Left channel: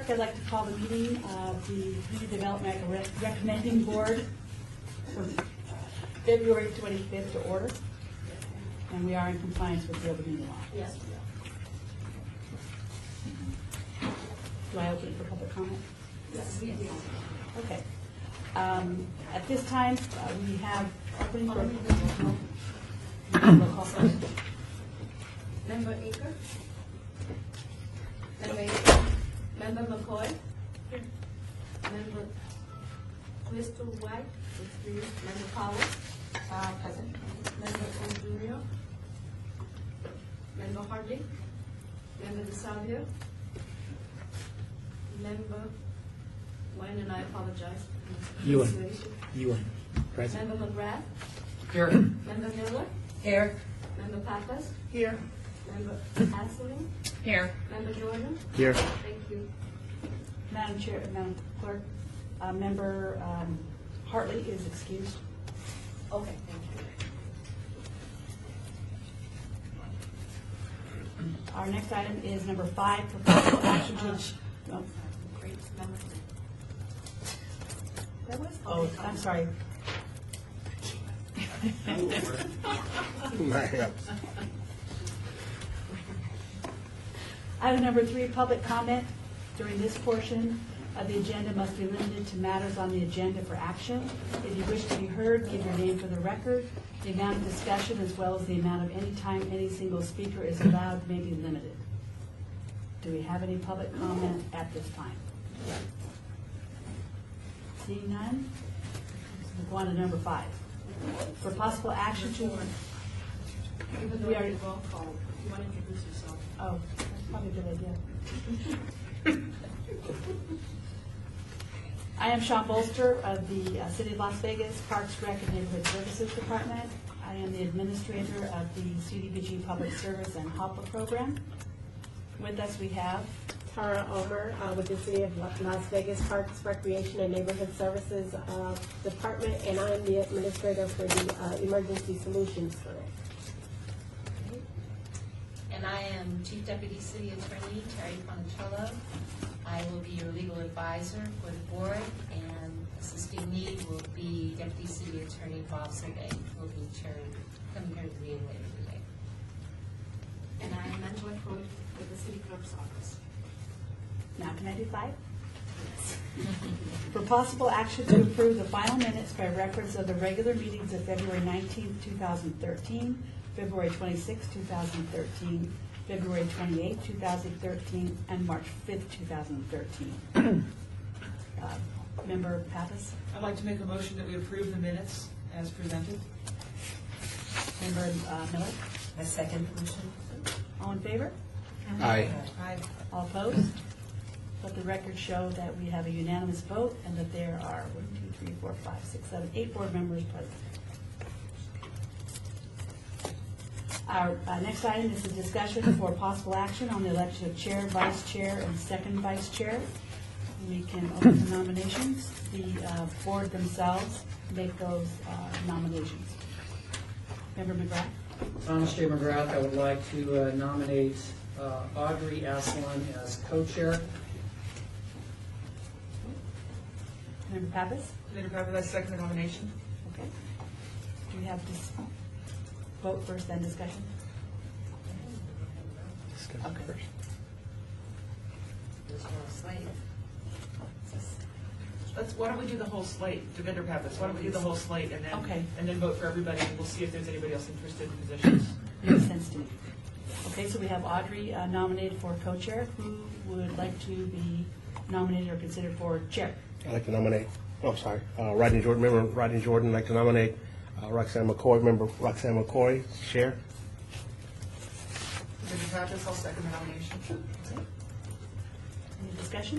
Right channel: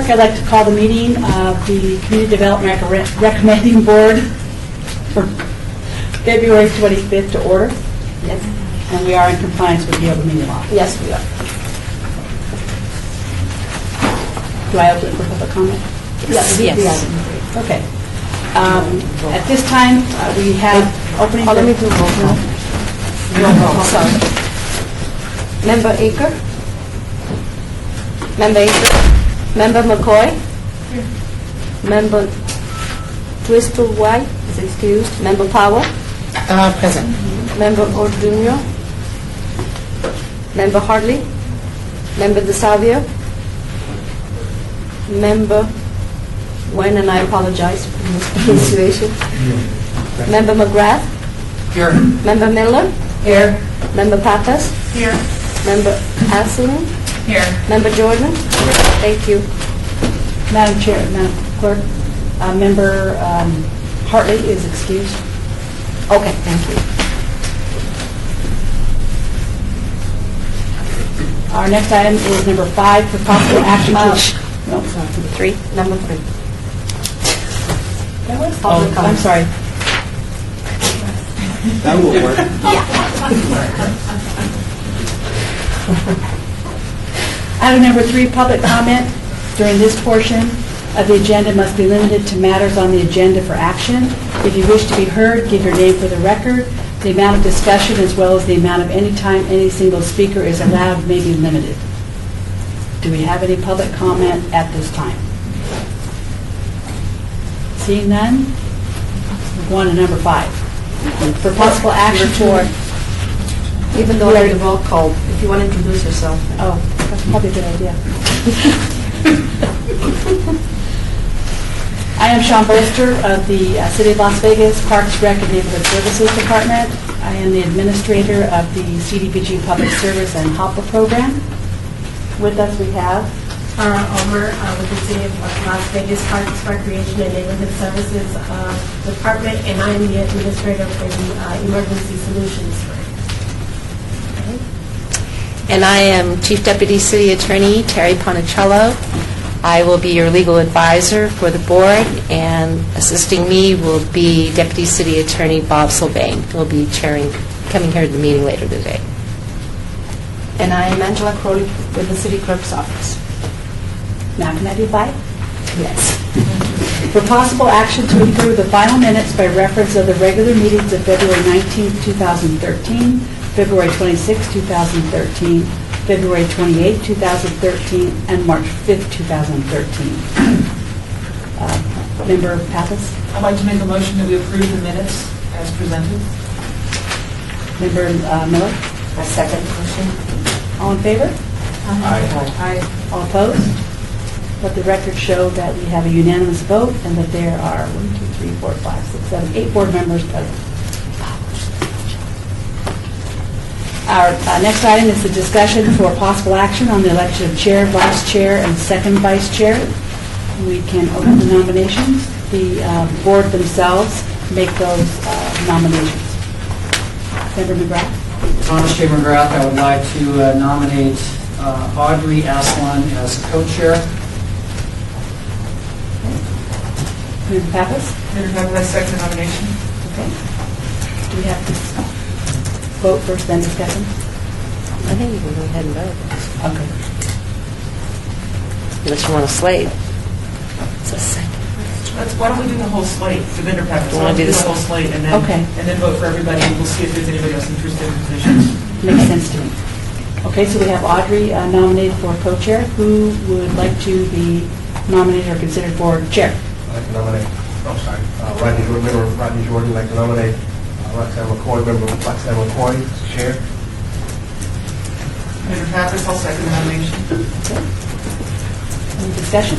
Clerk, I'd like to call the meeting of the Community Development Recommending Board for February 25th to order. Yes. And we are in compliance with the open meeting law. Yes, we are. Do I open it for public comment? Yes. Okay. At this time, we have opening. Let me do roll call. Roll call, sorry. Member Aker? Member Aker? Member McCoy? Member Twistle White is excused. Member Powell? Present. Member Orduno? Member Hartley? Member DeSalvio? Member Wen, and I apologize for mispronunciation. Member McGrath? Here. Member Miller? Here. Member Pappas? Here. Member Asselin? Here. Member Jordan? Thank you. Madam Chair, Madam Clerk, Member Hartley is excused. Okay, thank you. Our next item is number 5 for possible action. No, sorry. 3, number 3. Oh, I'm sorry. That will work. Item number 3, public comment during this portion of the agenda must be limited to matters on the agenda for action. If you wish to be heard, give your name for the record. The amount of discussion as well as the amount of any time any single speaker is allowed may be limited. Do we have any public comment at this time? Seeing none, we're going to number 5. For possible action for, Even though I have roll call, if you want to introduce yourself. oh, that's probably a good idea. I am Sean Bolster of the City of Las Vegas Parks, Rec, and Neighborhood Services Department. I am the administrator of the CDBG Public Service and HOPA program. With us we have Tara Omer with the City of Las Vegas Parks, Recreation, and Neighborhood Services Department, and I'm the administrator for the Emergency Solutions Group. And I am Chief Deputy City Attorney Terry Ponicello. I will be your legal advisor for the board, and assisting me will be Deputy City Attorney Bob Sylvain, who will be coming here to the meeting later today. And I am Angela Crowley with the City Clerk's Office. Now, can I do 5? Yes. For possible action to approve the final minutes by reference of the regular meetings of February 19, 2013, February 26, 2013, February 28, 2013, and March 5, 2013. Member Pappas? I'd like to make a motion that we approve the minutes as presented. Member Miller? A second motion. All in favor? Aye. All opposed? Let the record show that we have a unanimous vote and that there are 1, 2, 3, 4, 5, 6, 7, 8 board members present. Our next item is the discussion for possible action on the election of chair, vice chair, and second vice chair. We can open the nominations. The board themselves make those nominations. Member McGrath? Thomas J. McGrath, I would like to nominate Audrey Aslan as co-chair. Member Pappas? Member Pappas, I second the nomination. Okay. Do we have to vote first, then discussion? I think you can go ahead and vote, Okay. unless you want to slate. It's a second. Why don't we do the whole slate, the vendor package? You wanna do the this? whole slate and then Okay. vote for everybody, and we'll see if there's anybody else interested in positions. Makes sense to me. Okay, so we have Audrey nominated for co-chair. Who would like to be nominated or considered for chair? I'd like to nominate, Rodney Jordan, member Rodney Jordan, I'd like to nominate Roxanne McCoy, member Roxanne McCoy, chair. Member Pappas, I'll second the nomination. Okay. Any discussion?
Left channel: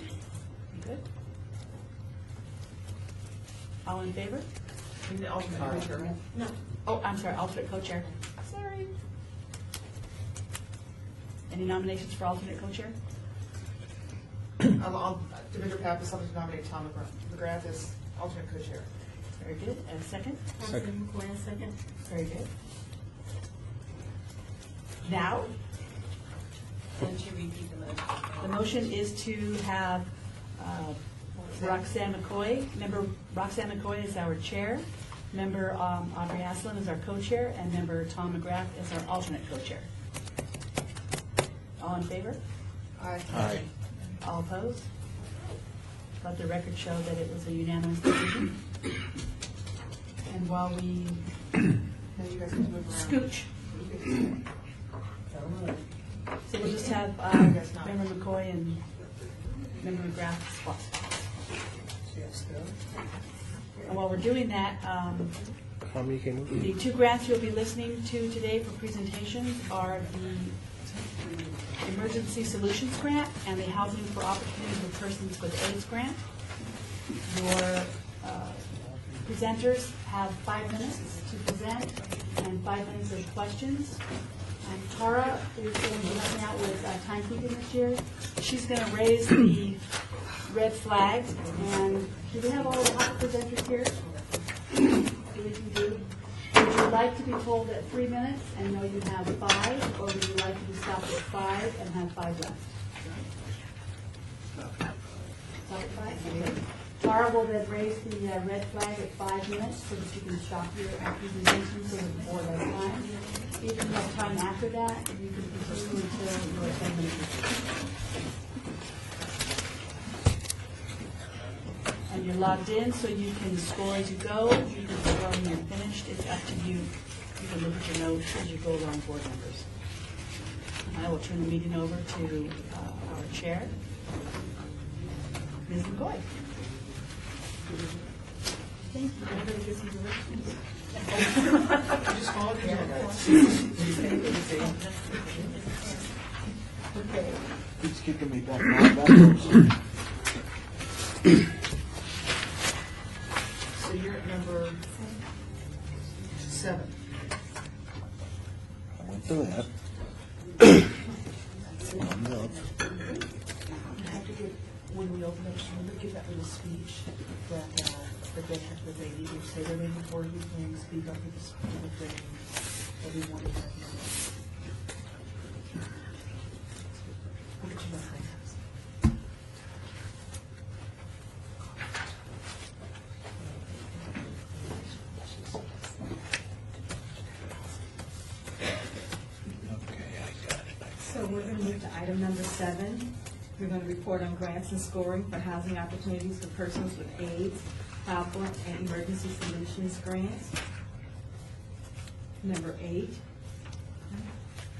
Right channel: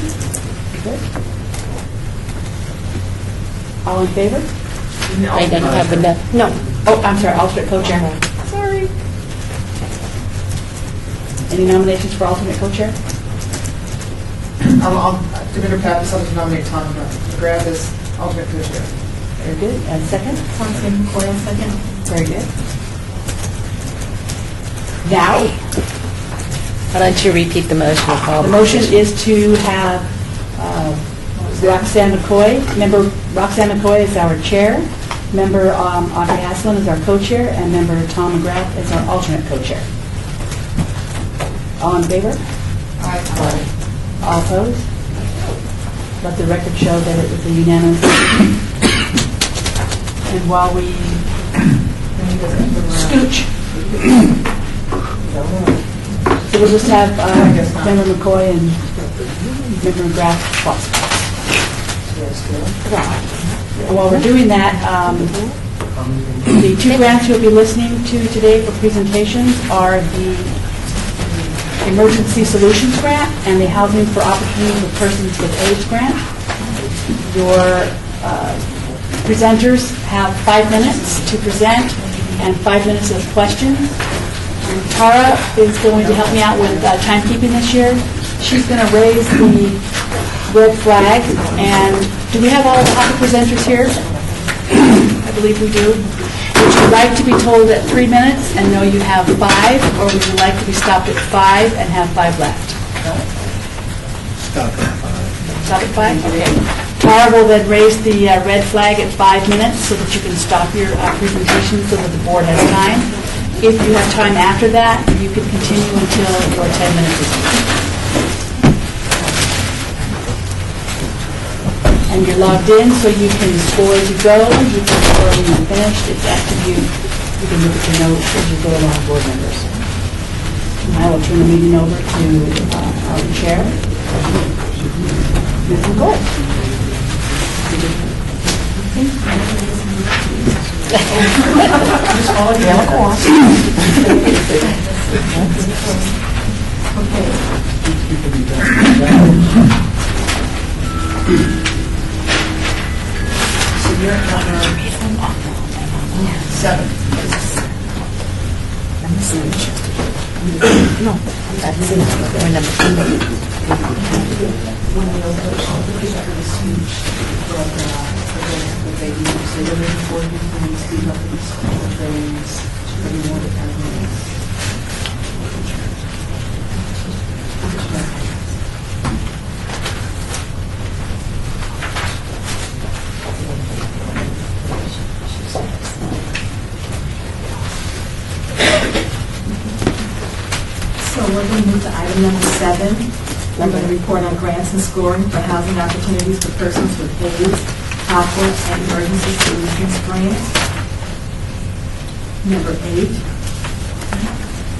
Good. All in favor? I don't have enough. No. Oh, I'm sorry, alternate co-chair. Sorry. Any nominations for alternate co-chair? To Vendor Pappas, I'll nominate Tom McGrath as alternate co-chair. Very good. And second? Constance McCoy, second. Very good. Now, Why don't you repeat the motion of all The motion is to have Roxanne McCoy, member Roxanne McCoy is our chair, member Audrey Aslan is our co-chair, and member Tom McGrath is our alternate co-chair. All in favor? Aye. All opposed? Let the record show that it was a unanimous decision. And while we scooch, so we'll just have member McCoy and member McGrath swap spots. And while we're doing that, the two grants you'll be listening to today for presentations are the Emergency Solutions Grant and the Housing for Opportunity for Persons with AIDS Grant. Your presenters have 5 minutes to present and 5 minutes of questions. Tara is going to help me out with timekeeping this year. She's going to raise the red flag. And do we have all the presenters here? I believe we do. Would you like to be told at 3 minutes and know you have 5, or would you like to be stopped at 5 and have 5 left? Stop at 5? Okay. Tara will then raise the red flag at 5 minutes so that you can stop your presentation so that the board has time. If you have time after that, you can continue until your 10 minutes is up. And you're logged in, so you can score as you go, you can score when you're finished, it's up to you. You can look at your notes as you go along, board members. And I will turn the meeting over to our chair, Ms. McCoy. So you're at number 7. No, that's So we're going to move to item number 7. We're going to report on grants and scoring for housing opportunities for persons with AIDS, HOPWA, and Emergency Solutions Grants. Number 8.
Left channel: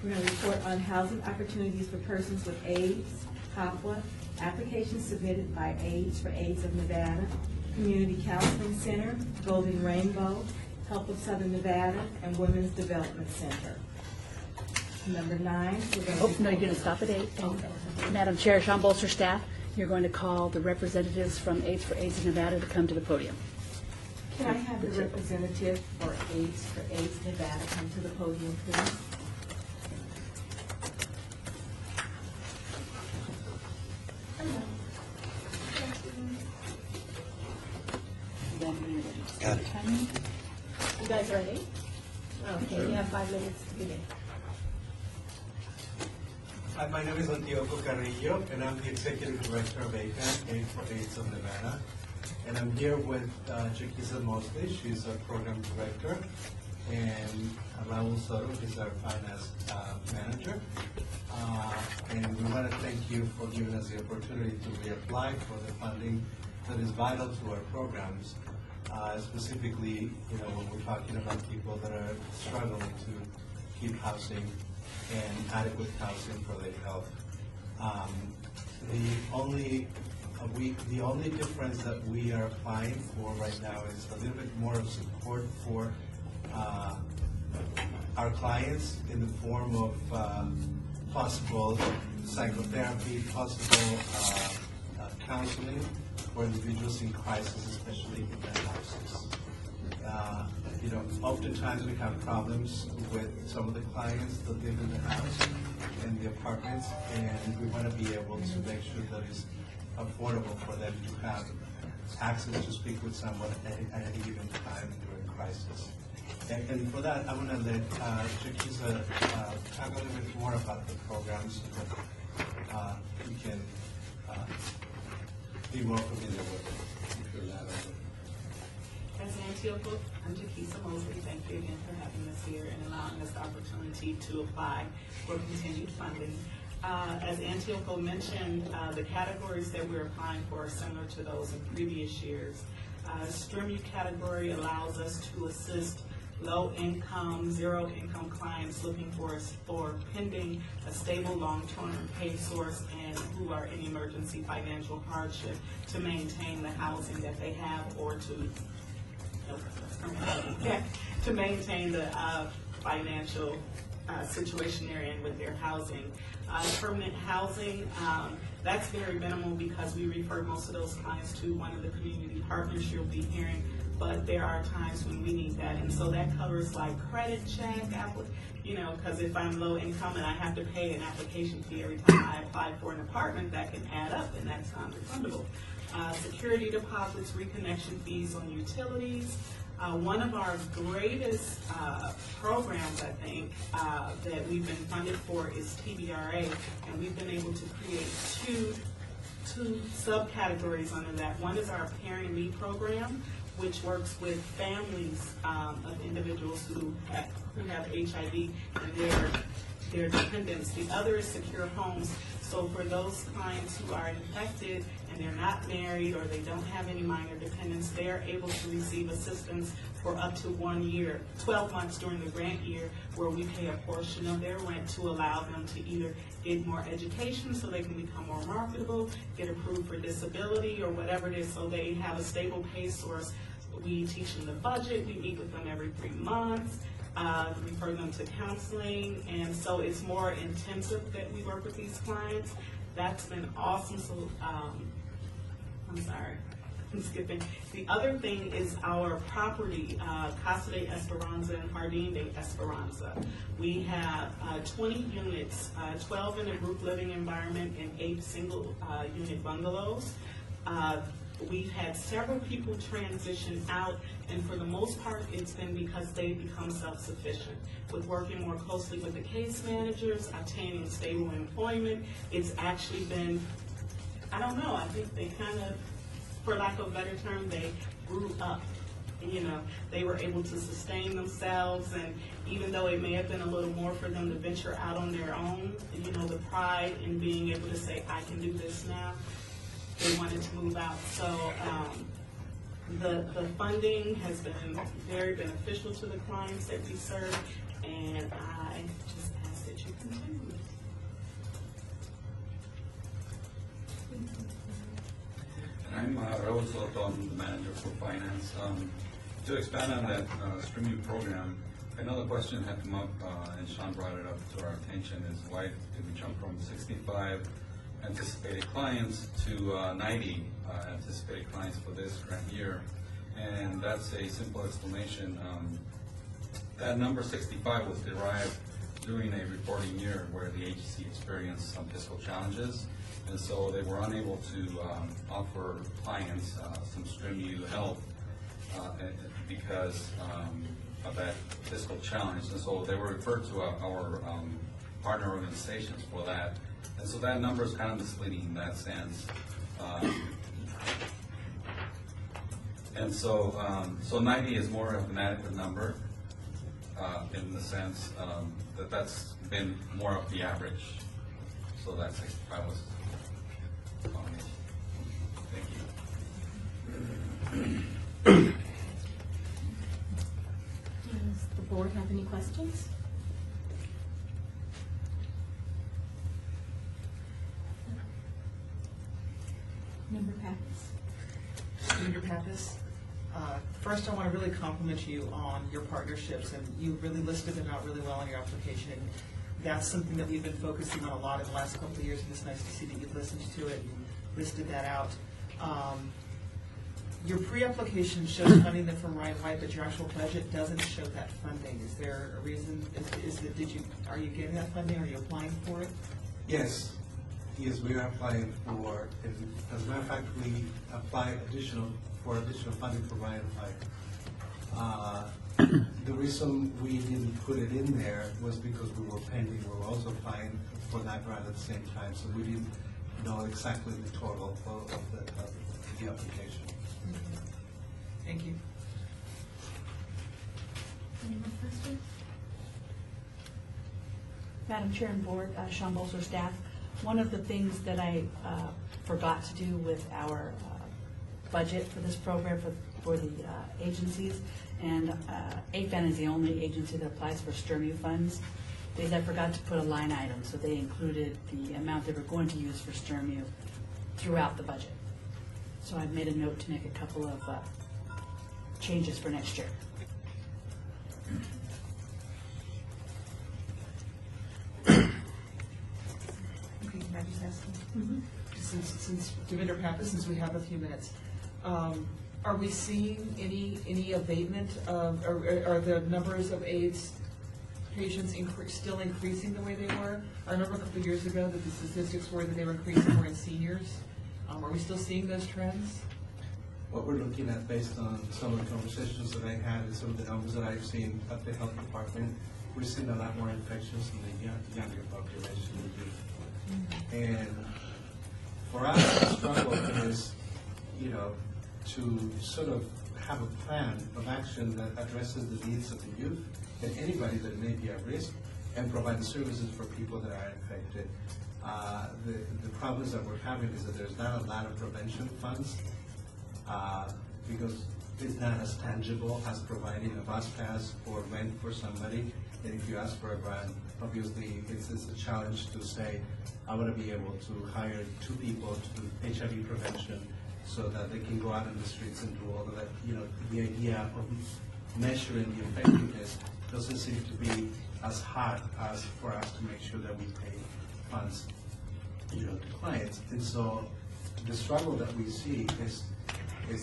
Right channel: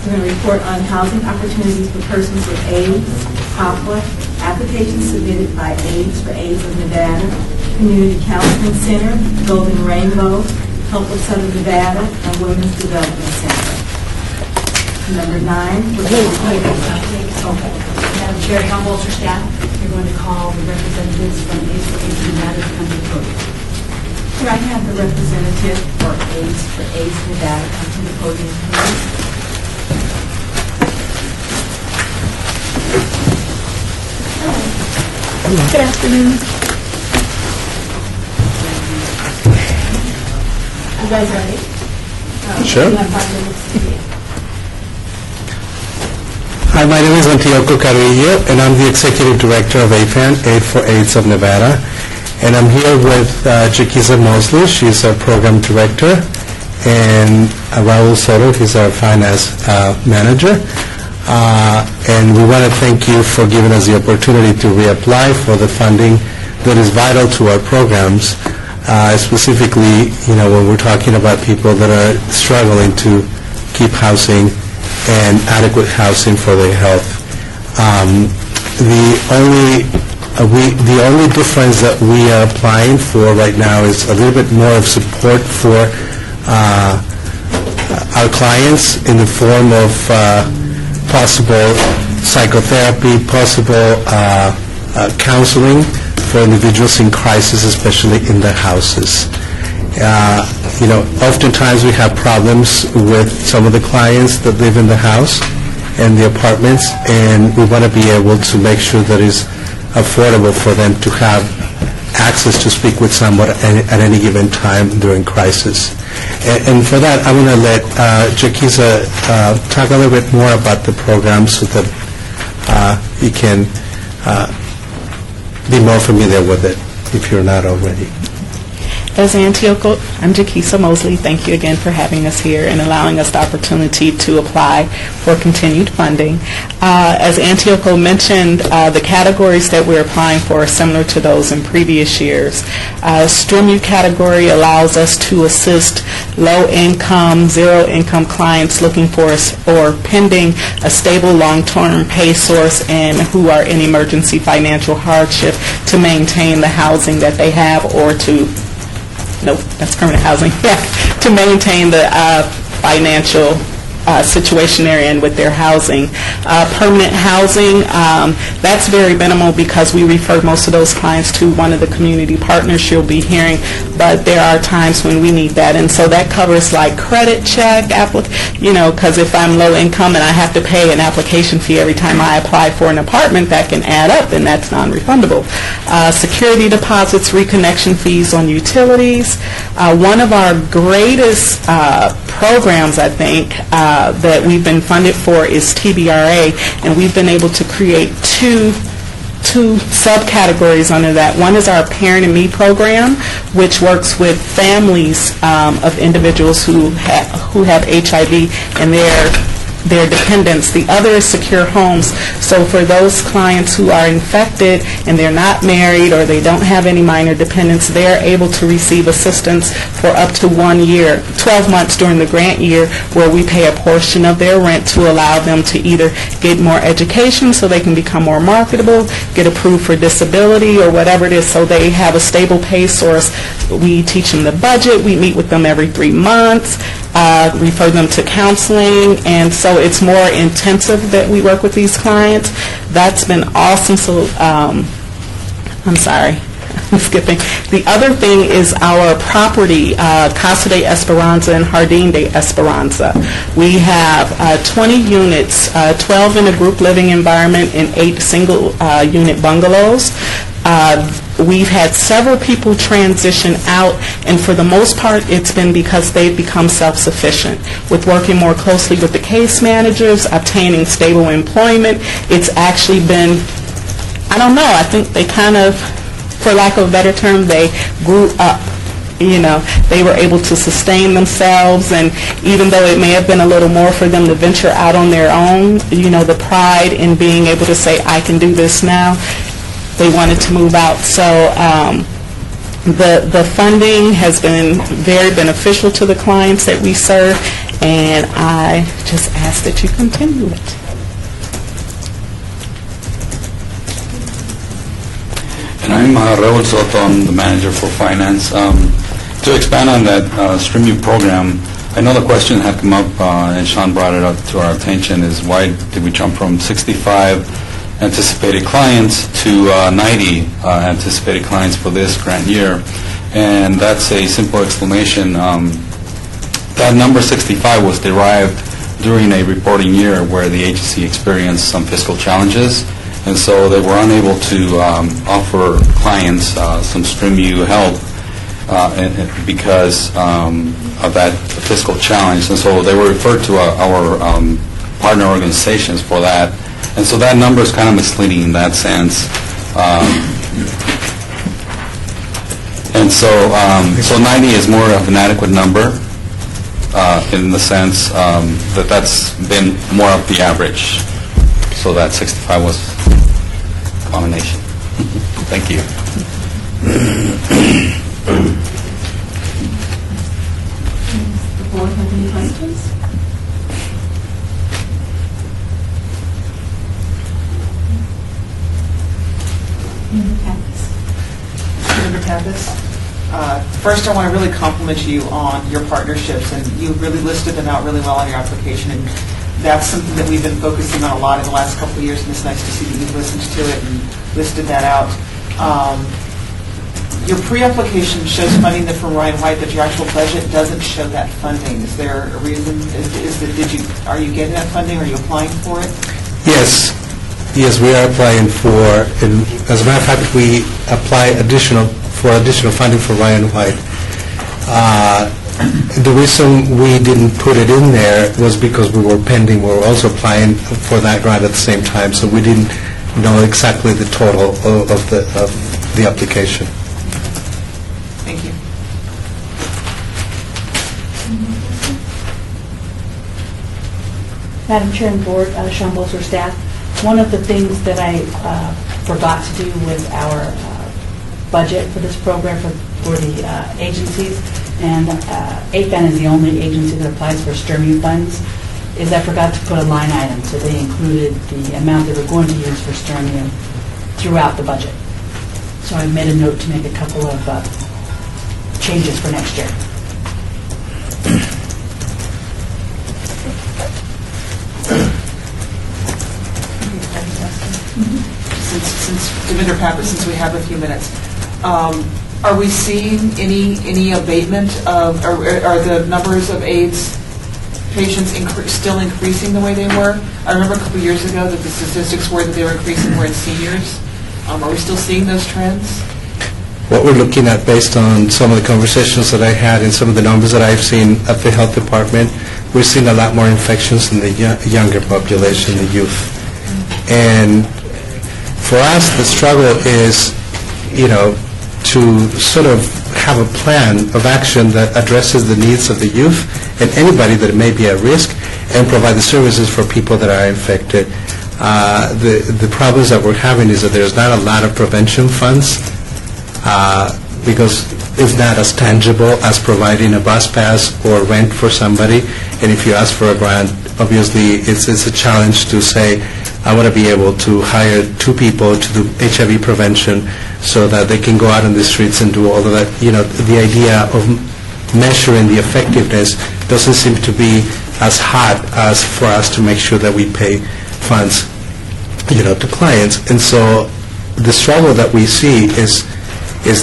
We're going to report on housing opportunities for persons with AIDS, HOPWA, applications submitted by AIDS for AIDS of Nevada, Community Counseling Center, Golden Rainbow, Help of Southern Nevada, and Women's Development Center. Number 9. Madam Chair, Tom Bolster staff, you're going to call the representatives from AIDS for AIDS Nevada to come to the podium. Could I have the representative for AIDS Nevada come to the podium, please? Good afternoon. You guys ready? Sure. You have 5 minutes to begin. Hi, my name is Antioco Carrillo, and I'm the Executive Director of AFAN, Aid for AIDS of Nevada. And I'm here with Jaquiza Mosley. She's our Program Director, and Raul Soto, he's our Finance Manager. And we want to thank you for giving us the opportunity to reapply for the funding that is vital to our programs, specifically, when we're talking about people that are struggling to keep housing and adequate housing for their health. The only difference that we are applying for right now is a little bit more of support for our clients in the form of possible psychotherapy, possible counseling for individuals in crisis, especially in their houses. Oftentimes we have problems with some of the clients that live in the house and the apartments, and we want to be able to make sure that it's affordable for them to have access to speak with someone at any given time during crisis. And for that, I'm going to let Jaquiza talk a little bit more about the program so that you can be more familiar with it if you're not already. As Antioco, I'm Jakisa Mosley. Thank you again for having us here and allowing us the opportunity to apply for continued funding. As Antioco mentioned, the categories that we're applying for are similar to those in previous years. STRIMU category allows us to assist low-income, zero-income clients looking for or pending a stable long-term pay source and who are in emergency financial hardship to maintain the housing that they have or to nope, that's permanent housing. Yeah, to maintain the financial situation they're in with their housing. Permanent housing, that's very minimal because we refer most of those clients to one of the community partners you'll be hearing, but there are times when we need that. And so that covers like credit check, because if I'm low income and I have to pay an application fee every time I apply for an apartment, that can add up and that's non-refundable. Security deposits, reconnection fees on utilities. One of our greatest programs, I think, that we've been funded for is TBRA, and we've been able to create two subcategories under that. One is our Parent and Me program, which works with families of individuals who have HIV and their dependents. The other is Secure Homes. So for those clients who are infected and they're not married or they don't have any minor dependents, they're able to receive assistance for up to 1 year, 12 months during the grant year, where we pay a portion of their rent to allow them to either get more education so they can become more marketable, get approved for disability or whatever it is, so they have a stable pay source. We teach them the budget. We meet with them every 3 months. Refer them to counseling, and so it's more intensive that we work with these clients. That's been awesome. So, I'm sorry, I'm skipping. The other thing is our property, Casa de Esperanza and Jardín de Esperanza. We have 20 units, 12 in a group living environment and 8 single unit bungalows. We've had several people transition out, and for the most part, it's been because they've become self-sufficient. With working more closely with the case managers, obtaining stable employment, it's actually been, I don't know, I think they kind of, for lack of a better term, they grew up. They were able to sustain themselves, and even though it may have been a little more for them to venture out on their own, the pride in being able to say, I can do this now, they wanted to move out. So the funding has been very beneficial to the clients that we serve, and I just ask that you continue it. And I'm Raul Soto, I'm the manager for finance. To expand on that STRIMU program, I know the question had come up, and Sean brought it up to our attention, is why did we jump from 65 anticipated clients to 90 anticipated clients for this grant year? And that's a simple explanation. That number 65 was derived during a reporting year where the agency experienced some fiscal challenges, and so they were unable to offer clients some STRIMU help because of that fiscal challenge. And so they were referred to our partner organizations for that. And so that number is kind of misleading in that sense. And so 90 is more of an adequate number in the sense that that's been more of the average. So that 65 was a combination. Thank you. The board have any questions? Senator Pappas. First, I want to really compliment you on your partnerships, and you really listed them out really well on your application, and that's something that we've been focusing on a lot in the last couple of years, and it's nice to see that you've listened to it and listed that out. Your pre-application shows funding that from Ryan White, but your actual budget doesn't show that funding. Is there a reason? Are you getting that funding? Are you applying for it? Yes, we are applying for, and as a matter of fact, we apply additional funding for Ryan White. the reason we didn't put it in there was because we were pending, we were also applying for that grant at the same time, so we didn't know exactly the total of the application. Thank you. Madam Chair and Board, Sean Bolzer, staff, one of the things that I forgot to do with our budget for this program for the agencies, and AFAN is the only agency that applies for STRMU funds, is I forgot to put a line item, so they included the amount they were going to use for STRMU throughout the budget. So I made a note to make a couple of changes for next year. Since Devinder Pappas, since we have a few minutes, are we seeing any abatement of, or are the numbers of AIDS patients still increasing the way they were? I remember a couple of years ago that the statistics were that they were increasing more in seniors. Are we still seeing those trends? What we're looking at, based on some of the conversations that I had and some of the numbers that I've seen at the health department, we're seeing a lot more infections in the younger population, the youth. And for us, the struggle is, to sort of have a plan of action that addresses the needs of the youth and anybody that may be at risk, and provide the services for people that are infected. The problems that we're having is that there's not a lot of prevention funds, because it's not as tangible as providing a bus pass or rent for somebody. And if you ask for a grant, obviously it's a challenge to say, I want to be able to hire 2 people to do HIV prevention so that they can go out on the streets and do all of that. The idea of measuring the effectiveness doesn't seem to be as hot as for us to make sure that we pay funds, to clients. And so the struggle that we see is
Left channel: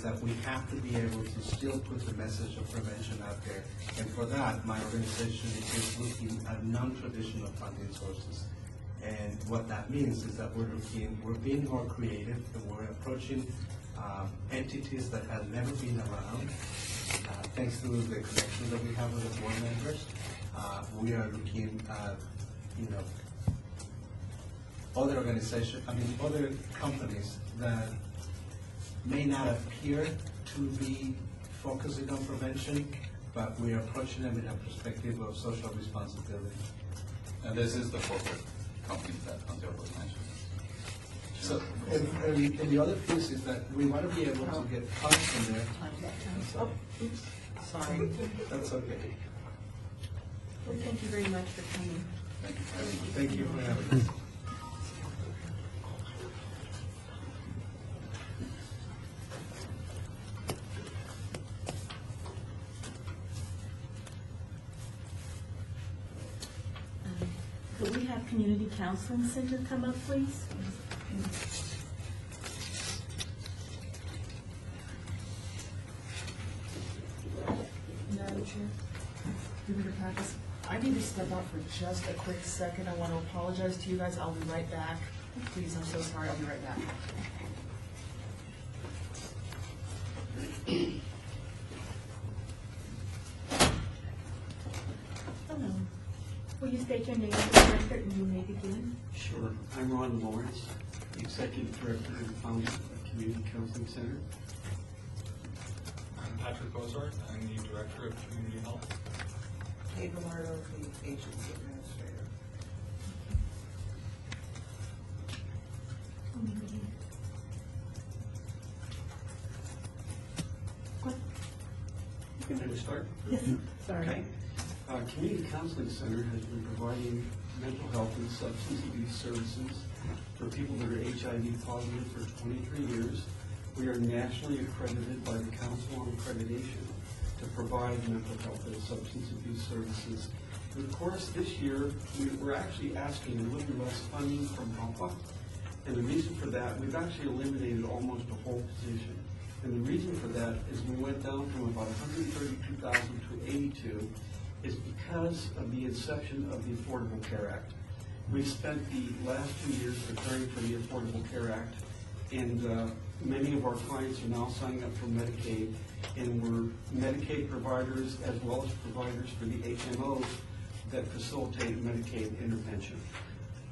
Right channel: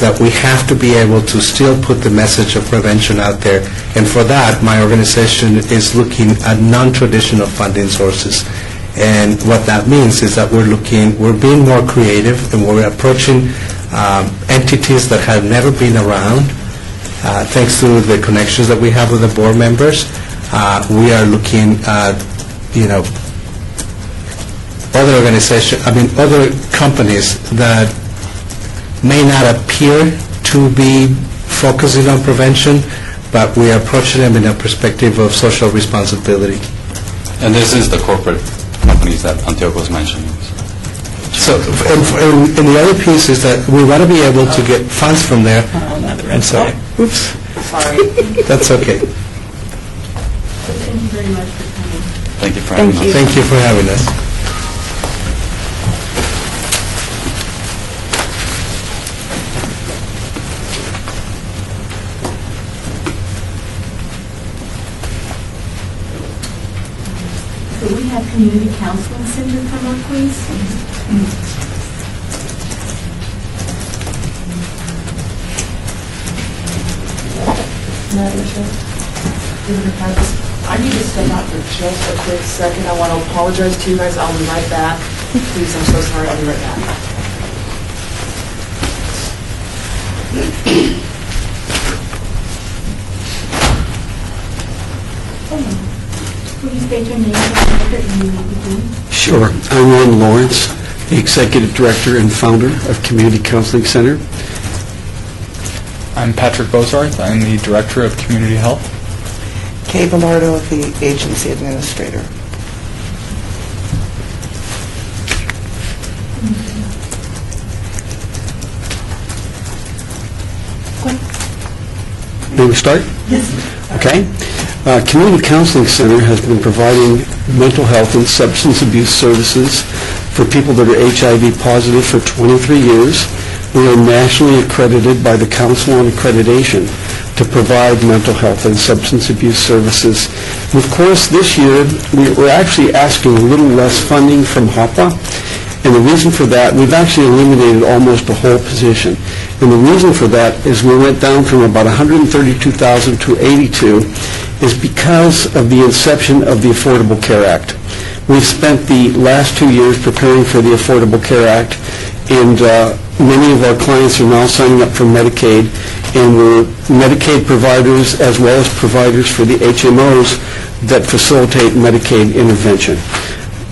that we have to be able to still put the message of prevention out there. And for that, my organization is looking at non-traditional funding sources. And what that means is that we're being more creative, and we're approaching entities that have never been around. Thanks to the connections that we have with the board members, we are looking at, other companies that may not appear to be focusing on prevention, but we are approaching them in a perspective of social responsibility. And this is the corporate companies that Antioco was mentioning. So, and the other piece is that we want to be able to get funds from there. I'm sorry. Oops. Sorry. That's okay. Thank you very much for coming. Thank you for having us. Thank you for having us. Could we have Community Counseling Center come up, please? Madam Chair, I need to step out for just a quick second. I want to apologize to you guys. I'll be right back. Please, I'm so sorry. I'll be right back. Will you state your name and the record and you will begin? Sure. I'm Ron Lawrence, the Executive Director and Founder of Community Counseling Center. I'm Patrick Bozarth. I'm the Director of Community Health. Kay Velardo, the Agency Administrator. May we start? Yes. Okay. Community Counseling Center has been providing mental health and substance abuse services for people that are HIV positive for 23 years. We are nationally accredited by the Council on Accreditation to provide mental health and substance abuse services. And of course, this year, we're actually asking a little less funding from HOPA. And the reason for that, we've actually eliminated almost a whole position. And the reason for that is we went down from about 132,000 to 82, is because of the inception of the Affordable Care Act. We've spent the last 2 years preparing for the Affordable Care Act, and many of our clients are now signing up for Medicaid, and we're Medicaid providers as well as providers for the HMOs that facilitate Medicaid intervention.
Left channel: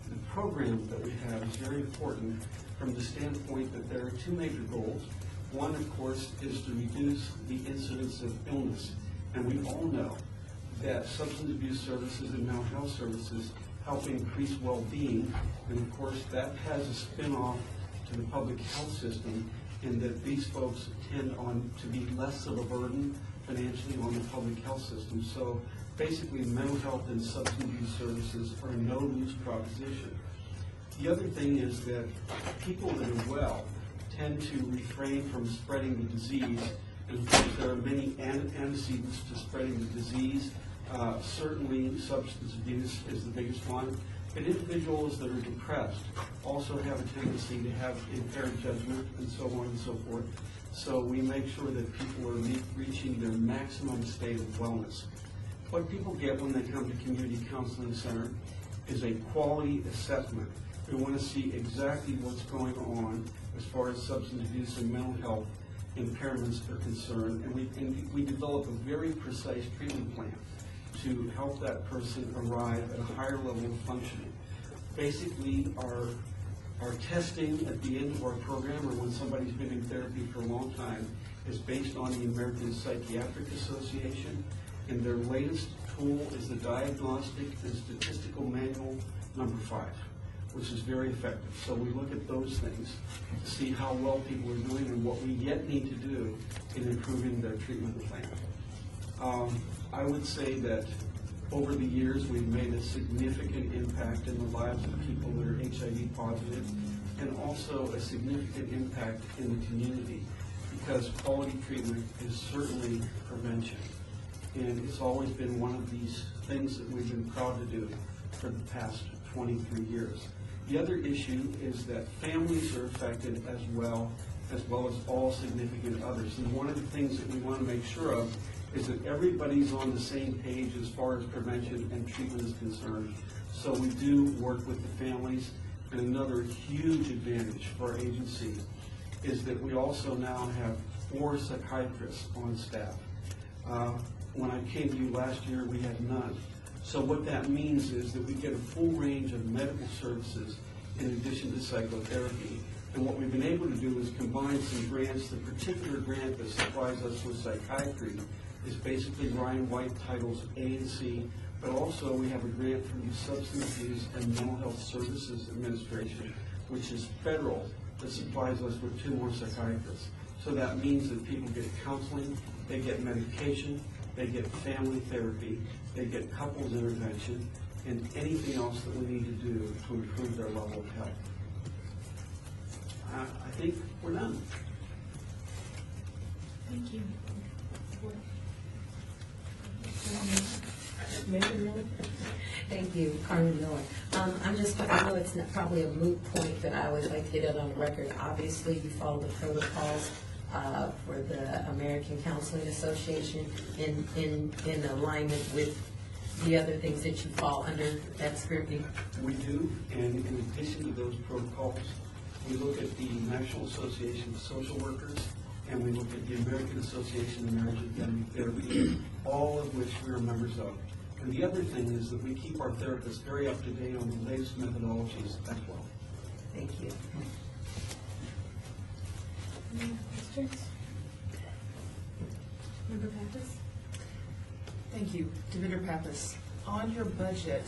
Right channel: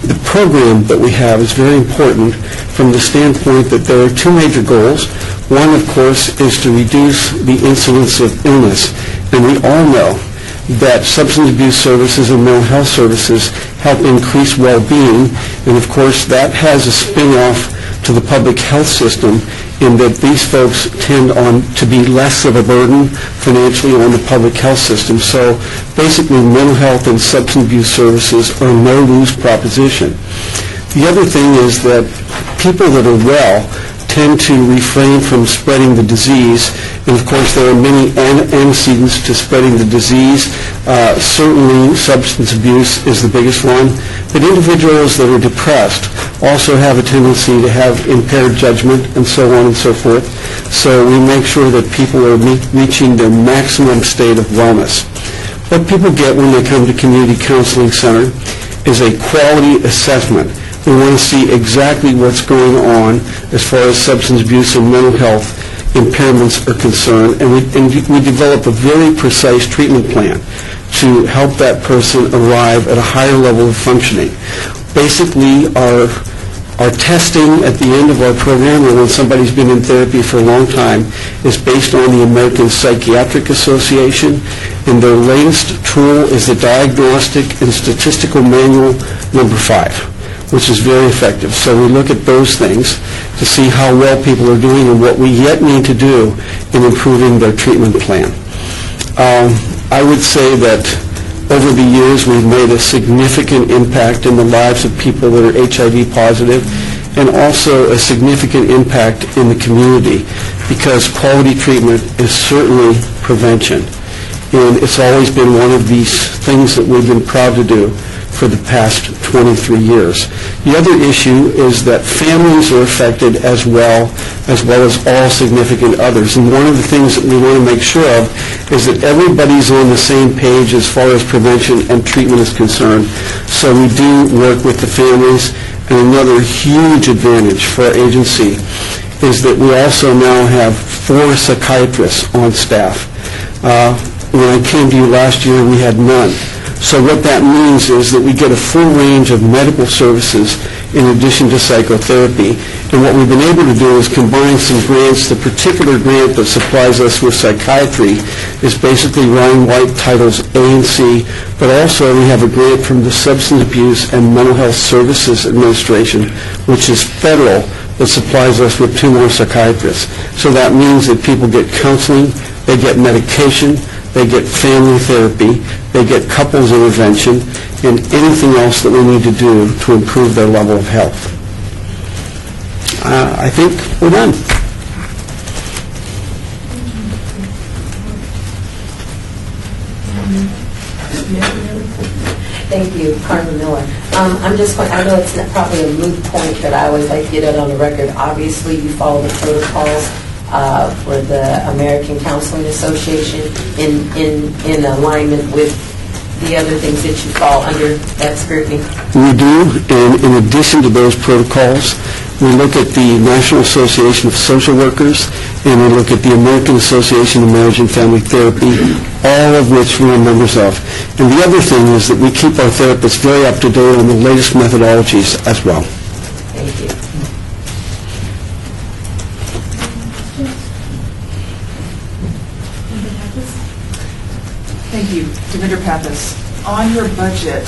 The program that we have is very important from the standpoint that there are two major goals. One, of course, is to reduce the incidence of illness, and we all know that substance abuse services and mental health services help increase well-being, and of course that has a spin-off to the public health system in that these folks tend to be less of a burden financially on the public health system. So basically mental health and substance abuse services are a no-lose proposition. The other thing is that people that are well tend to refrain from spreading the disease, and of course there are many antecedents to spreading the disease. Certainly substance abuse is the biggest one, but individuals that are depressed also have a tendency to have impaired judgment and so on and so forth. So we make sure that people are reaching their maximum state of wellness. What people get when they come to Community Counseling Center is a quality assessment. We want to see exactly what's going on as far as substance abuse and mental health impairments are concerned, and we develop a very precise treatment plan to help that person arrive at a higher level of functioning. Basically, our testing at the end of our program, or when somebody's been in therapy for a long time, is based on the American Psychiatric Association, and their latest tool is the Diagnostic and Statistical Manual number 5. Which is very effective. So we look at those things to see how well people are doing and what we yet need to do in improving their treatment plan. I would say that over the years we've made a significant impact in the lives of people that are HIV positive, and also a significant impact in the community, because quality treatment is certainly prevention. And it's always been one of these things that we've been proud to do for the past 23 years. The other issue is that families are affected as well as all significant others. And one of the things that we want to make sure of is that everybody's on the same page as far as prevention and treatment is concerned. So we do work with the families. And another huge advantage for our agency is that we also now have 4 psychiatrists on staff. When I came to you last year, we had none. So what that means is that we get a full range of medical services in addition to psychotherapy. And what we've been able to do is combine some grants. The particular grant that supplies us with psychiatry is basically Ryan White Titles A and C, but also we have a grant from the Substance Abuse and Mental Health Services Administration, which is federal, that supplies us with 2 more psychiatrists. So that means that people get counseling, they get medication, they get family therapy, they get couples intervention, and anything else that we need to do to improve their level of health. I think we're done. Thank you, Carmen Miller. I know it's not probably a moot point, but I always like to get it on the record. Obviously, you follow the protocols for the American Counseling Association in alignment with the other things that you fall under that scrutiny? We do, and in addition to those protocols, we look at the National Association of Social Workers, and we look at the American Association of Marriage and Family Therapy, all of which we are members of. And the other thing is that we keep our therapists very up to date on the latest methodologies as well. Thank you. Thank you. Devinder Pappas, on your budget,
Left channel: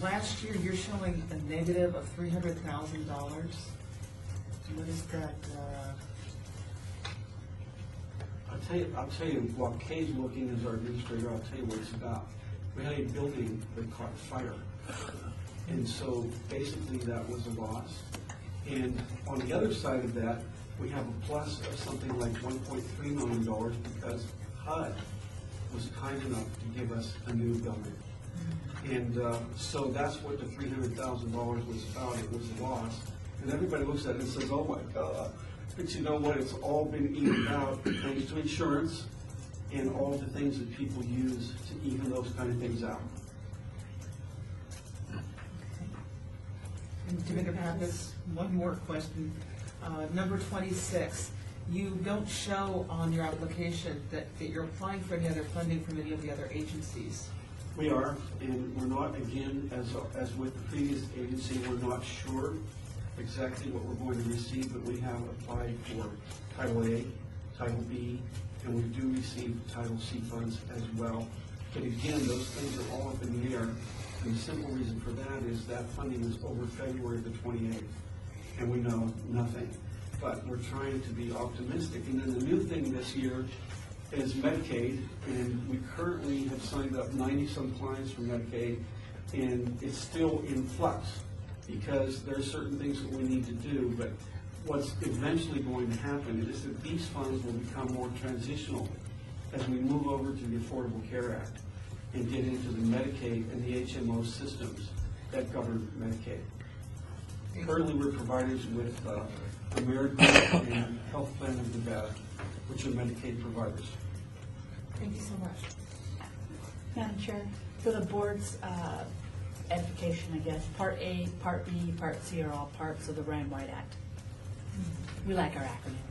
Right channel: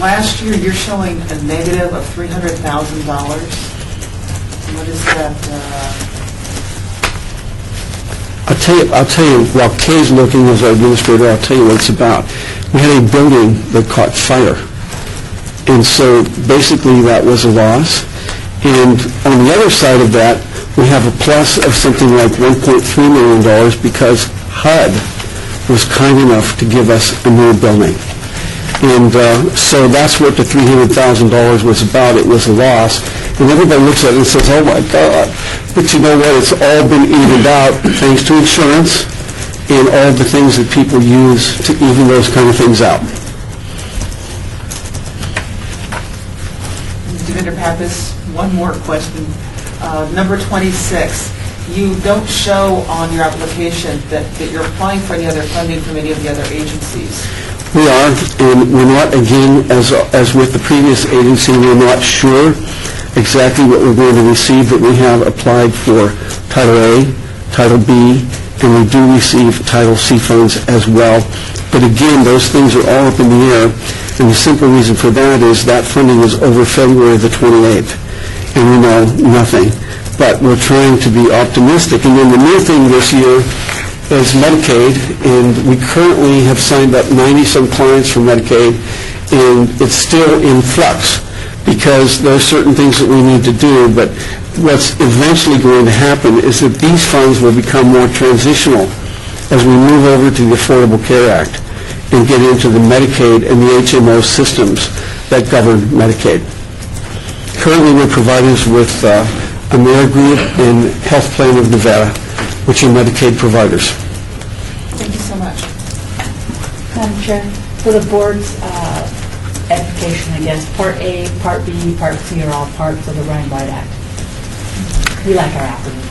last year you're showing a negative of $300,000. What is that? I'll tell you, while Kay's looking as our administrator, I'll tell you what it's about. We had a building that caught fire. And so basically that was a loss. And on the other side of that, we have a plus of something like $1.3 million because HUD was kind enough to give us a new building. And so that's what the $300,000 was about. It was a loss. And everybody looks at it and says, oh my God. But you know what? It's all been evened out thanks to insurance and all the things that people use to even those kind of things out. Devinder Pappas, one more question. Number 26, you don't show on your application that you're applying for any other funding from any of the other agencies. We are, and we're not, again, as with the previous agency, we're not sure exactly what we're going to receive, but we have applied for Title A, Title B, and we do receive Title C funds as well. But again, those things are all up in the air, and the simple reason for that is that funding is over February the 28th, and we know nothing. But we're trying to be optimistic. And then the new thing this year is Medicaid, and we currently have signed up 90-some clients for Medicaid, and it's still in flux because there are certain things that we need to do, but what's eventually going to happen is that these funds will become more transitional as we move over to the Affordable Care Act and get into the Medicaid and the HMO systems that govern Medicaid. Currently, we're providers with AmeriGroup and Health Plan of Nevada, which are Medicaid providers. Thank you so much. Madam Chair, for the board's edification, I guess, Part A, Part B, Part C are all parts of the Ryan White Act. We like our acronyms.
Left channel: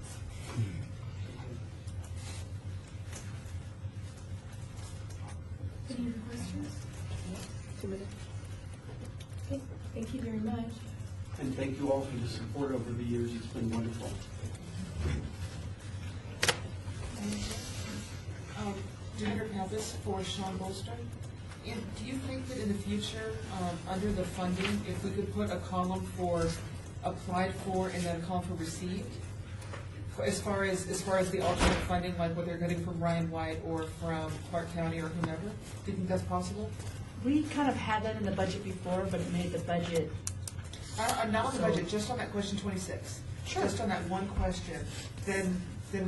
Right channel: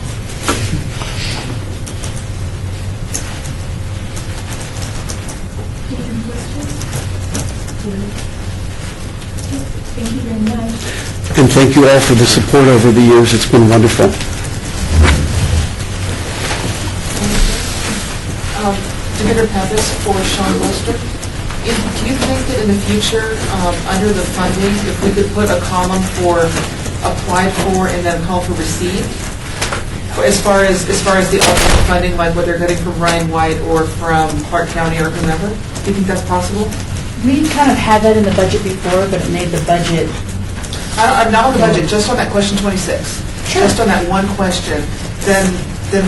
Thank you very much. And thank you all for the support over the years. It's been wonderful. Director Pappas for Sean Lister. Do you think that in the future, under the funding, if we could put a column for applied for and then a column for received? As far as the ultimate funding, like what they're getting from Ryan White or from Clark County or whomever? Do you think that's possible? We kind of had that in the budget before, but it made the budget. I'm not on the budget, just on that question 26. Sure. Just on that one question, then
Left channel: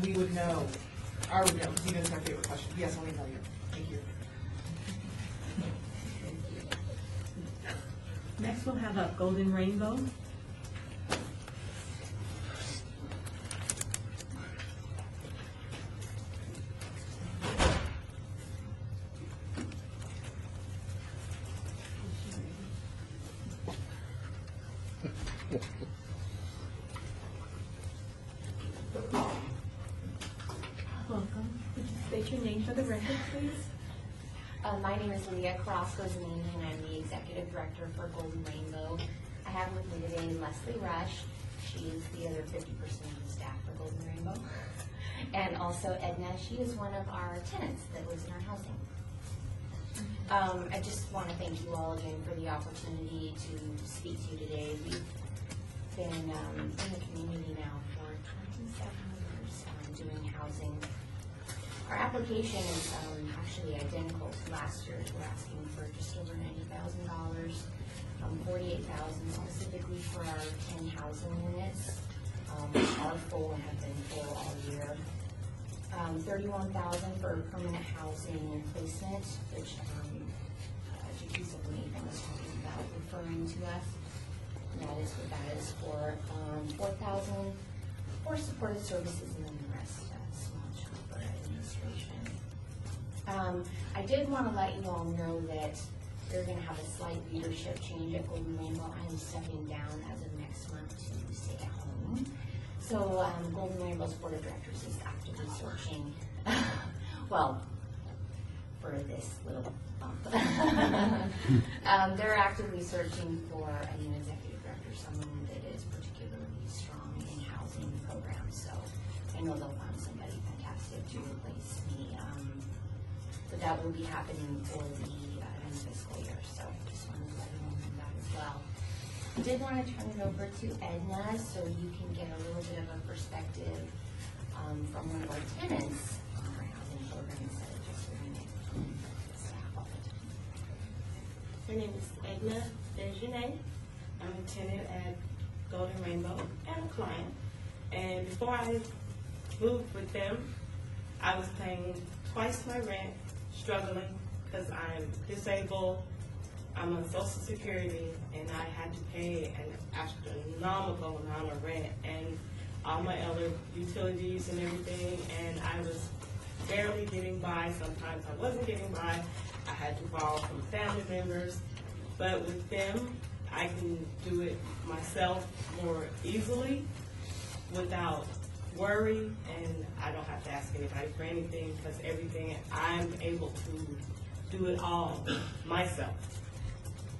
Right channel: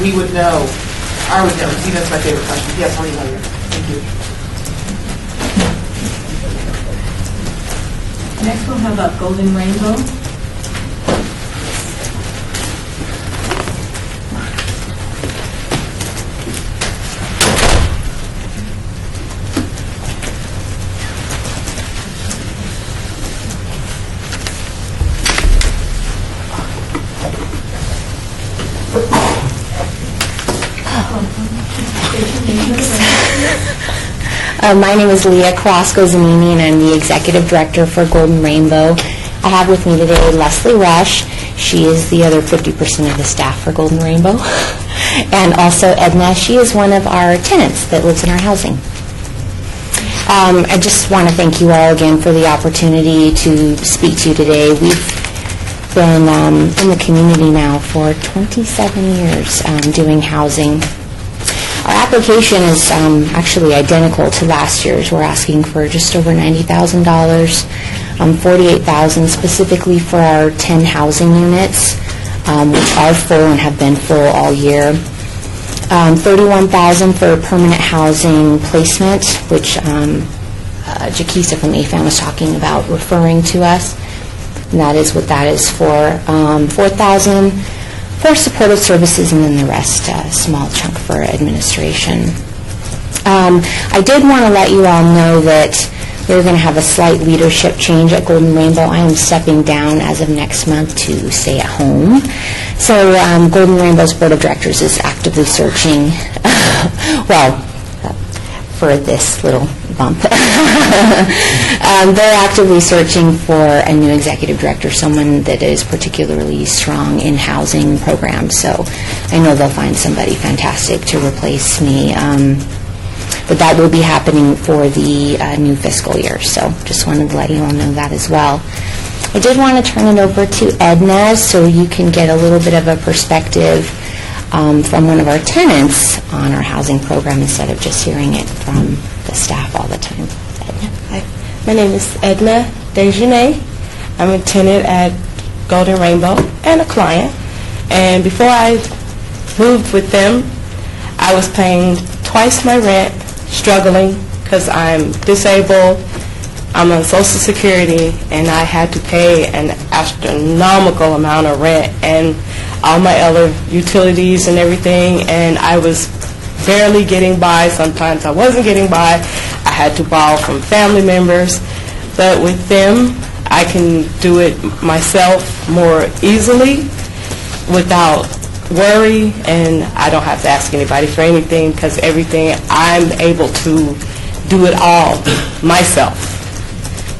we would know. I would know. See, that's my favorite question. Yes, I'll email you. Thank you. Next we'll have Golden Rainbow. My name is Leah Carrasco-Zanini, and I'm the Executive Director for Golden Rainbow. I have with me today Leslie Rush. She is the other 50% of the staff for Golden Rainbow. And also Edna. She is one of our tenants that lives in our housing. I just want to thank you all again for the opportunity to speak to you today. We've been in the community now for 27 years doing housing. Our application is actually identical to last year's. We're asking for just over $90,000, $48,000 specifically for our 10 housing units, which are full and have been full all year. $31,000 for permanent housing placement, which Jaquisa from AFAN was talking about referring to us. And that is what that is for. $4,000 for supportive services, and then the rest, a small chunk for administration. I did want to let you all know that we're going to have a slight leadership change at Golden Rainbow. I am stepping down as of next month to stay at home. So Golden Rainbow's Board of Directors is actively searching, for this little bump. They're actively searching for a new executive director, someone that is particularly strong in housing programs. So I know they'll find somebody fantastic to replace me. But that will be happening for the new fiscal year. So just wanted to let you all know that as well. I did want to turn it over to Edna so you can get a little bit of a perspective from one of our tenants on our housing program instead of just hearing it from the staff all the time. Edna. Hi. My name is Edna Desjardins. I'm a tenant at Golden Rainbow and a client. And before I moved with them, I was paying twice my rent, struggling because I'm disabled, I'm on Social Security, and I had to pay an astronomical amount of rent and all my other utilities and everything, and I was barely getting by. Sometimes I wasn't getting by. I had to borrow from family members. But with them, I can do it myself more easily without worry, and I don't have to ask anybody for anything, because everything, I'm able to do it all myself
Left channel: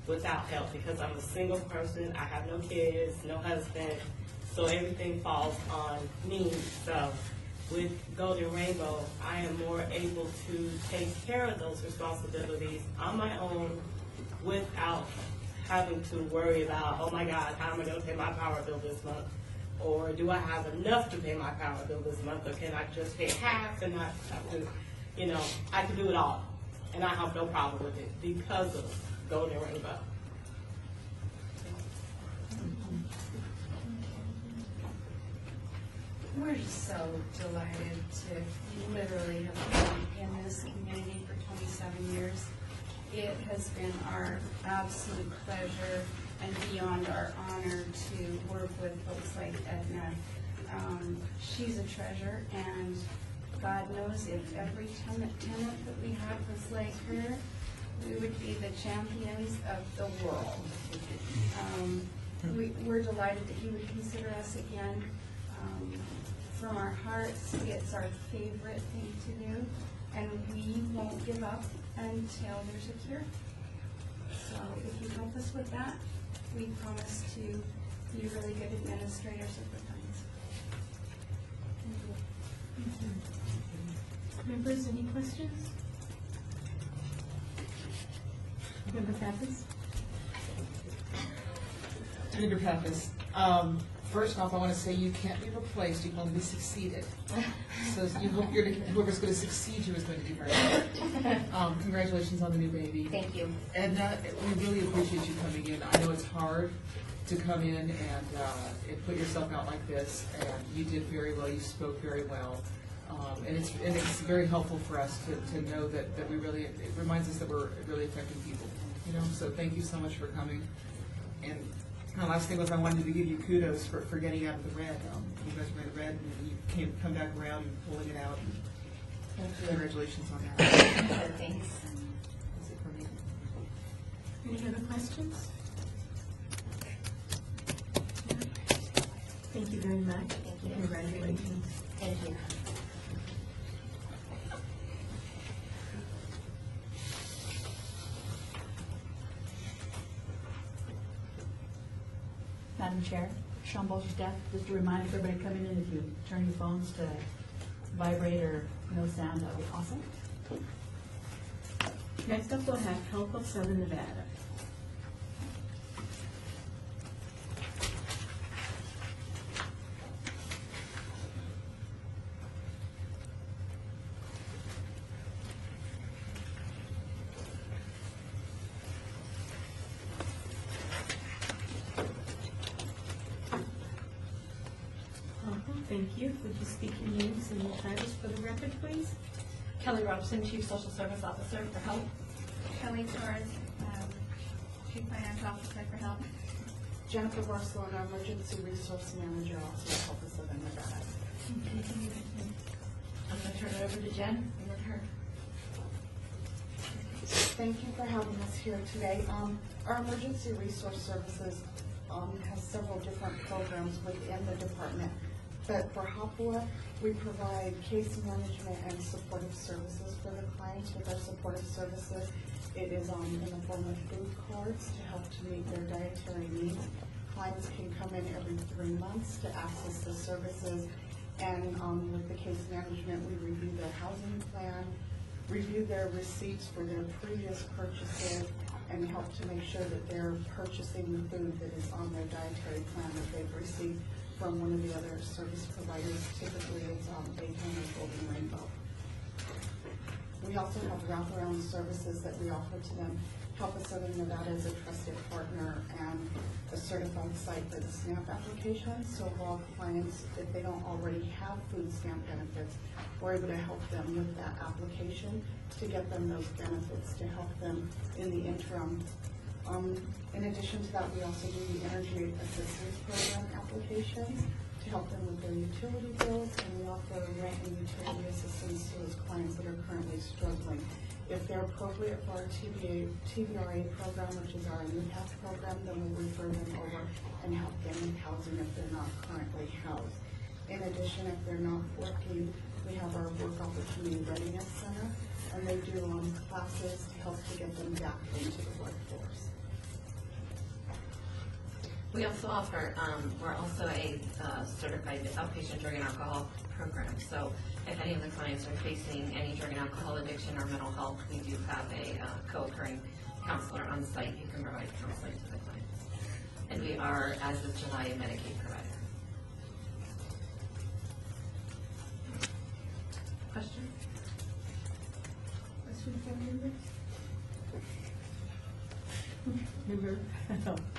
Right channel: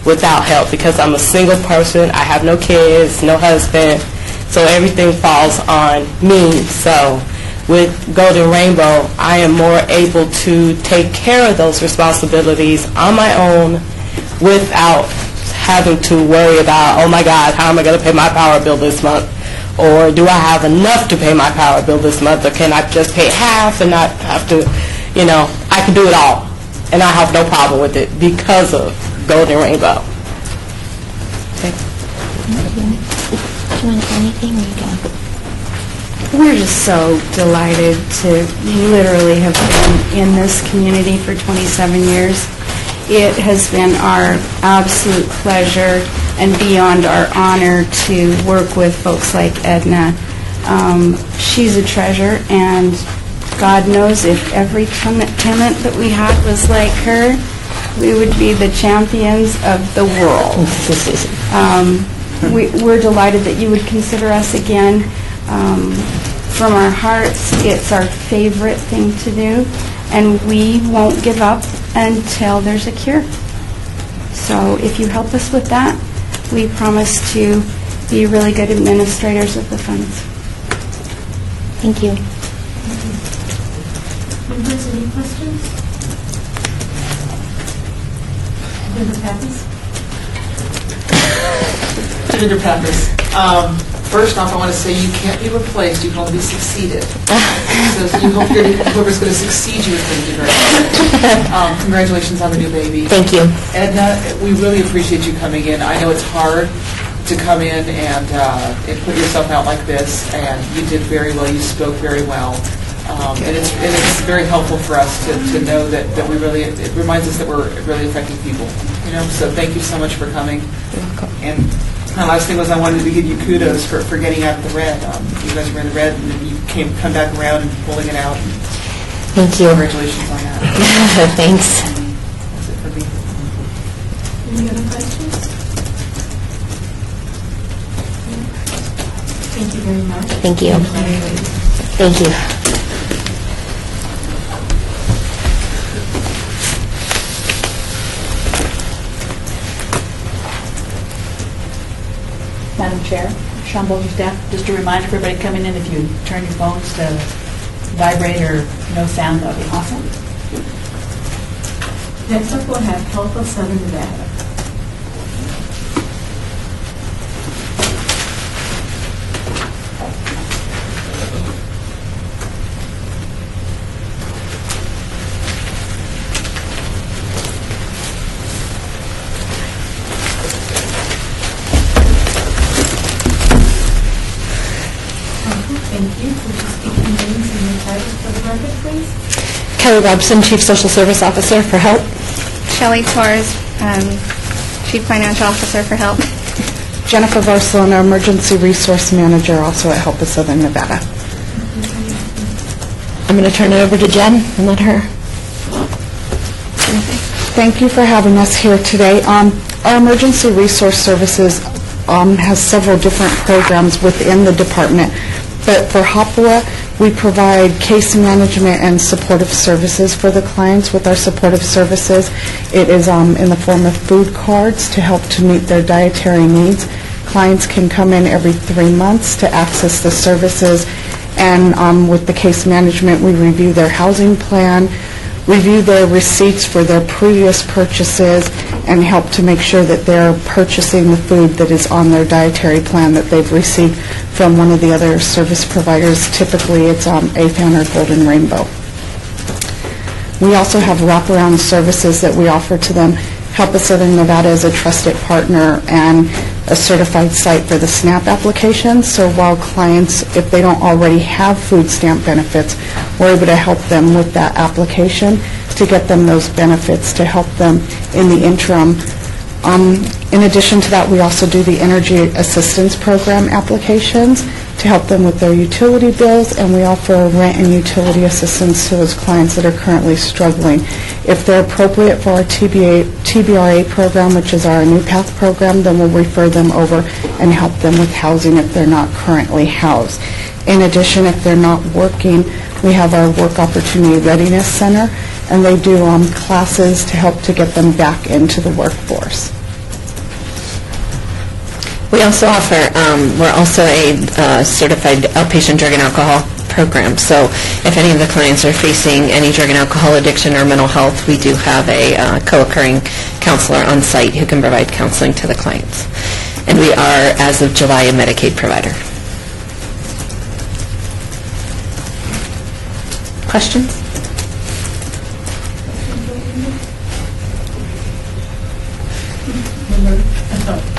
without help, because I'm a single person. I have no kids, no husband, so everything falls on me. So with Golden Rainbow, I am more able to take care of those responsibilities on my own without having to worry about, oh my God, how am I going to pay my power bill this month? Or do I have enough to pay my power bill this month? Or can I just pay half and not have to, I can do it all. And I have no problem with it because of Golden Rainbow. Do you want to say anything, or you go? We're just so delighted to literally have been in this community for 27 years. It has been our absolute pleasure and beyond our honor to work with folks like Edna. She's a treasure, and God knows if every tenant that we had was like her, we would be the champions of the world. We're delighted that you would consider us again. From our hearts, it's our favorite thing to do, and we won't give up until there's a cure. So if you help us with that, we promise to be really good administrators of the funds. Thank you. Members, any questions? Member Pappas? Senator Pappas, first off, I want to say you can't be replaced, you can only be succeeded. So you hope whoever's going to succeed you is going to do very well. Congratulations on the new baby. Thank you. Edna, we really appreciate you coming in. I know it's hard to come in and put yourself out like this, and you did very well. You spoke very well. And it's very helpful for us to know that we really, it reminds us that we're really affecting people. So thank you so much for coming. You're welcome. And my last thing was I wanted to give you kudos for getting out of the red. You guys were in the red, and then you come back around and pulling it out. Thank you. Congratulations on that. Thanks. That's it for me. Any other questions? Thank you very much. Thank you. Thank you. Madam Chair, Sean Bolger, staff, just a reminder for everybody coming in, if you turn your phones to vibrate or no sound, that would be awesome. Next up, we'll have Health of Southern Nevada. Thank you. Would you speak your names and your titles for the record, please? Kelly Robson, Chief Social Service Officer for HELP. Shelley Torres, Chief Financial Officer for HELP. Jennifer Barcelona, Emergency Resource Manager, also at HELP of Southern Nevada. I'm going to turn it over to Jen and let her. Thank you for having us here today. Our Emergency Resource Services has several different programs within the department, but for Hopua, we provide case management and supportive services for the clients. With our supportive services, it is in the form of food cards to help to meet their dietary needs. Clients can come in every 3 months to access the services, and with the case management, we review their housing plan, review their receipts for their previous purchases, and help to make sure that they're purchasing the food that is on their dietary plan that they've received from one of the other service providers. Typically, it's AFAN or Golden Rainbow. We also have wraparound services that we offer to them. Help of Southern Nevada is a trusted partner and a certified site for the SNAP application. So while clients, if they don't already have food stamp benefits, we're able to help them with that application to get them those benefits, to help them in the interim. In addition to that, we also do the Energy Assistance Program applications to help them with their utility bills, and we offer rent and utility assistance to those clients that are currently struggling. If they're appropriate for our TBRA program, which is our New Path program, then we'll refer them over and help them with housing if they're not currently housed. In addition, if they're not working, we have our Work Opportunity Readiness Center, and they do classes to help to get them back into the workforce. We also offer, we're also a certified outpatient drug and alcohol program. So if any of the clients are facing any drug and alcohol addiction or mental health, we do have a co-occurring counselor on site who can provide counseling to the clients. And we are, as of July, a Medicaid provider. Questions?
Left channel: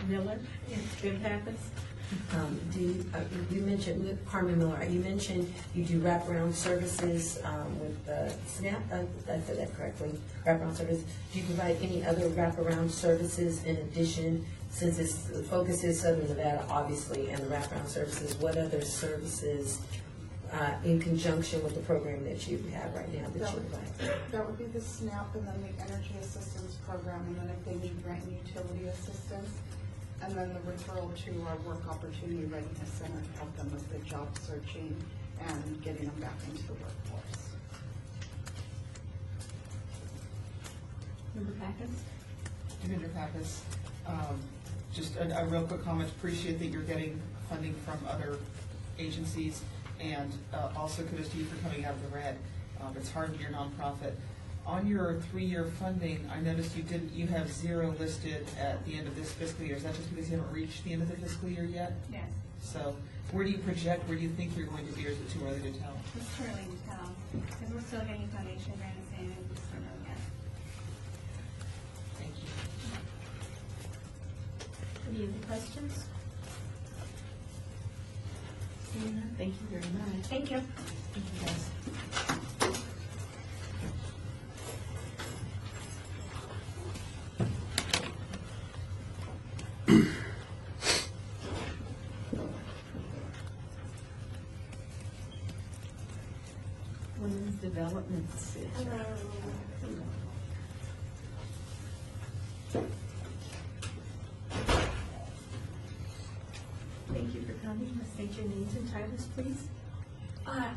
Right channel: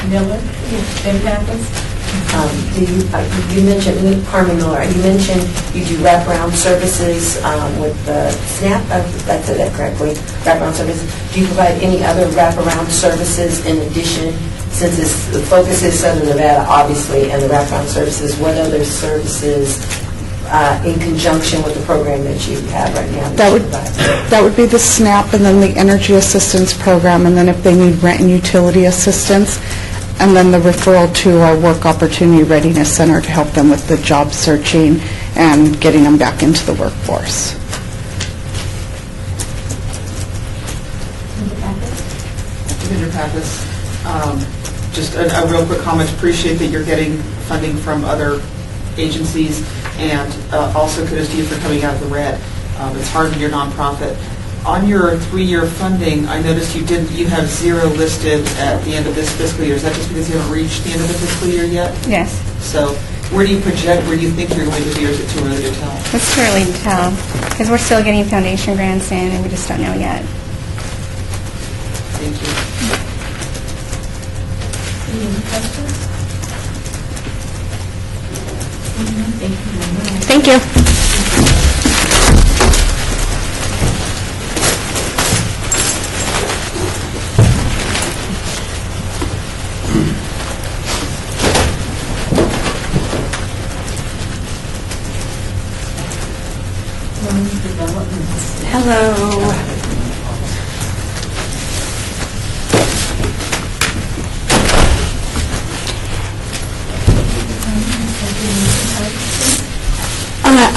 Miller, Ben Pappas. You mentioned, Carmen Miller, you mentioned you do wraparound services with the SNAP, if I said that correctly, wraparound services. Do you provide any other wraparound services in addition, since the focus is Southern Nevada, obviously, and the wraparound services, what other services in conjunction with the program that you have right now? That would be the SNAP, and then the Energy Assistance Program, and then if they need rent and utility assistance, and then the referral to our Work Opportunity Readiness Center to help them with the job searching and getting them back into the workforce. Mr. Pappas, just a real quick comment. Appreciate that you're getting funding from other agencies, and also kudos to you for coming out of the red. It's hard when you're nonprofit. On your 3-year funding, I noticed you have 0 listed at the end of this fiscal year. Is that just because you haven't reached the end of the fiscal year yet? Yes. So where do you project, where do you think you're going to be, or is it too early to tell? It's too early to tell because we're still getting foundation grants in and we just don't know yet. Thank you. Any questions? Thank you. Hello.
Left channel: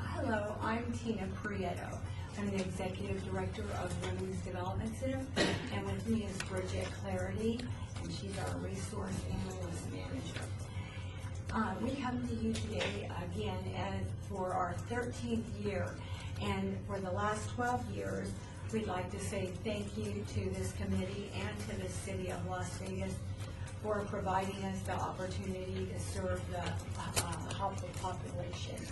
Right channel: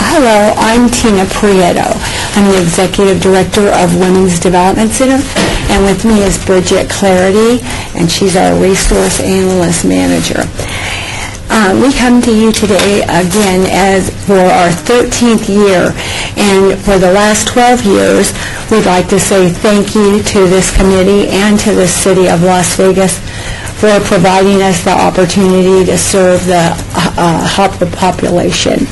Hello, I'm Tina Prieto. I'm the Executive Director of Women's Development Center, and with me is Bridget Clarity, and she's our Resource Analyst Manager. We come to you today again as for our 13th year, and for the last 12 years, we'd like to say thank you to this committee and to the City of Las Vegas for providing us the opportunity to serve the HOPWA population.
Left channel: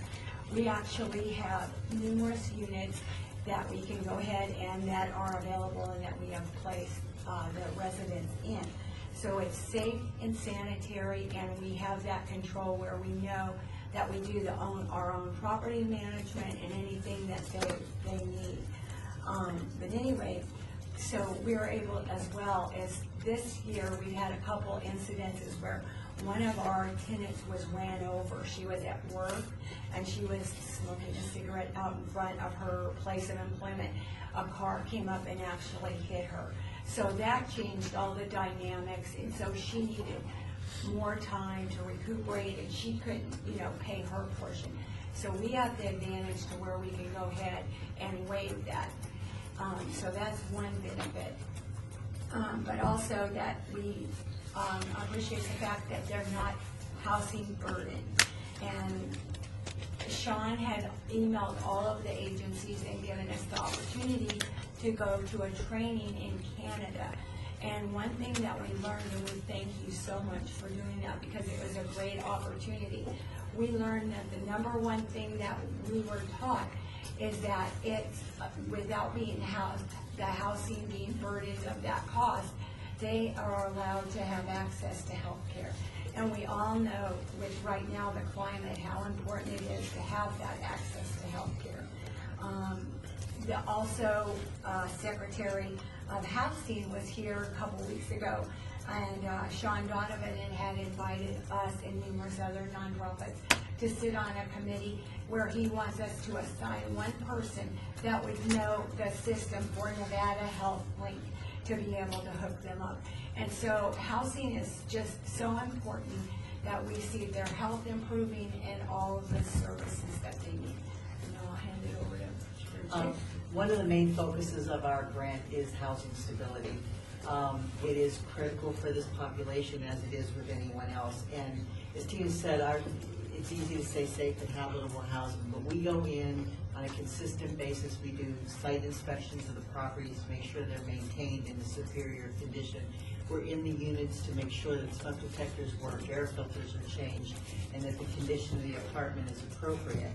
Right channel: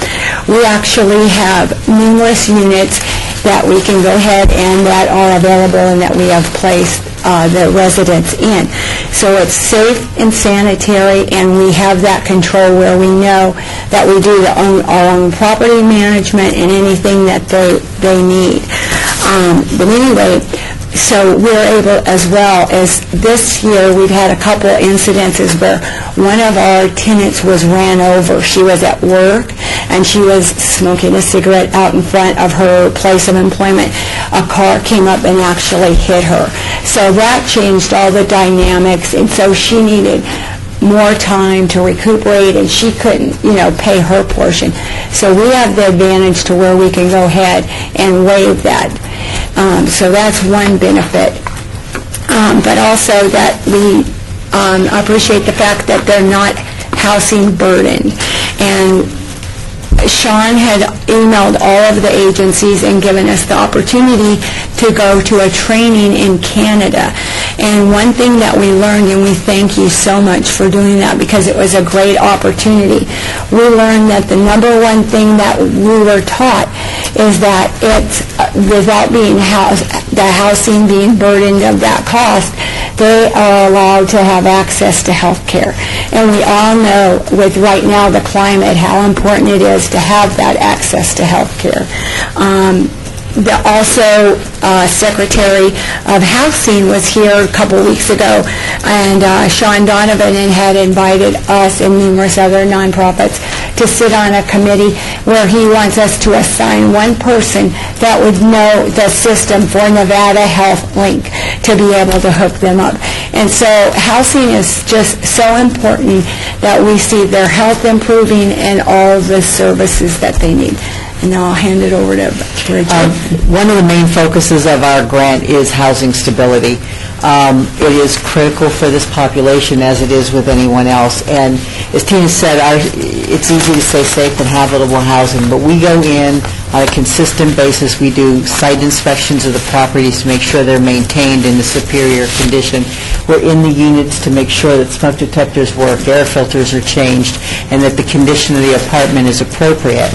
We actually have numerous units that we can go ahead and that are available and that we have placed the residents in. So it's safe and sanitary, and we have that control where we know that we do our own property management and anything that they need. But anyway, so we're able, as well as this year, we've had a couple incidences where one of our tenants was ran over. She was at work, and she was smoking a cigarette out in front of her place of employment. A car came up and actually hit her. So that changed all the dynamics, and so she needed more time to recuperate, and she couldn't, pay her portion. So we have the advantage to where we can go ahead and waive that. So that's one benefit. But also that we appreciate the fact that they're not housing burdened. And Sean had emailed all of the agencies and given us the opportunity to go to a training in Canada. And one thing that we learned, and we thank you so much for doing that because it was a great opportunity, we learned that the number one thing that we were taught is that it's, without being the housing being burdened of that cost, they are allowed to have access to health care. And we all know with right now the climate how important it is to have that access to health care. Also, Secretary of Housing was here a couple weeks ago, and Sean Donovan had invited us and numerous other nonprofits to sit on a committee where he wants us to assign one person that would know the system for Nevada Health Link to be able to hook them up. And so housing is just so important that we see their health improving and all the services that they need. And now I'll hand it over to Bridget. One of the main focuses of our grant is housing stability. It is critical for this population as it is with anyone else. And as Tina said, it's easy to say safe and habitable housing, but we go in on a consistent basis. We do site inspections of the properties to make sure they're maintained in a superior condition. We're in the units to make sure that smoke detectors work, air filters are changed, and that the condition of the apartment is appropriate.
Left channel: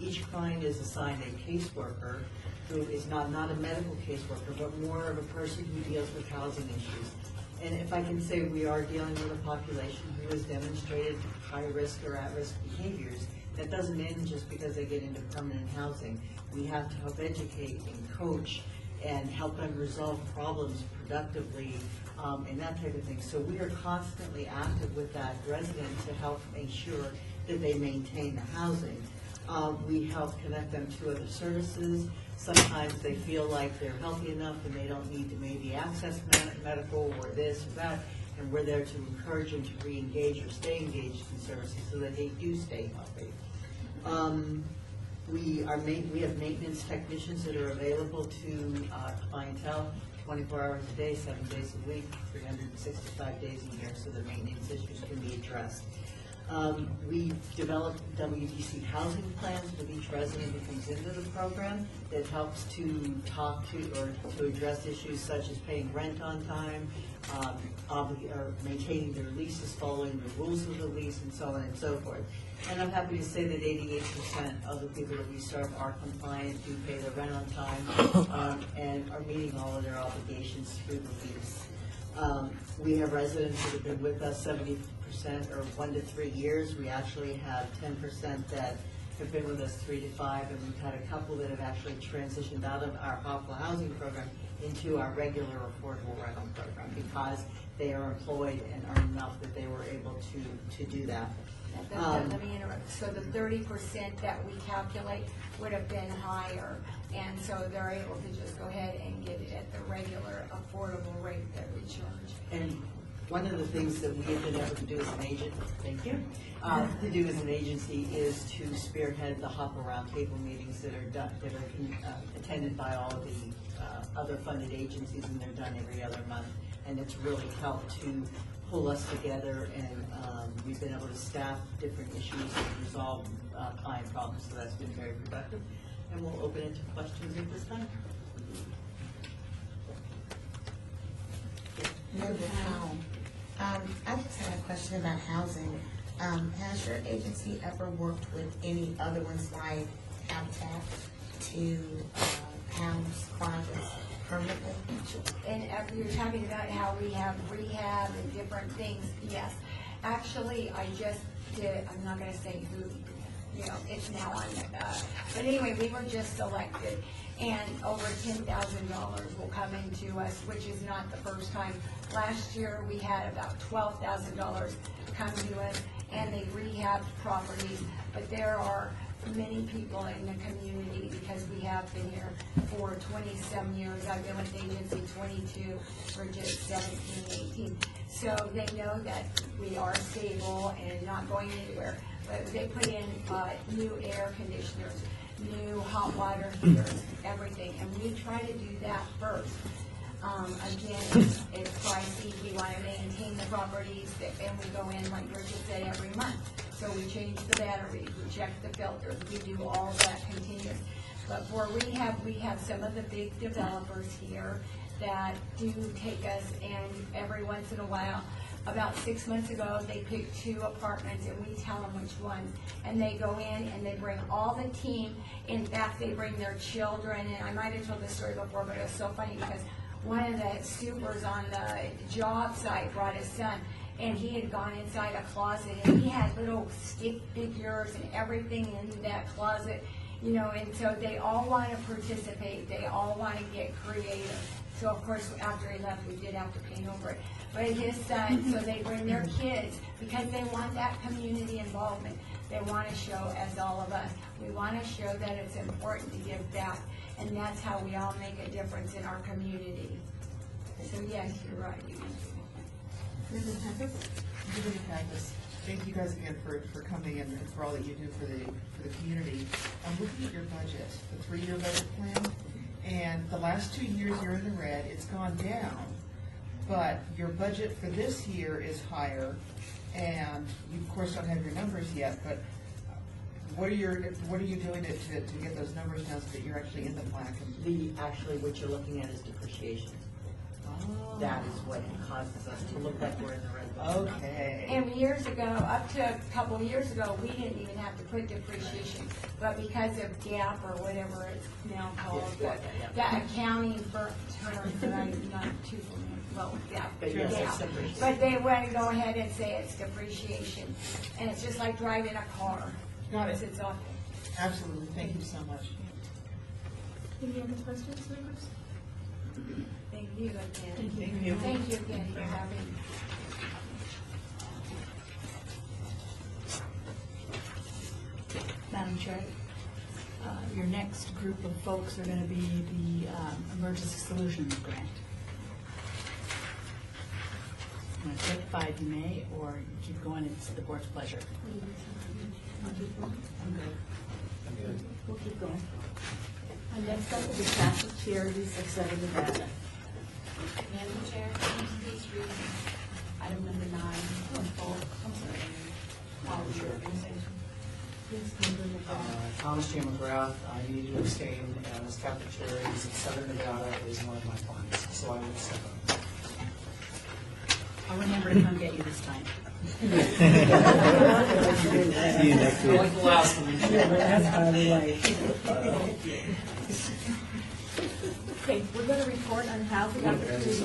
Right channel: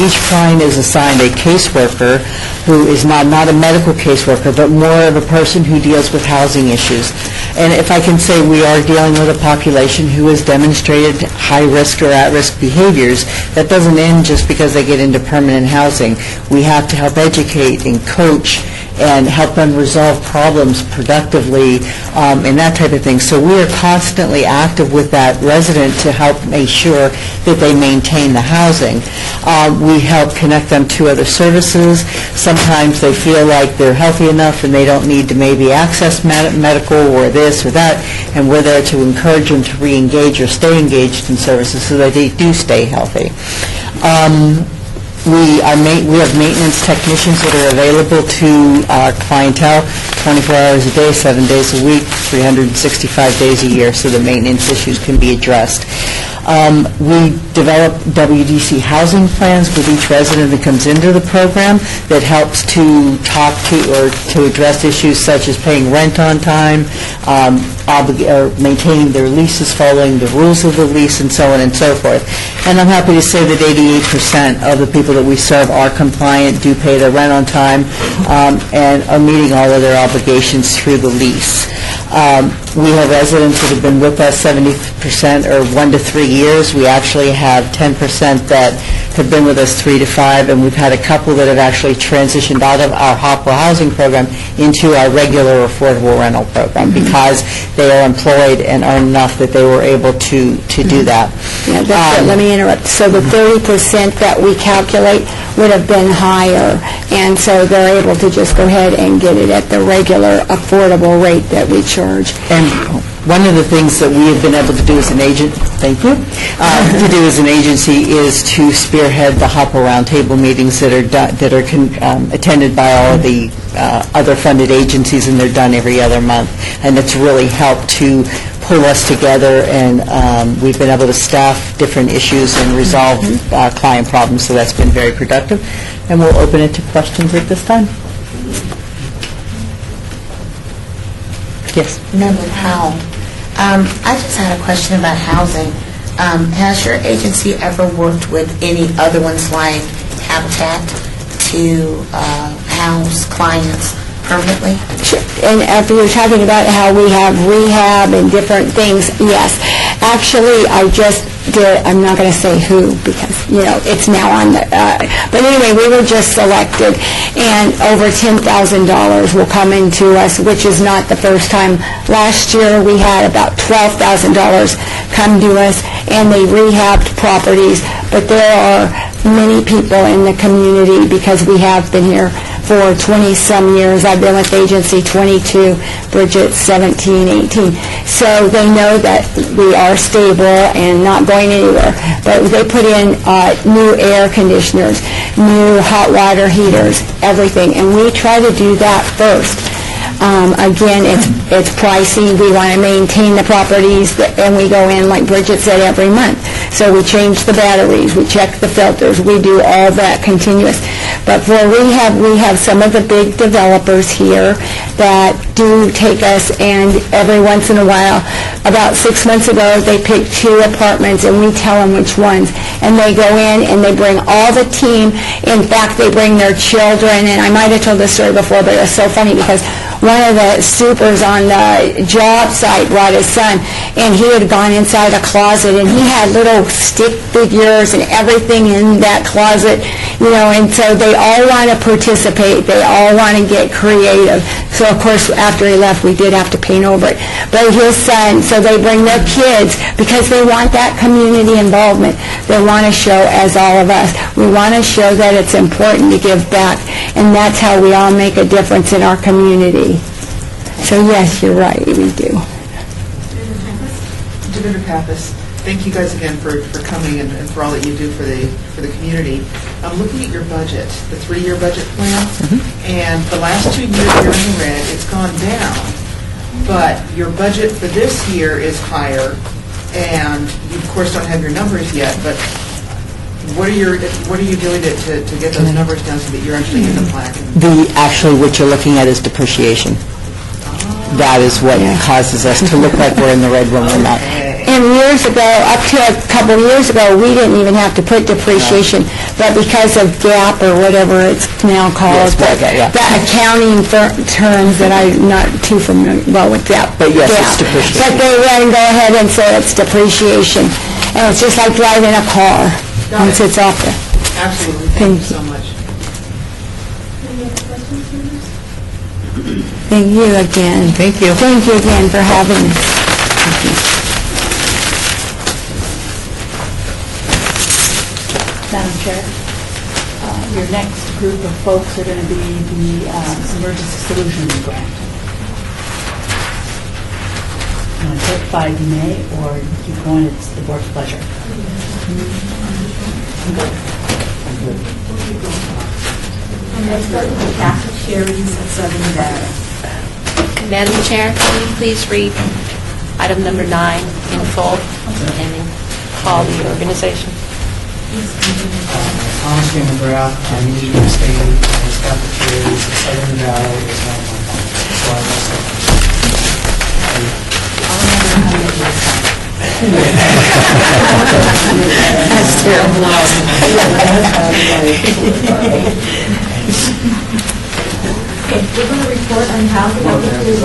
Each client is assigned a caseworker who is not a medical caseworker, but more of a person who deals with housing issues. And if I can say, we are dealing with a population who has demonstrated high-risk or at-risk behaviors. That doesn't end just because they get into permanent housing. We have to help educate and coach and help them resolve problems productively and that type of thing. So we are constantly active with that resident to help make sure that they maintain the housing. We help connect them to other services. Sometimes they feel like they're healthy enough and they don't need to maybe access medical or this or that, and we're there to encourage them to re-engage or stay engaged in services so that they do stay healthy. We have maintenance technicians that are available to our clientele 24 hours a day, 7 days a week, 365 days a year, so the maintenance issues can be addressed. We develop WDC housing plans with each resident that comes into the program that helps to talk to or to address issues such as paying rent on time, maintaining their leases, following the rules of the lease, and so on and so forth. And I'm happy to say that 88% of the people that we serve are compliant, do pay their rent on time, and are meeting all of their obligations through the lease. We have residents that have been with us 70% or 1 to 3 years. We actually have 10% that have been with us 3 to 5, and we've had a couple that have actually transitioned out of our Hopwell housing program into our regular affordable rental program because they are employed and earn enough that they were able to do that. Yeah, that's it. Let me interrupt. So the 30% that we calculate would have been higher, and so they're able to just go ahead and get it at the regular affordable rate that we charge. And one of the things that we have been able to do as an agent, thank you, to do as an agency is to spearhead the Hopwell Roundtable meetings that are attended by all of the other funded agencies, and they're done every other month. And it's really helped to pull us together, and we've been able to staff different issues and resolve client problems, so that's been very productive. And we'll open it to questions at this time. Yes. Member Powell, I just had a question about housing. Has your agency ever worked with any other ones like Habitat to house clients permanently? Sure. And after you're talking about how we have rehab and different things, yes. Actually, I just did, I'm not going to say who because, it's now on the, but anyway, we were just selected, and over $10,000 will come into us, which is not the first time. Last year, we had about $12,000 come to us, and they rehabbed properties, but there are many people in the community because we have been here for 20-some years. I've been with the agency 22, Bridget 17, 18. So they know that we are stable and not going anywhere. But they put in new air conditioners, new hot water heaters, everything. And we try to do that first. Again, it's pricey. We want to maintain the properties, and we go in, like Bridget said, every month. So we change the batteries, we check the filters, we do all that continuous. But for rehab, we have some of the big developers here that do take us, and every once in a while, about 6 months ago, they picked 2 apartments, and we tell them which ones. And they go in, and they bring all the team. In fact, they bring their children, and I might have told this story before, but it's so funny because one of the supers on the job site brought his son, and he had gone inside a closet, and he had little stick figures and everything in that closet, and so they all want to participate. They all want to get creative. So, of course, after he left, we did have to paint over it. But his son, so they bring their kids because they want that community involvement. They want to show, as all of us, we want to show that it's important to give back, and that's how we all make a difference in our community. So, yes, you're right, we do. Director Pappas, thank you guys again for coming and for all that you do for the community. I'm looking at your budget, the 3-year budget plan, and the last 2 years you're in the red, it's gone down. But your budget for this year is higher, and you of course don't have your numbers yet, but what are you doing to get those numbers down so that you're actually in the black? Actually, what you're looking at is depreciation. That is what causes us to look like we're in the red when we're not. And years ago, up to a couple of years ago, we didn't even have to put depreciation, but because of GAAP or whatever it's now called, the accounting terms that I'm not too familiar with that. But yes, GAAP. it's depreciation. But they then go ahead and say it's depreciation, and it's just like driving a car once it's off the. Absolutely. Thank you so much. Thank you again. Thank you. Thank you again for having us. Thank you. Madam Chair, your next group of folks are going to be the Emergency Solutions Grant. You want to take 5, you may, or keep going, it's the board's pleasure. Let's start with the Catholic Charities of Southern Nevada. Madam Chair, can you please read item number 9 in full and then call the organization? Thomas J. McGrath, I'm usually stating as Catholic Charities of Southern Nevada is not my fault. So I will say. That's terrible. Okay, we're going to report on housing opportunities.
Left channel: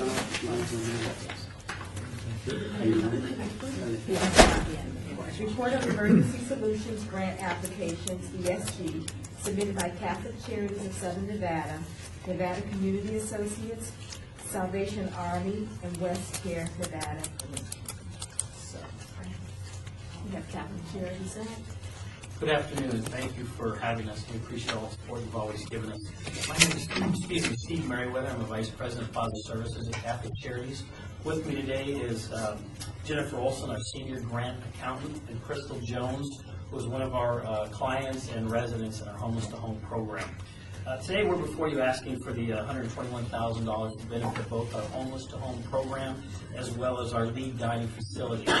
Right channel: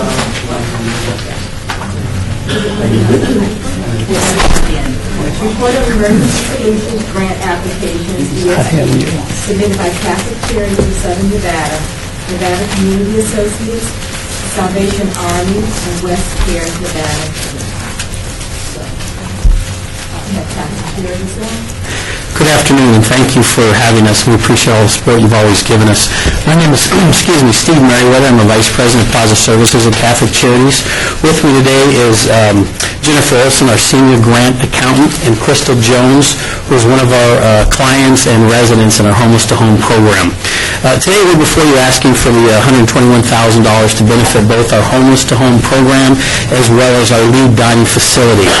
Report on emergency solutions grant applications submitted by Catholic Charities of Southern Nevada, Nevada Community Associates, Salvation Army, and West Care, Nevada. So, we have Catholic Charities there. Good afternoon, and thank you for having us. We appreciate all the support you've always given us. My name is, Steve Merriweather. I'm the Vice President of Plaza Services at Catholic Charities. With me today is Jennifer Olson, our Senior Grant Accountant, and Crystal Jones, who is one of our clients and residents in our Homeless to Home program. Today we're before you asking for the $121,000 to benefit both our Homeless to Home program as well as our lead dining facility.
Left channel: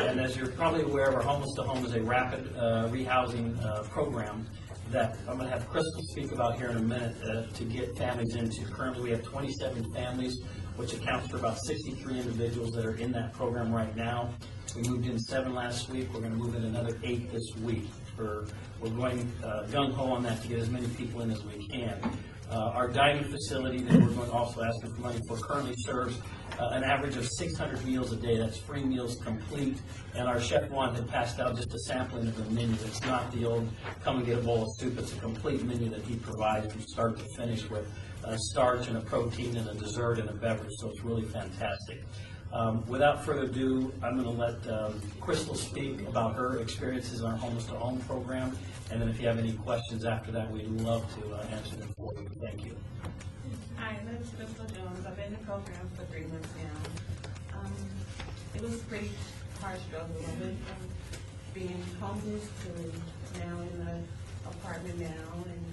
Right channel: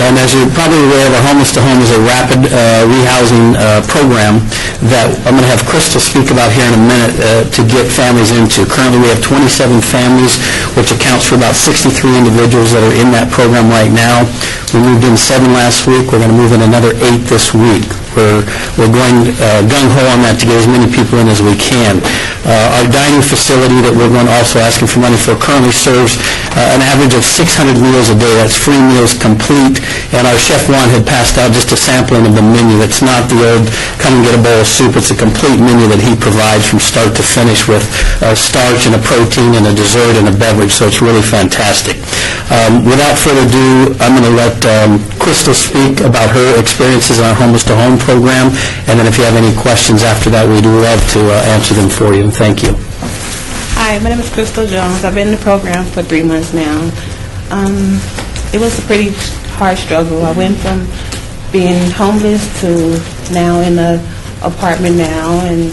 And as you're probably aware, the Homeless to Home is a rapid rehousing program that I'm going to have Crystal speak about here in a minute to get families into. Currently, we have 27 families, which accounts for about 63 individuals that are in that program right now. We moved in 7 last week. We're going to move in another 8 this week. We're going gung-ho on that to get as many people in as we can. Our dining facility that we're going to also asking for money for currently serves an average of 600 meals a day. That's free meals complete. And our Chef Juan had passed out just a sampling of the menu. It's not the old come and get a bowl of soup. It's a complete menu that he provides from start to finish with starch and a protein and a dessert and a beverage. So it's really fantastic. Without further ado, I'm going to let Crystal speak about her experiences in our Homeless to Home program, and then if you have any questions after that, we'd love to answer them for you. Thank you. Hi, my name is Crystal Jones. I've been in the program for 3 months now. It was a pretty hard struggle. I went from being homeless to now in an apartment now, and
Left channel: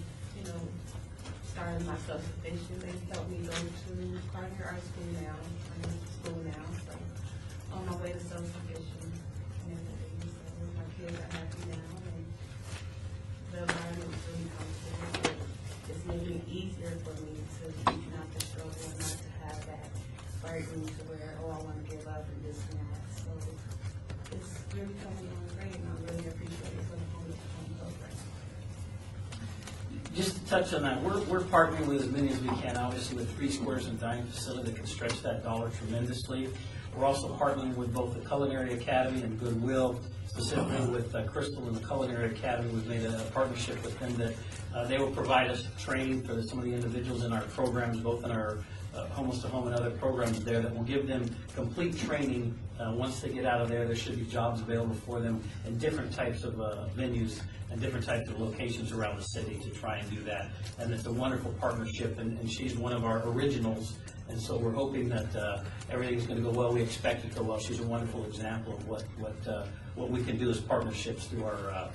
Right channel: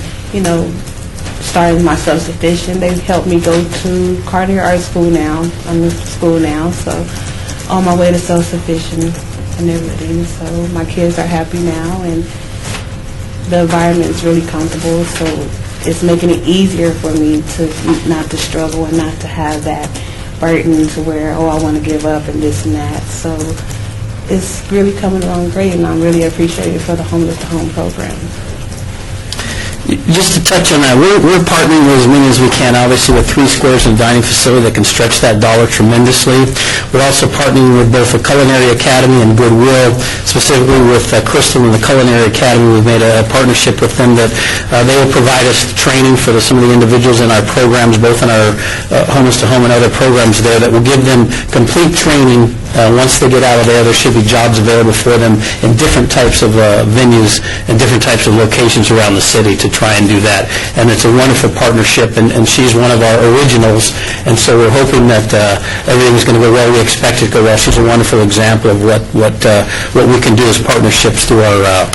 starting my self-sufficient. They've helped me go to Cartier Art School now. I'm in school now, so on my way to self-sufficient and everything. So my kids are happy now, and the environment is really comfortable. So it's making it easier for me to not to struggle and not to have that burden to where, I want to give up and this and that. So it's really coming along great, and I'm really appreciative for the Homeless to Home program. Just to touch on that, we're partnering with as many as we can, obviously with 3 Squares and a dining facility that can stretch that dollar tremendously. We're also partnering with both the Culinary Academy and Goodwill, specifically with Crystal and the Culinary Academy. We've made a partnership with them that they will provide us training for some of the individuals in our programs, both in our Homeless to Home and other programs there, that will give them complete training. Once they get out of there, there should be jobs available for them in different types of venues and different types of locations around the city to try and do that. And it's a wonderful partnership, and she's one of our originals, and so we're hoping that everything's going to go well. We expect it to go well. She's a wonderful example of what we can do as partnerships through our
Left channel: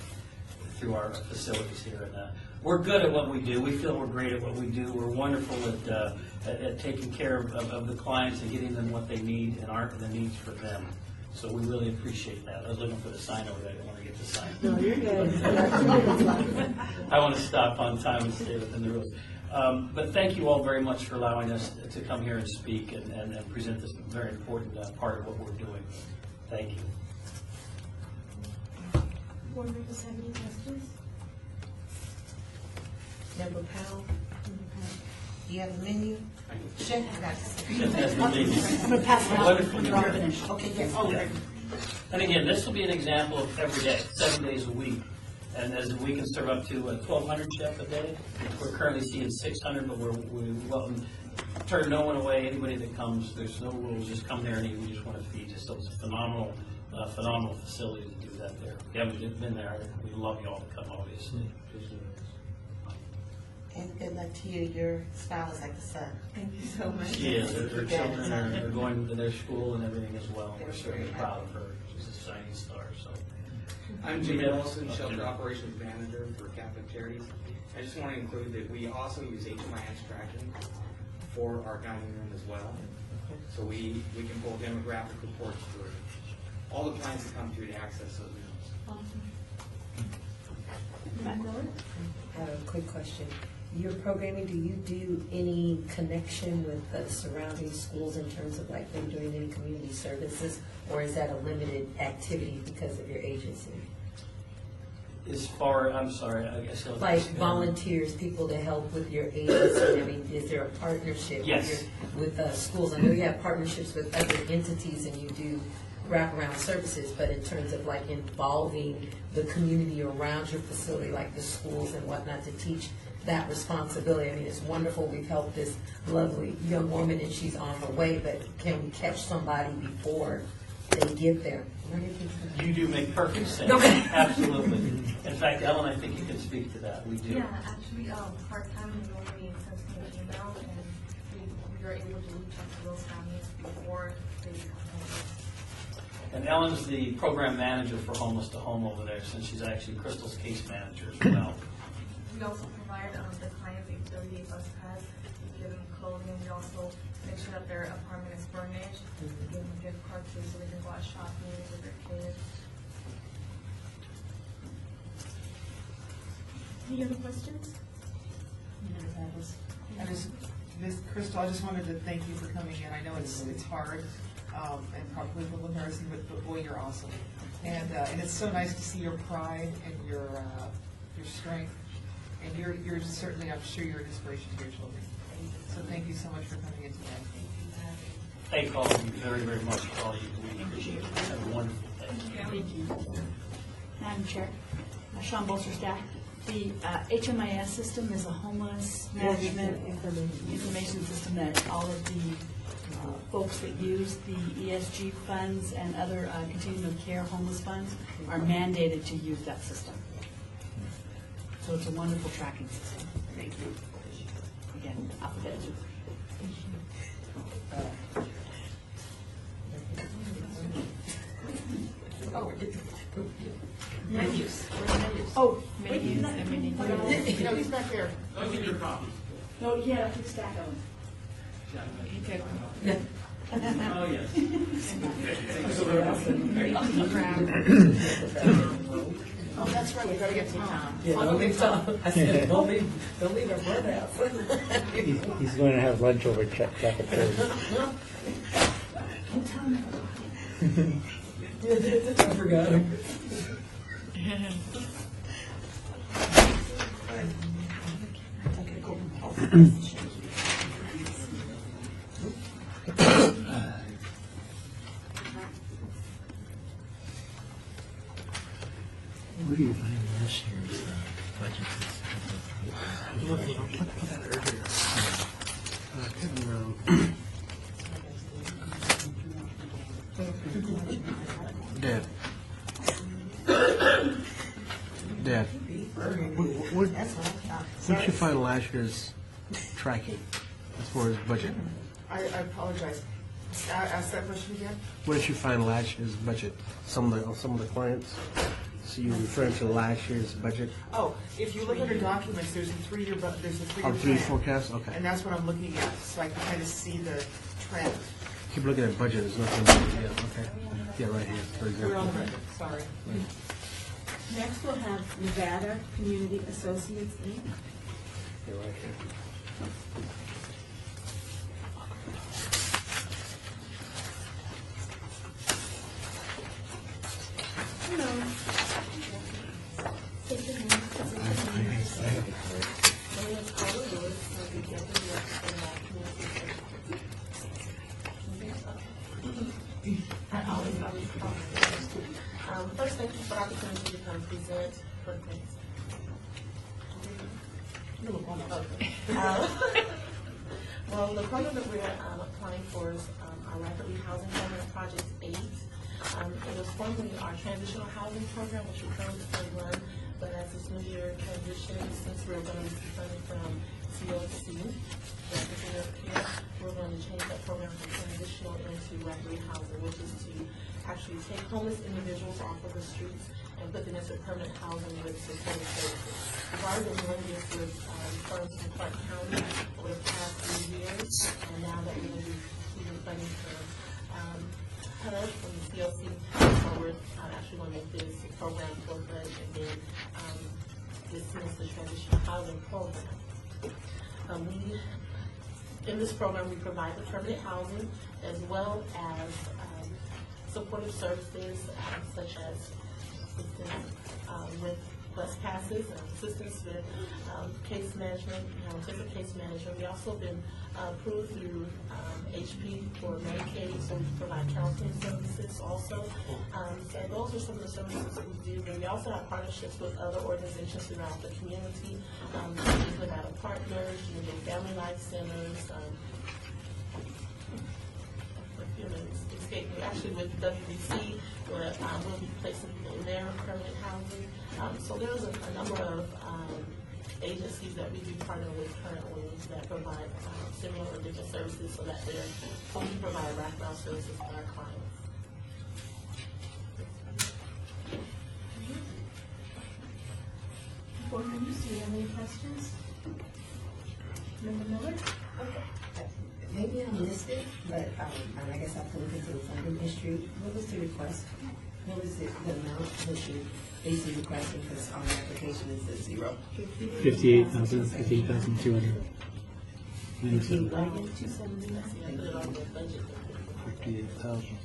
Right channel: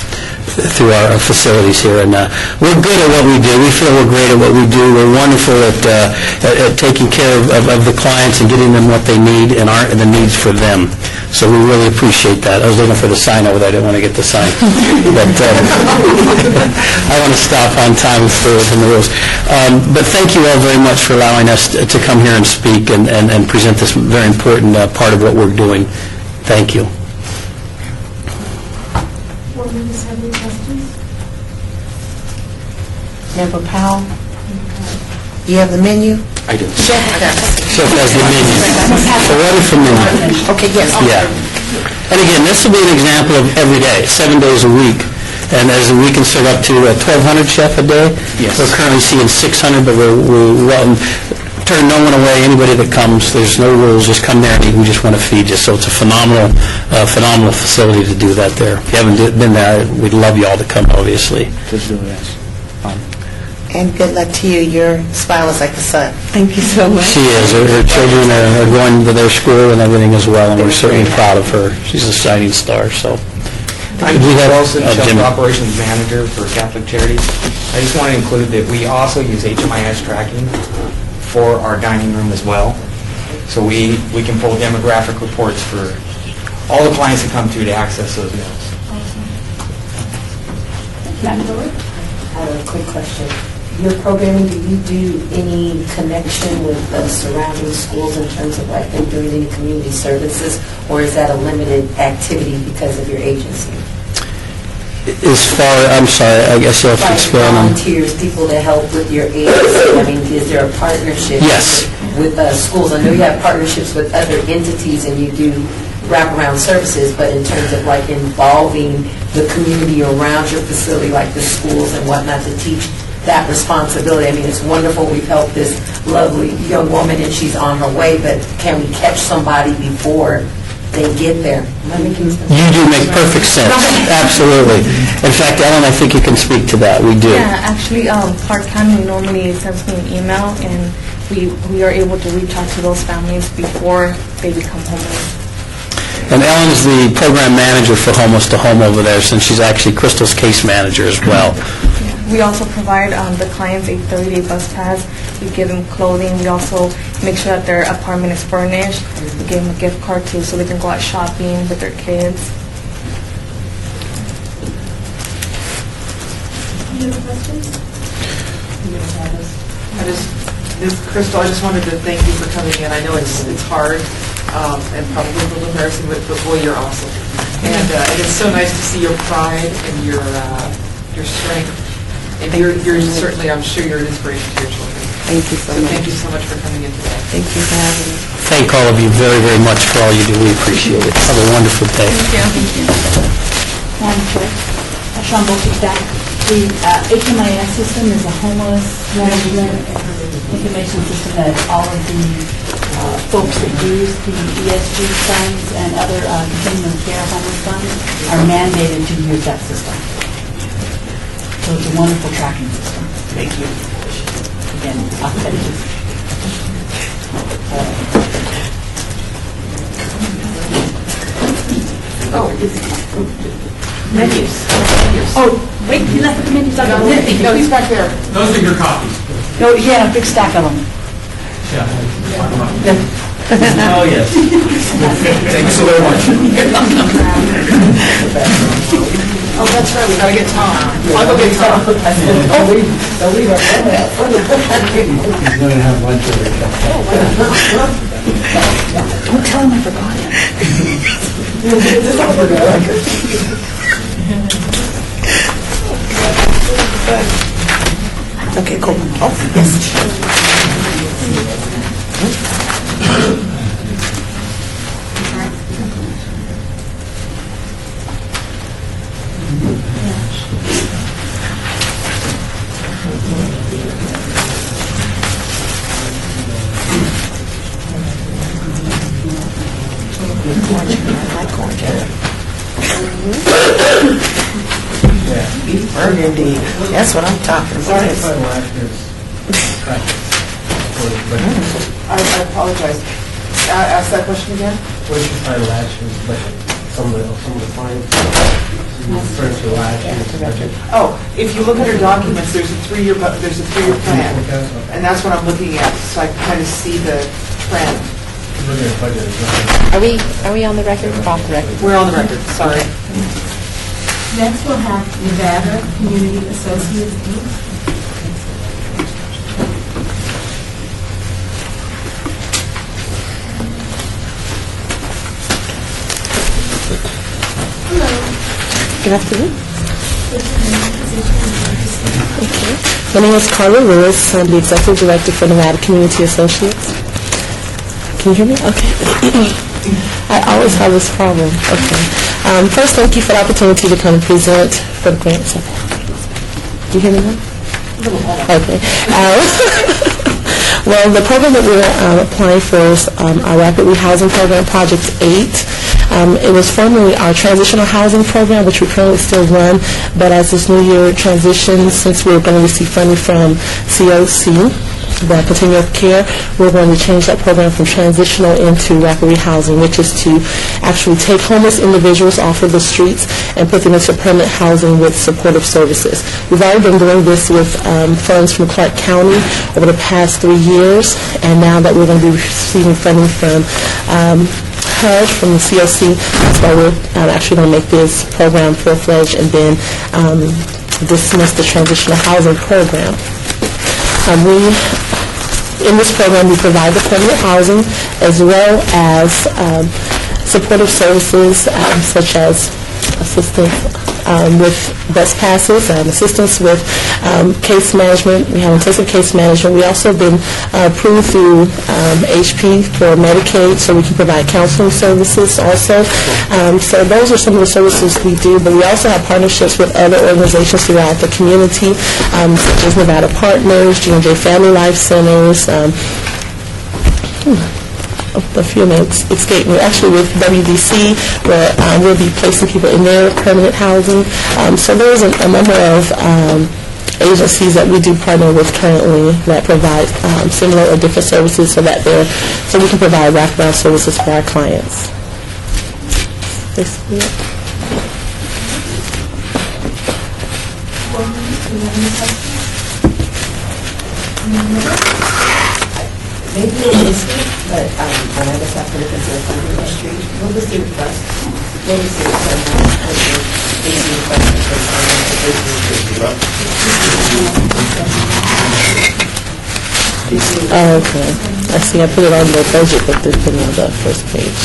facilities here, and we're good at what we do. We feel we're great at what we do. We're wonderful at taking care of the clients and getting them what they need and the needs for them. So we really appreciate that. I was looking for the sign over there. I didn't want to get the sign. But I want to stop on time from the rules. But thank you all very much for allowing us to come here and speak and present this very important part of what we're doing. Thank you. Board members have any questions? Member Powell? You have the menu? I do. Chef has the menu. So what is the menu? Okay, yes. Yeah. And again, this will be an example of every day, 7 days a week. And as we can serve up to 1,200 chef a day. Yes. We're currently seeing 600, but we're turn no one away. Anybody that comes, there's no rules. Just come there and eat. We just want to feed you. So it's a phenomenal facility to do that there. If you haven't been there, we'd love you all to come, obviously. Just do it. And good luck to you. Your smile is like the sun. Thank you so much. She is. Her children are going to their school and everything as well, and we're certainly proud of her. She's a shining star. So. I'm We have- Wilson, Chef Jimmy. Operations Manager for Catholic Charities. I just want to include that we also use HMIS tracking for our dining room as well. So we can pull demographic reports for all the clients that come to access those meals. Madam Board? I have a quick question. Your programming, do you do any connection with the surrounding schools in terms of like them doing any community services, or is that a limited activity because of your agency? I'm sorry, I guess you'll have to Like expand on. volunteers, people that help with your agency, I mean, is there a partnership? Yes. With schools? I know you have partnerships with other entities and you do wraparound services, but in terms of like involving the community around your facility, like the schools and whatnot, to teach that responsibility. I mean, it's wonderful. We've helped this lovely young woman and she's on her way, but can we catch somebody before they get there? Am I making sense? You do make perfect sense. Absolutely. In fact, Ellen, I think you can speak to that. We do. Yeah, actually, Clark County normally sends me an email, and we are able to reach out to those families before they become homeless. And Ellen's the program manager for Homeless to Home over there, since she's actually Crystal's case manager as well. We also provide the clients a 30-day bus pass. We give them clothing. We also make sure that their apartment is furnished. We give them a gift card too, so they can go out shopping with their kids. Any other questions? Crystal, I just wanted to thank you for coming in. I know it's hard and probably a little embarrassing, but boy, you're awesome. And it's so nice to see your pride and your strength. And you're certainly, I'm sure, you're an inspiration to your children. Thank you so much. Thank you so much for coming in today. Thank you for having me. Thank all of you very, very much for all you do. We appreciate it. Have a wonderful day. Thank you. Madam Chair, Sean Bolshack, the HMIS system is a homeless management information system that all of the folks that use the ESG funds and other continuum of care homeless funds are mandated to use that system. So it's a wonderful tracking system. Thank you. Again, authentic. Menus. Oh, wait, you left the menus on the menu. No, he's back there. Those are your copies. No, yeah, a big stack of them. Oh, yes. Thank you so very much. Oh, that's right, we gotta get Tom. I'll go get Tom. He's going to have lunch with her. Don't tell him I forgot him. Okay, cool. Oh, yes. Beef burgundy. That's what I'm talking about. I apologize. Ask that question again? What is your final actions, but some of the clients, refer to actions? Oh, if you look at our documents, there's a three-year plan, and that's what I'm looking at, so I can kind of see the trend. Looking at budget as well. Are we on the record or off the record? We're on the record, sorry. Next, we'll have Nevada Community Associates, Inc. Good afternoon. Okay. My name is Carla Lewis. I'm the Executive Director for Nevada Community Associates. Can you hear me? Okay. I always have this problem. Okay. First, thank you for the opportunity to come and present for the grants. Do you hear me now? Okay. Well, the program that we're applying for is our Rapid Rehousing Program, Project 8. It was formerly our Transitional Housing Program, which we currently still run, but as this new year transitions, since we're going to receive funding from COC, the Continuum of Care, we're going to change that program from transitional into rapid rehousing, which is to actually take homeless individuals off of the streets and put them into permanent housing with supportive services. We've already been doing this with funds from Clark County over the past 3 years, and now that we're going to be receiving funding from HUD, from the COC, that's why we're actually going to make this program full-fledged and then dismiss the transitional housing program. In this program, we provide the permanent housing as well as supportive services such as assistance with bus passes, assistance with case management. We have intensive case management. We also have been approved through HP for Medicaid, so we can provide counseling services also. So those are some of the services we do, but we also have partnerships with other organizations throughout the community, such as Nevada Partners, G&J Family Life Centers, a few names escape me. Actually, with WDC, where we'll be placing people in their permanent housing. So there's a number of agencies that we do partner with currently that provide similar or different services so we can provide wraparound services for our clients. Basically it. Maybe it is, but and I guess after the consider funding history, what was the request? What was the Oh, okay. I see. I put it on the budget, but it's been on the first page.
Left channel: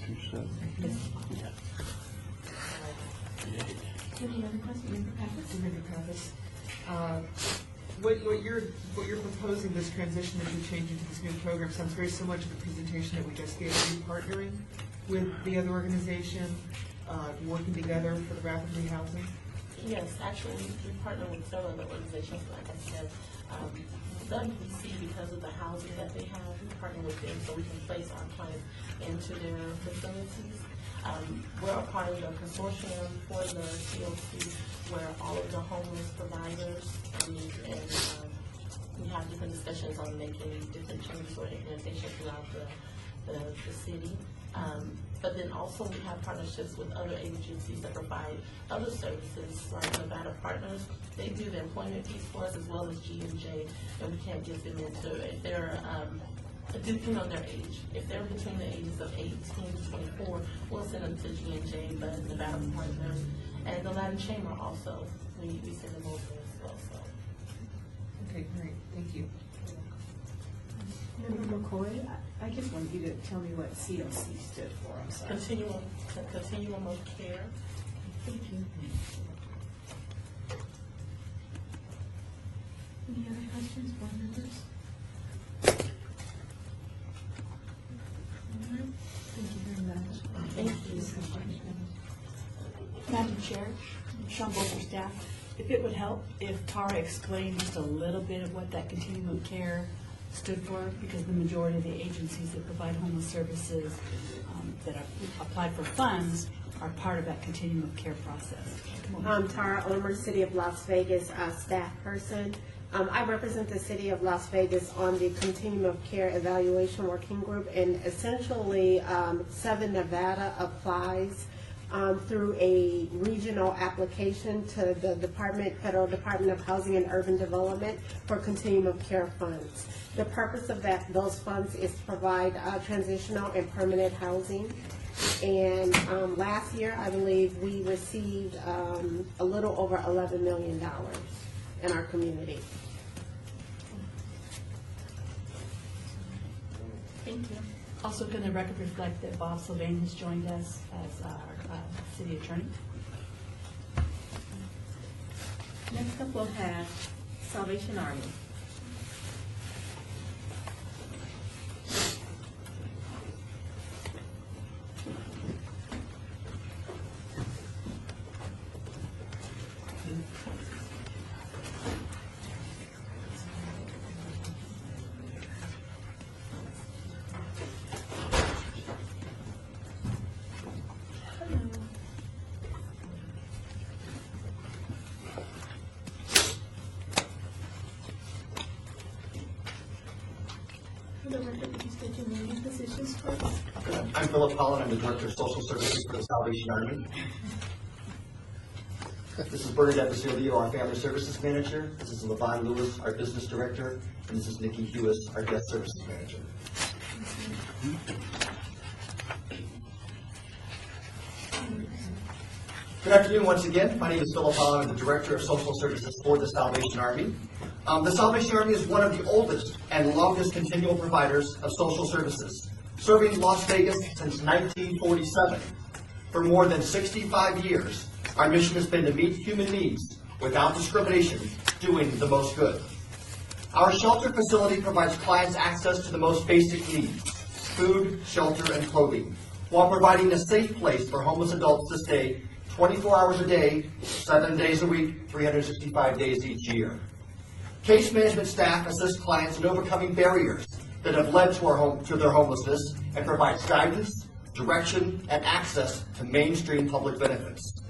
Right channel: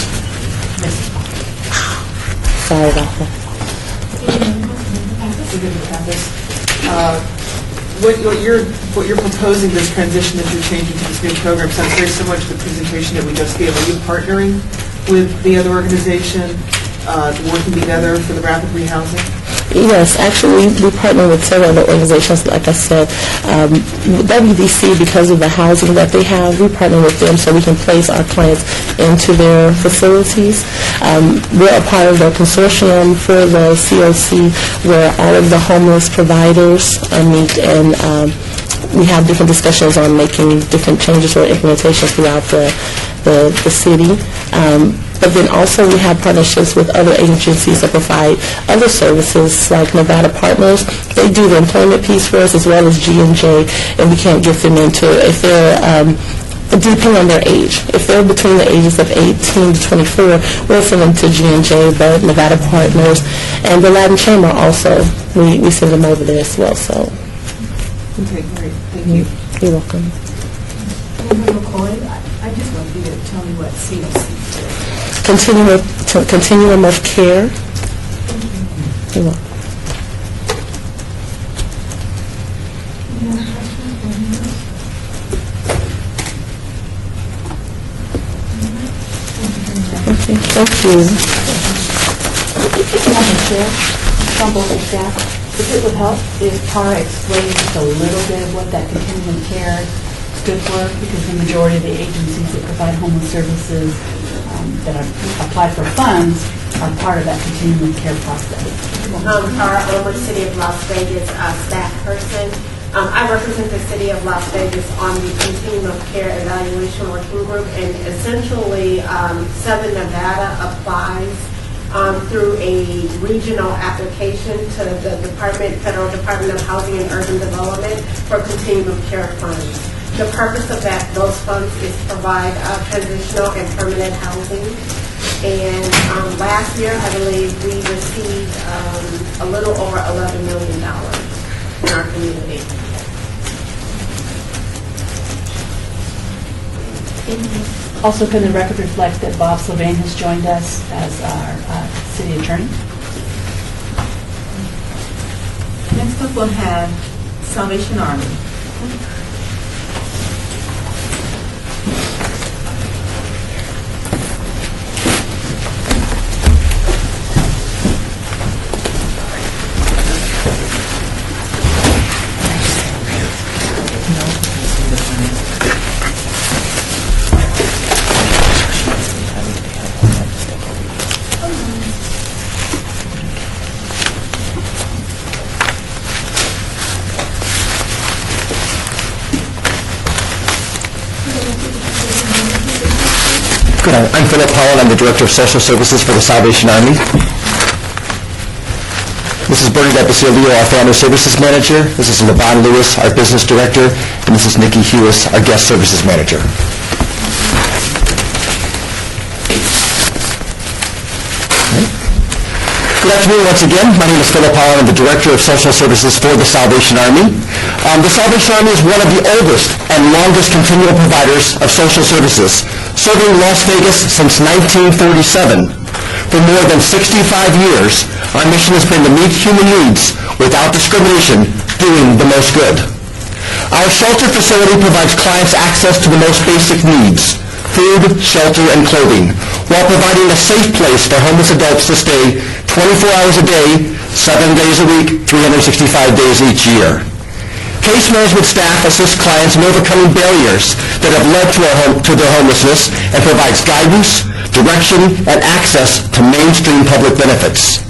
Sorry about that. What you're proposing, this transition that you're changing to this new program, sounds very similar to the presentation that we just gave. Are you partnering with the other organization, working together for the rapid rehousing? Yes, actually, we partner with several other organizations. Like I said, WDC, because of the housing that they have, we partner with them so we can place our clients into their facilities. We're a part of the consortium for the COC, where all of the homeless providers meet, and we have different discussions on making different changes or implementations throughout the city. But then also we have partnerships with other agencies that provide other services, like Nevada Partners. They do the employment piece for us, as well as G&J, and we can't get them into, if they're, depending on their age. If they're between the ages of 18 to 24, we'll send them to G&J, but Nevada Partners, and the Latin Chamber also, we send them over there as well, so. Okay, great, thank you. You're welcome. McCoy, I just want you to tell me what COC is. Continuum of Care. You're welcome. Thank you. Madam Chair, from board and staff, if it would help if Tara explained just a little bit of what that continuum of care stood for, because the majority of the agencies that provide homeless services that are apply for funds are part of that continuum of care process. Tara Ober, City of Las Vegas staff person. I represent the City of Las Vegas on the Continuum of Care Evaluation Working Group, and essentially Southern Nevada applies through a regional application to the Federal Department of Housing and Urban Development for Continuum of Care funds. The purpose of those funds is to provide transitional and permanent housing. And last year, I believe we received a little over $11 million in our community. Also, can the record reflect that Bob Sylvain has joined us as our city attorney? Next up, we'll have Salvation Army. I'm Philip Holland. I'm the Director of Social Services for the Salvation Army. This is Bernadette Basilio, our Family Services Manager. This is Levon Lewis, our Business Director. And this is Nikki Hewis, our Guest Services Manager. Good afternoon once again. My name is Philip Holland. I'm the Director of Social Services for the Salvation Army. The Salvation Army is one of the oldest and longest continual providers of social services, serving Las Vegas since 1937. For more than 65 years, our mission has been to meet human needs without discrimination, doing the most good. Our shelter facility provides clients access to the most basic needs: food, shelter, and clothing, while providing a safe place for homeless adults to stay 24 hours a day, 7 days a week, 365 days each year. Case management staff assists clients in overcoming barriers that have led to their homelessness and provides guidance, direction, and access to mainstream public benefits.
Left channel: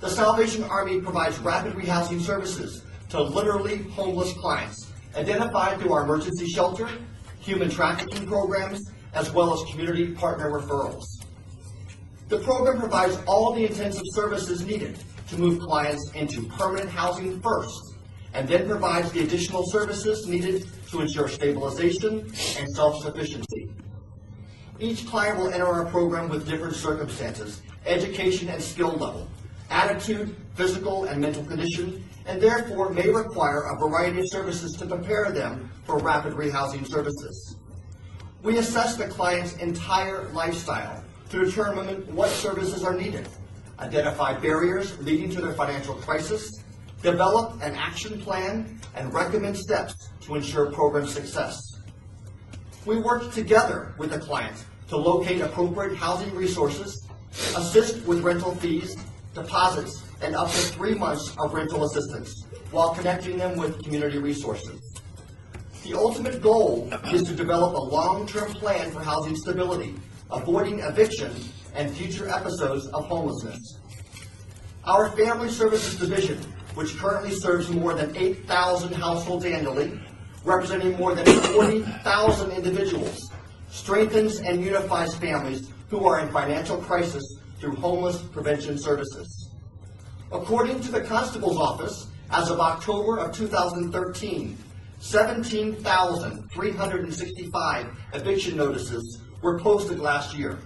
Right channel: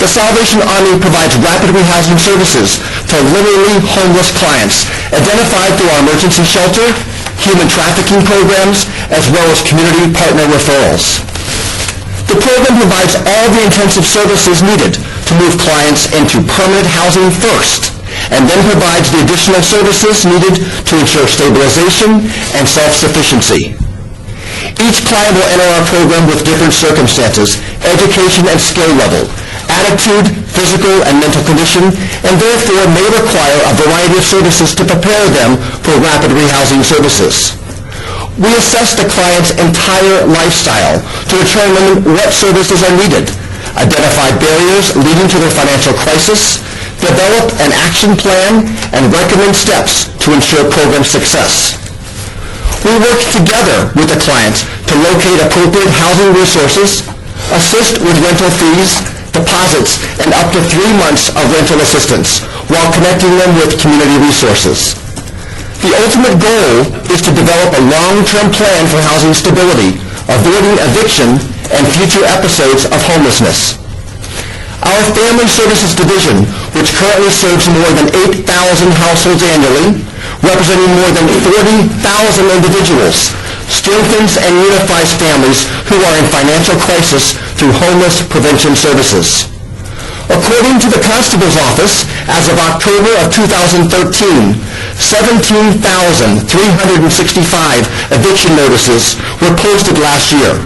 The Salvation Army provides rapid rehousing services to literally homeless clients identified through our emergency shelter, human trafficking programs, as well as community partner referrals. The program provides all the intensive services needed to move clients into permanent housing first, and then provides the additional services needed to ensure stabilization and self-sufficiency. Each client will enter our program with different circumstances, education and skill level, attitude, physical and mental condition, and therefore may require a variety of services to prepare them for rapid rehousing services. We assess the client's entire lifestyle to determine what services are needed, identify barriers leading to their financial crisis, develop an action plan, and recommend steps to ensure program success. We work together with the client to locate appropriate housing resources, assist with rental fees, deposits, and up to 3 months of rental assistance, while connecting them with community resources. The ultimate goal is to develop a long-term plan for housing stability, avoiding eviction and future episodes of homelessness. Our Family Services Division, which currently serves more than 8,000 households annually, representing more than 40,000 individuals, strengthens and unifies families who are in financial crisis through homeless prevention services. According to the Constable's Office, as of October of 2013, 17,365 eviction notices were posted last year.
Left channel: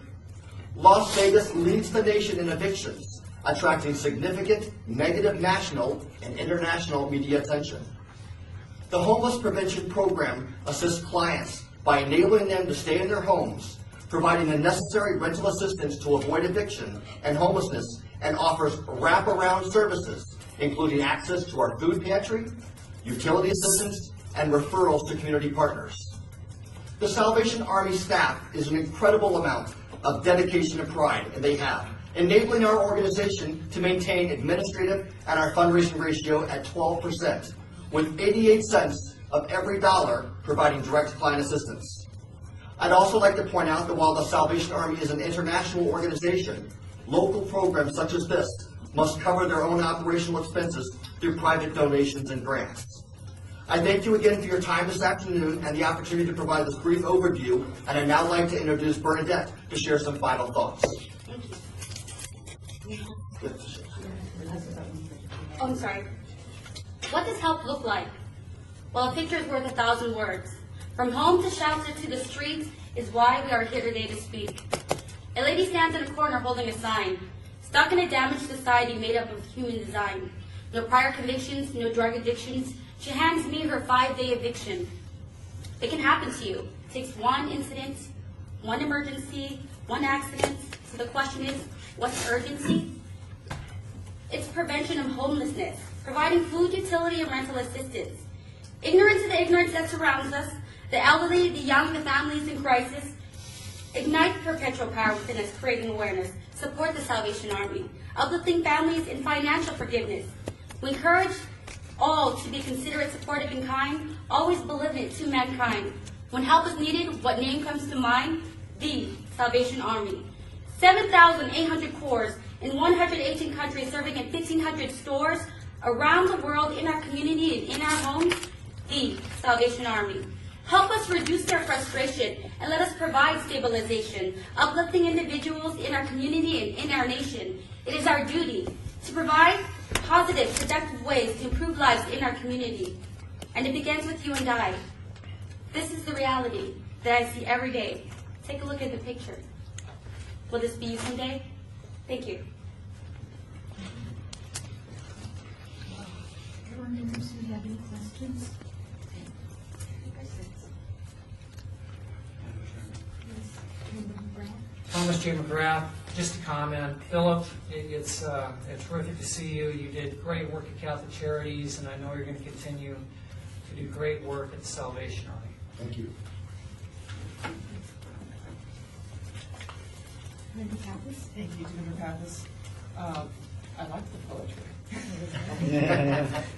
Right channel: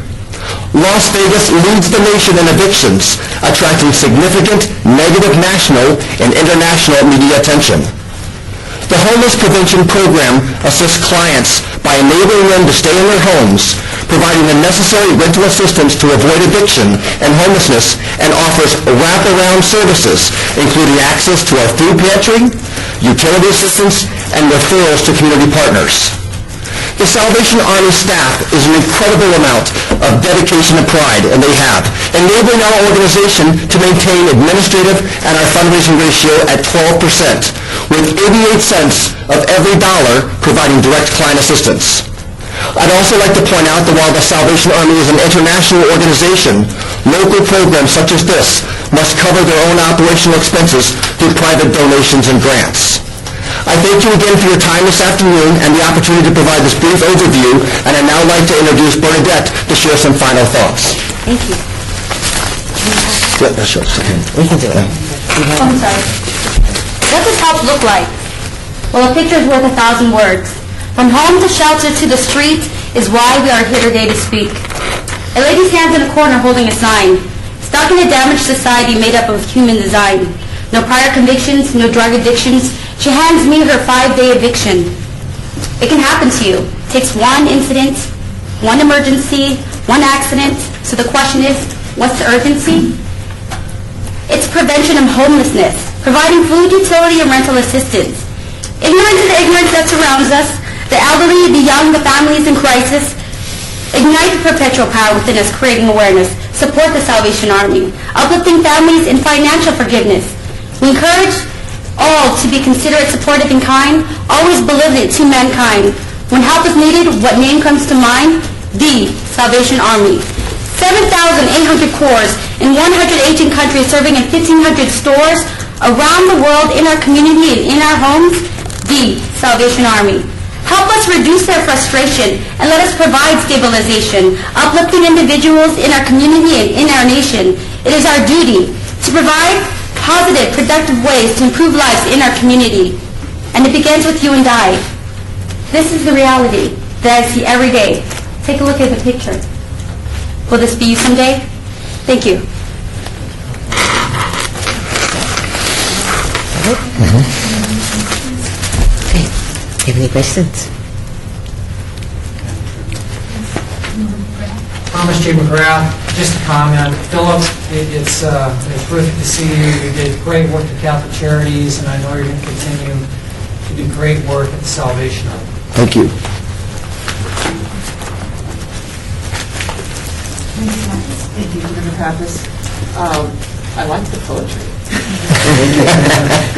Las Vegas leads the nation in evictions, attracting significant negative national and international media attention. The Homeless Prevention Program assists clients by enabling them to stay in their homes, providing the necessary rental assistance to avoid eviction and homelessness, and offers wraparound services, including access to our food pantry, utility assistance, and referrals to community partners. The Salvation Army staff is an incredible amount of dedication and pride, and they have, enabling our organization to maintain administrative and our fundraising ratio at 12%, with 88 cents of every dollar providing direct client assistance. I'd also like to point out that while the Salvation Army is an international organization, local programs such as this must cover their own operational expenses through private donations and grants. I thank you again for your time this afternoon and the opportunity to provide this brief overview, and I'd now like to introduce Bernadette to share some final thoughts. Thank you. Yeah, that's yours. We can do it. I'm sorry. What does help look like? Well, a picture is worth 1,000 words. From home to shelter to the street is why we are here today to speak. A lady stands in a corner holding a sign. Stuck in a damaged society made up of human design. No prior convictions, no drug addictions. She hands me her 5-day eviction. It can happen to you. It takes one incident, one emergency, one accident. So the question is, what's the urgency? It's prevention of homelessness, providing food, utility, and rental assistance. Ignorance is the ignorance that surrounds us. The elderly, the young, the families in crisis. Ignite the perpetual power within us, creating awareness. Support the Salvation Army. Uplifting families in financial forgiveness. We encourage all to be considerate, supportive, and kind, always benevolent to mankind. When help is needed, what name comes to mind? The Salvation Army. 7,800 corps in 118 countries, serving in 1,500 stores around the world, in our community and in our homes. The Salvation Army. Help us reduce their frustration and let us provide stabilization, uplifting individuals in our community and in our nation. It is our duty to provide positive, productive ways to improve lives in our community. And it begins with you and I. This is the reality that I see every day. Take a look at the picture. Will this be you someday? Thank you. Okay. Do you have any questions? Thomas J. McGrath, just a comment. Philip, it's terrific to see you. You did great work at Catholic Charities, and I know you're going to continue to do great work at the Salvation Army. Thank you. Thank you, Member Pappas. I like the poetry.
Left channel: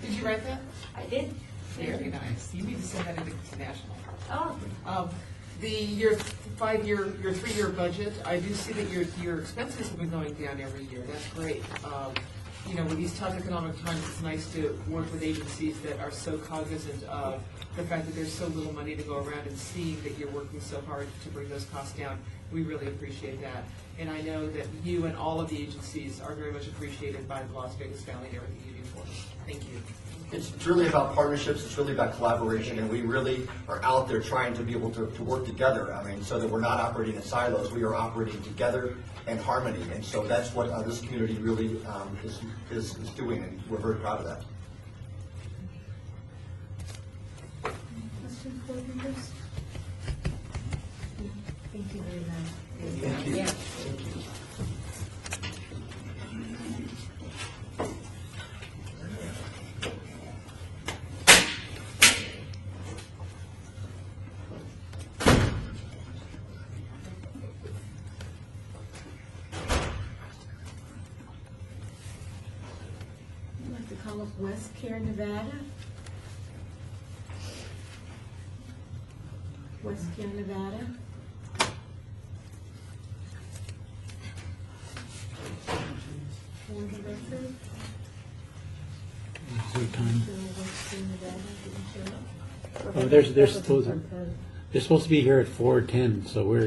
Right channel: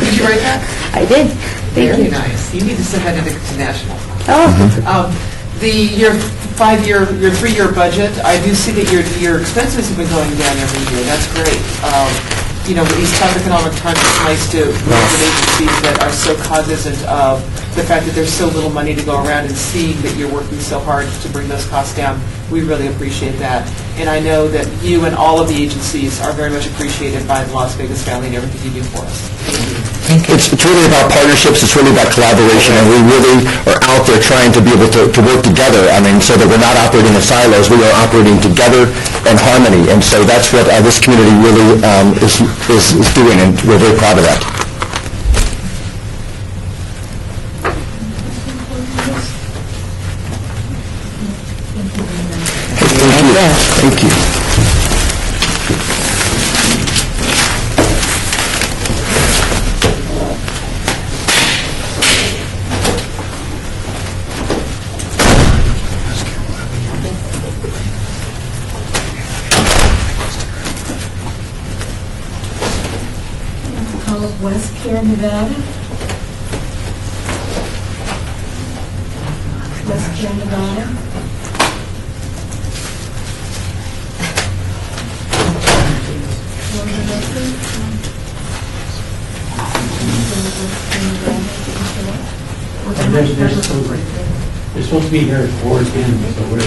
Did you write that? I did. Very nice. You need to send that to National. Oh. Your 3-year budget, I do see that your expenses have been going down every year. That's great. With these tough economic times, it's nice to work with agencies that are so cognizant of the fact that there's so little money to go around, and seeing that you're working so hard to bring those costs down. We really appreciate that. And I know that you and all of the agencies are very much appreciated by the Las Vegas family and everything you do for us. Thank you. It's really about partnerships, it's really about collaboration, and we really are out there trying to be able to work together, so that we're not operating in silos, we are operating together in harmony, and so that's what this community really is doing, and we're very proud of that. Thank you. Call of West Pierre, Nevada. West Pierre, Nevada. They're supposed to be here at 4:10, so we're...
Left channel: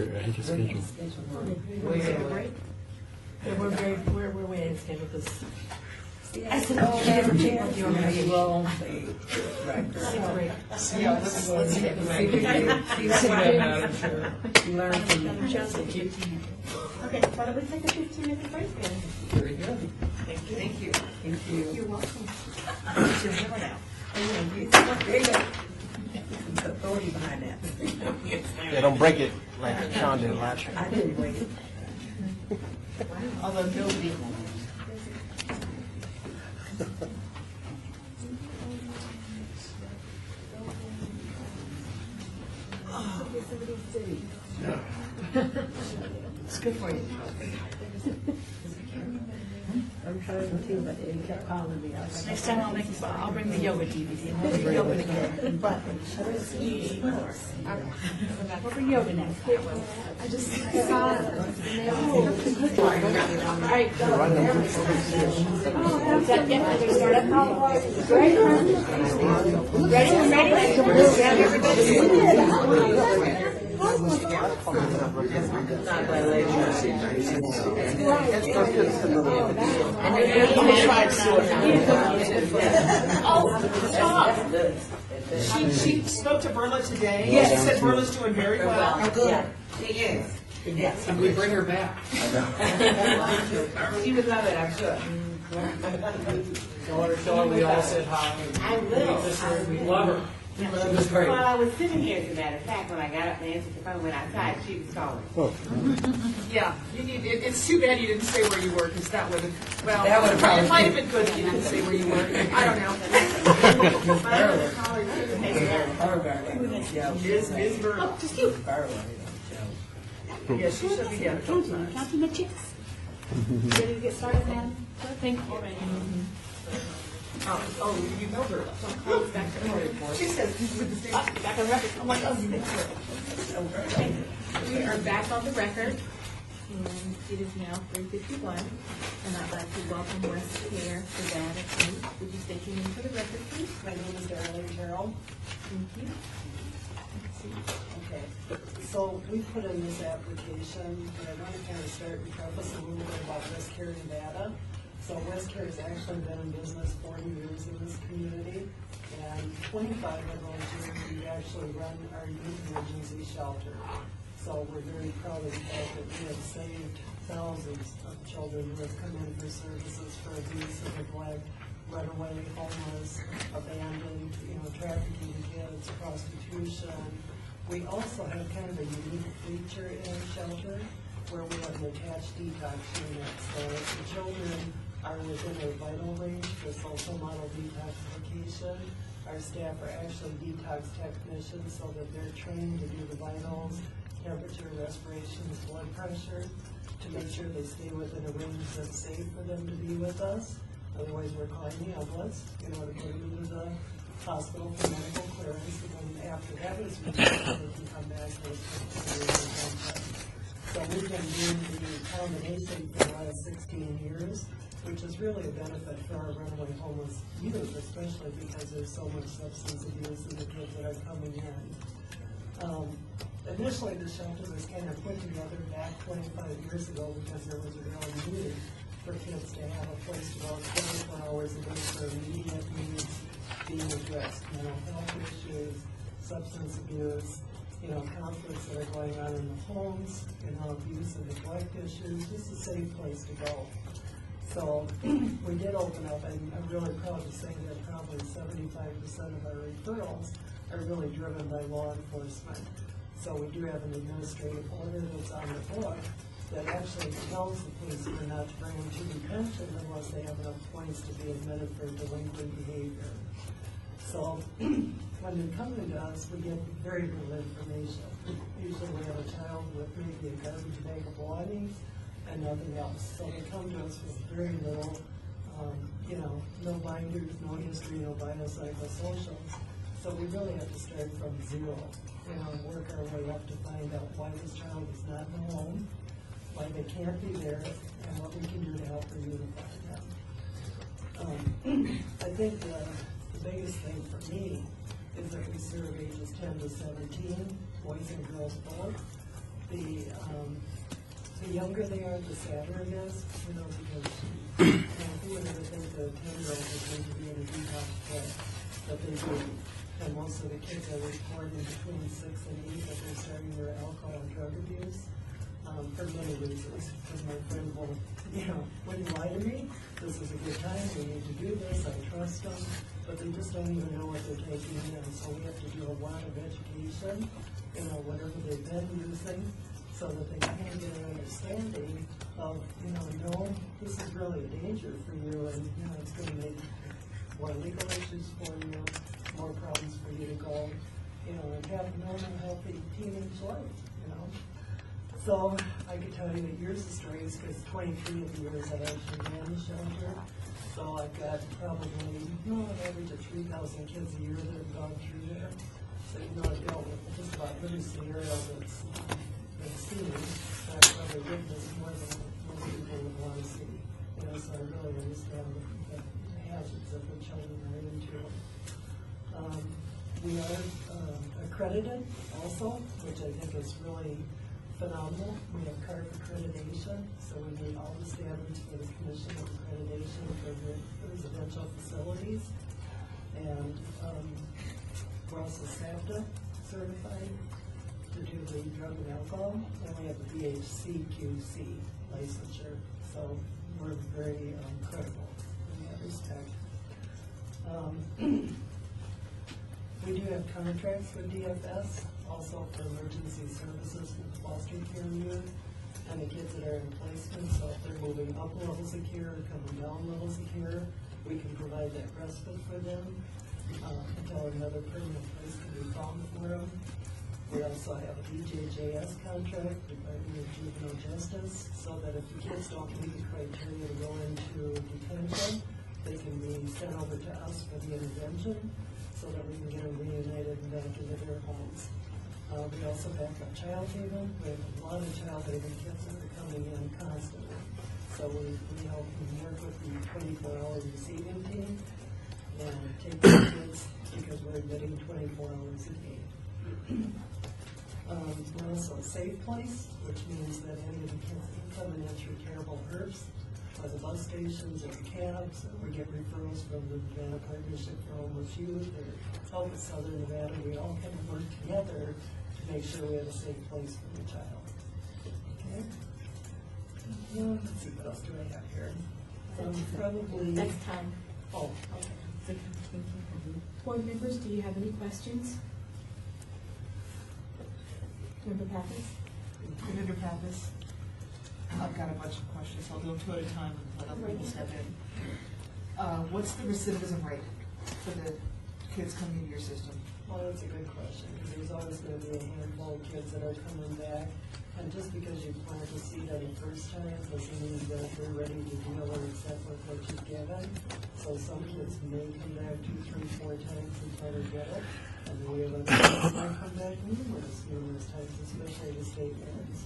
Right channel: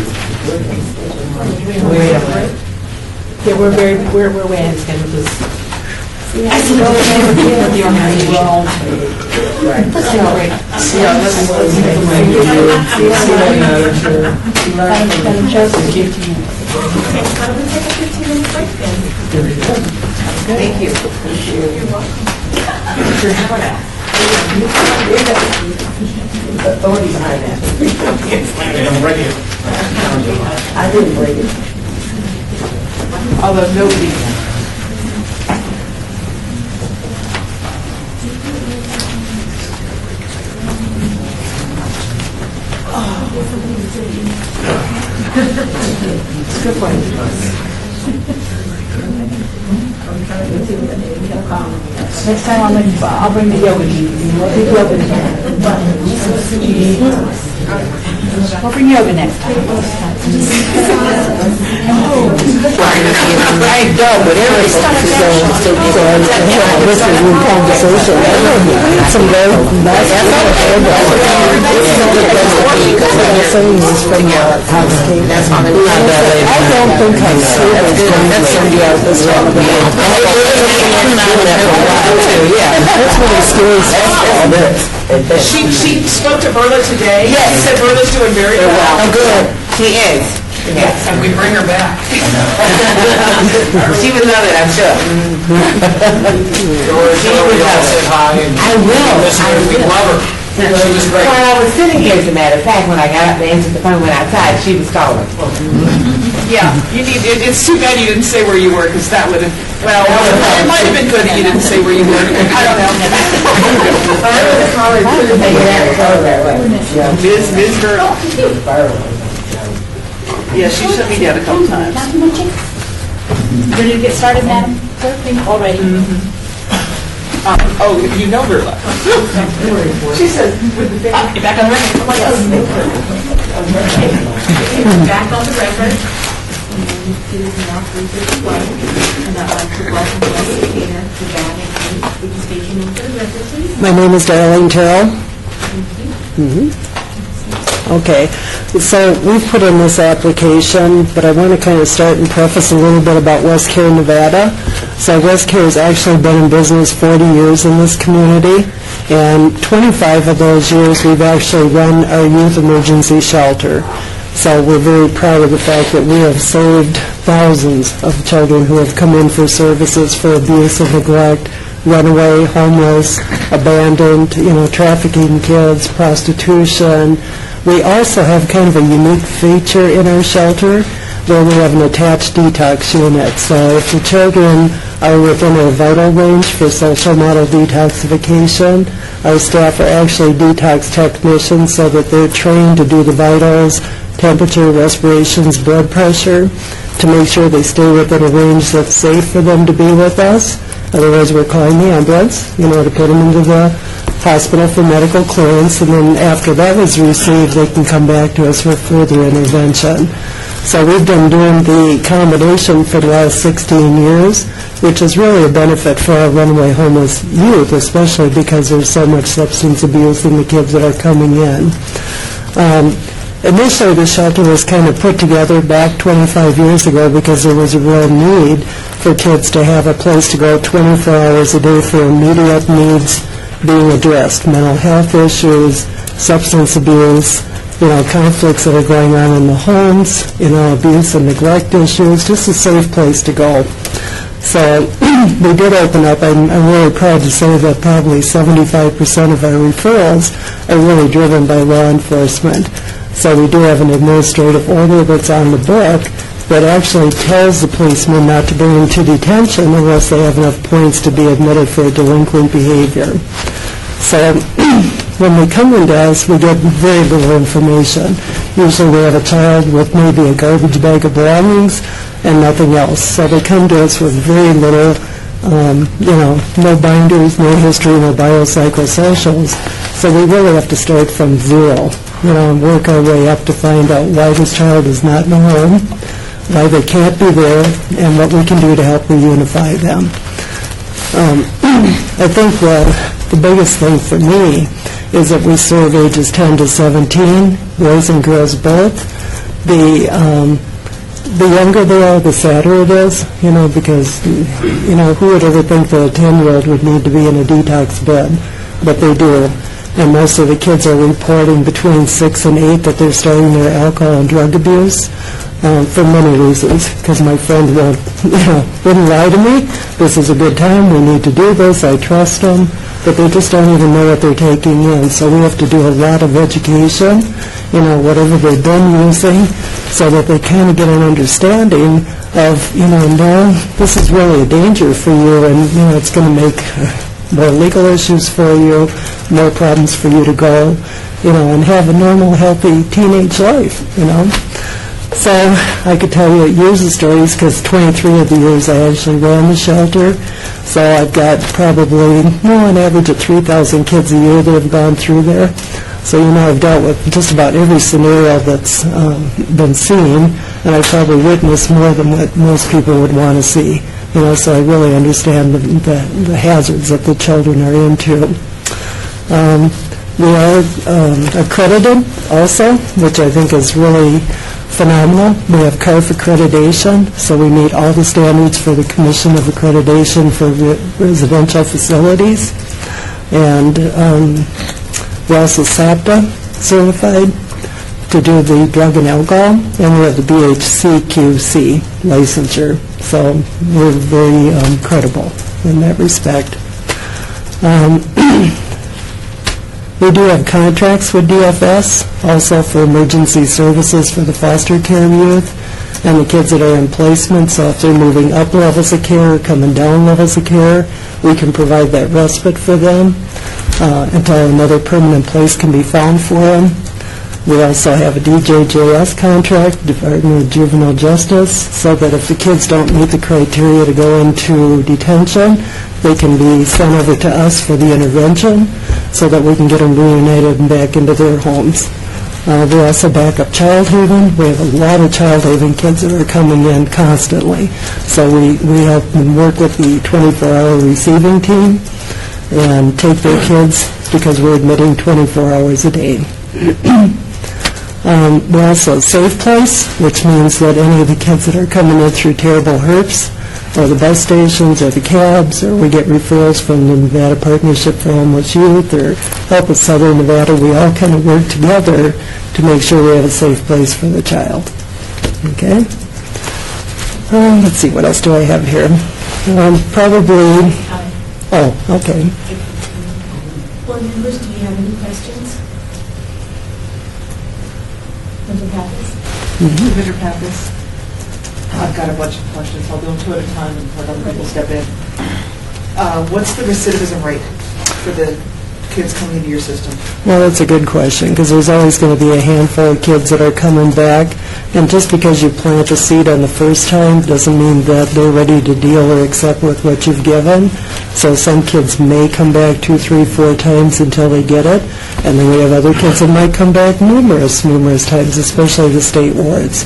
Yeah, we're way ahead of schedule because I see the organization. Let's do it right. Madam Joseph, Thank you. You're welcome. Authority behind that. I didn't break it. Although nobody can. Next time I'll bring the yoga team. We'll do yoga together. We'll bring yoga next time. I don't, but every stuff is going to this is a real conversation. Some very nice I don't think I'm serious. That's somebody else that's that's really scary stuff. She spoke to Verla today. Yes. She said Verla's doing very well. Oh, good. She is. Yes, and we bring her back. She would love it, I'm sure. George, said hi. I will. We love her. She was great. While I was sitting here, as a matter of fact, when I got up and answered the phone, went outside, she was calling. Yeah, it's too bad you didn't say where you were, because that would have, well, it might have been good that you didn't say where you were. I don't know. Ms. Girl. Yeah, she shut me down a couple times. Ready to get started, Madam Clerk? All ready. Oh, you know Verla. She says, get back on the record. I'm like, Back on the record. It is now 3:51, and I'd like to welcome Leslie Gaynor to Nevada. Would you state your name for the record, please? My name is Darlene Terrell. Okay, so we've put in this application, but I want to kind of start and preface a little bit about West Care, Nevada. So West Care has actually been in business 40 years in this community, and 25 of those years we've actually run our youth emergency shelter. So we're very proud of the fact that we have saved thousands of children who have come in for services for abuse and neglect, runaway, homeless, abandoned, trafficking kids, prostitution. We also have kind of a unique feature in our shelter where we have an attached detox unit. So if the children are within a vital range for social model detoxification, our staff are actually detox technicians so that they're trained to do the vitals, temperature, respirations, blood pressure, to make sure they stay within a range that's safe for them to be with us. Otherwise, we're calling the ambulance, to put them into the hospital for medical clearance, and then after that is received, they can come back to us for further intervention. So we've been doing the accommodation for the last 16 years, which is really a benefit for our runaway homeless youth, especially because there's so much substance abuse in the kids that are coming in. Initially, the shelter was kind of put together back 25 years ago because there was a real need for kids to have a place to go 24 hours a day for immediate needs being addressed, mental health issues, substance abuse, conflicts that are going on in the homes, abuse and neglect issues, just a safe place to go. So we did open up. I'm really proud to say that probably 75% of our referrals are really driven by law enforcement. So we do have an administrative order that's on the book that actually tells the policeman not to bring them to detention unless they have enough points to be admitted for delinquent behavior. So when they come into us, we get very little information. Usually we have a child with maybe a garbage bag of belongings and nothing else. So they come to us with very little, no binders, no history, no biopsychosocials. So we really have to start from zero, and work our way up to find out why this child is not in a home, why they can't be there, and what we can do to help reunify them. I think the biggest thing for me is that we serve ages 10 to 17, boys and girls both. The younger they are, the sadder it is, because, who would ever think that a 10-year-old would need to be in a detox bed? But they do. And most of the kids are reporting between 6 and 8 that they're starting their alcohol and drug abuse for many reasons. Because my friend wouldn't lie to me. This is a good time. We need to do this. I trust them. But they just don't even know what they're taking in. So we have to do a lot of education, whatever they've been using, so that they kind of get an understanding of, no, this is really a danger for you, and, it's going to make more legal issues for you, more problems for you to go, and have a normal, healthy teenage life, So I could tell you years of stories because 23 of the years I actually ran the shelter. So I've got probably, on average, 3,000 kids a year that have gone through there. So, I've dealt with just about every scenario that's been seen, and I probably witnessed more than what most people would want to see. So I really understand the hazards that the children are into. We are accredited also, which I think is really phenomenal. We have CARF accreditation, so we meet all the standards for the Commission of Accreditation for Residential Facilities. And we're also SAPTA certified to do the drug and alcohol, and we have the BHCQC licensure. So we're very credible in that respect. We do have contracts with DFS, also for emergency services for the foster care youth and the kids that are in placement. So if they're moving up levels of care or coming down levels of care, we can provide that respite for them until another permanent place can be found for them. We also have a DJJS contract, Department of Juvenile Justice, so that if the kids don't meet the criteria to go into detention, they can be sent over to us for the intervention so that we can get them reunited and back into their homes. We also back up Child Haven. We have a lot of Child Haven kids that are coming in constantly. So we help them work with the 24-hour receiving team and take their kids because we're admitting 24 hours a day. We're also a safe place, which means that any of the kids that are coming in through terrible herps or the bus stations or the cabs, or we get referrals from the Nevada Partnership for Homeless Youth or Help with Southern Nevada, we all kind of work together to make sure we have a safe place for the child. Okay? Let's see, what else do I have here? Probably, okay. Board members, do you have any questions? Member Pappas? Mr. Pappas, I've got a bunch of questions. I'll do them two at a time and let other people step in. What's the recidivism rate for the kids coming into your system? Well, that's a good question, because there's always going to be a handful of kids that are coming back, and just because you plant a seed on the first time doesn't mean that they're ready to deal or accept with what you've given. So some kids may come back 2, 3, 4 times until they get it, and then we have other kids that might come back numerous times, especially the state wards.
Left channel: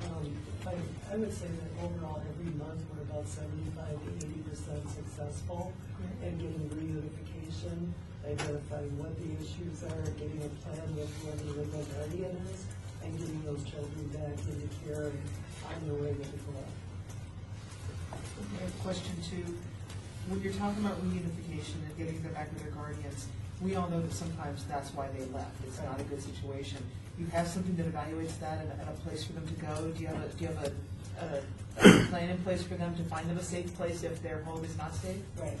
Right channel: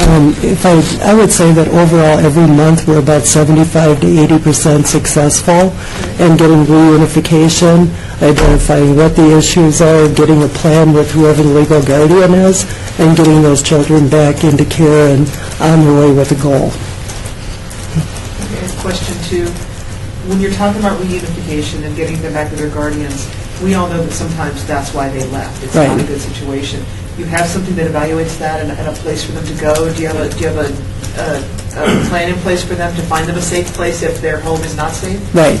I would say that overall every month we're about 75 to 80% successful in getting reunification, identifying what the issues are, getting a plan with whoever the legal guardian is, and getting those children back into care and on their way with a goal. Okay, question 2. When you're talking about reunification and getting them back to their guardians, we all know that sometimes that's why they left. It's not a good situation. You have something that evaluates that and a place for them to go? Do you have a plan in place for them to find them a safe place if their home is not safe? Right.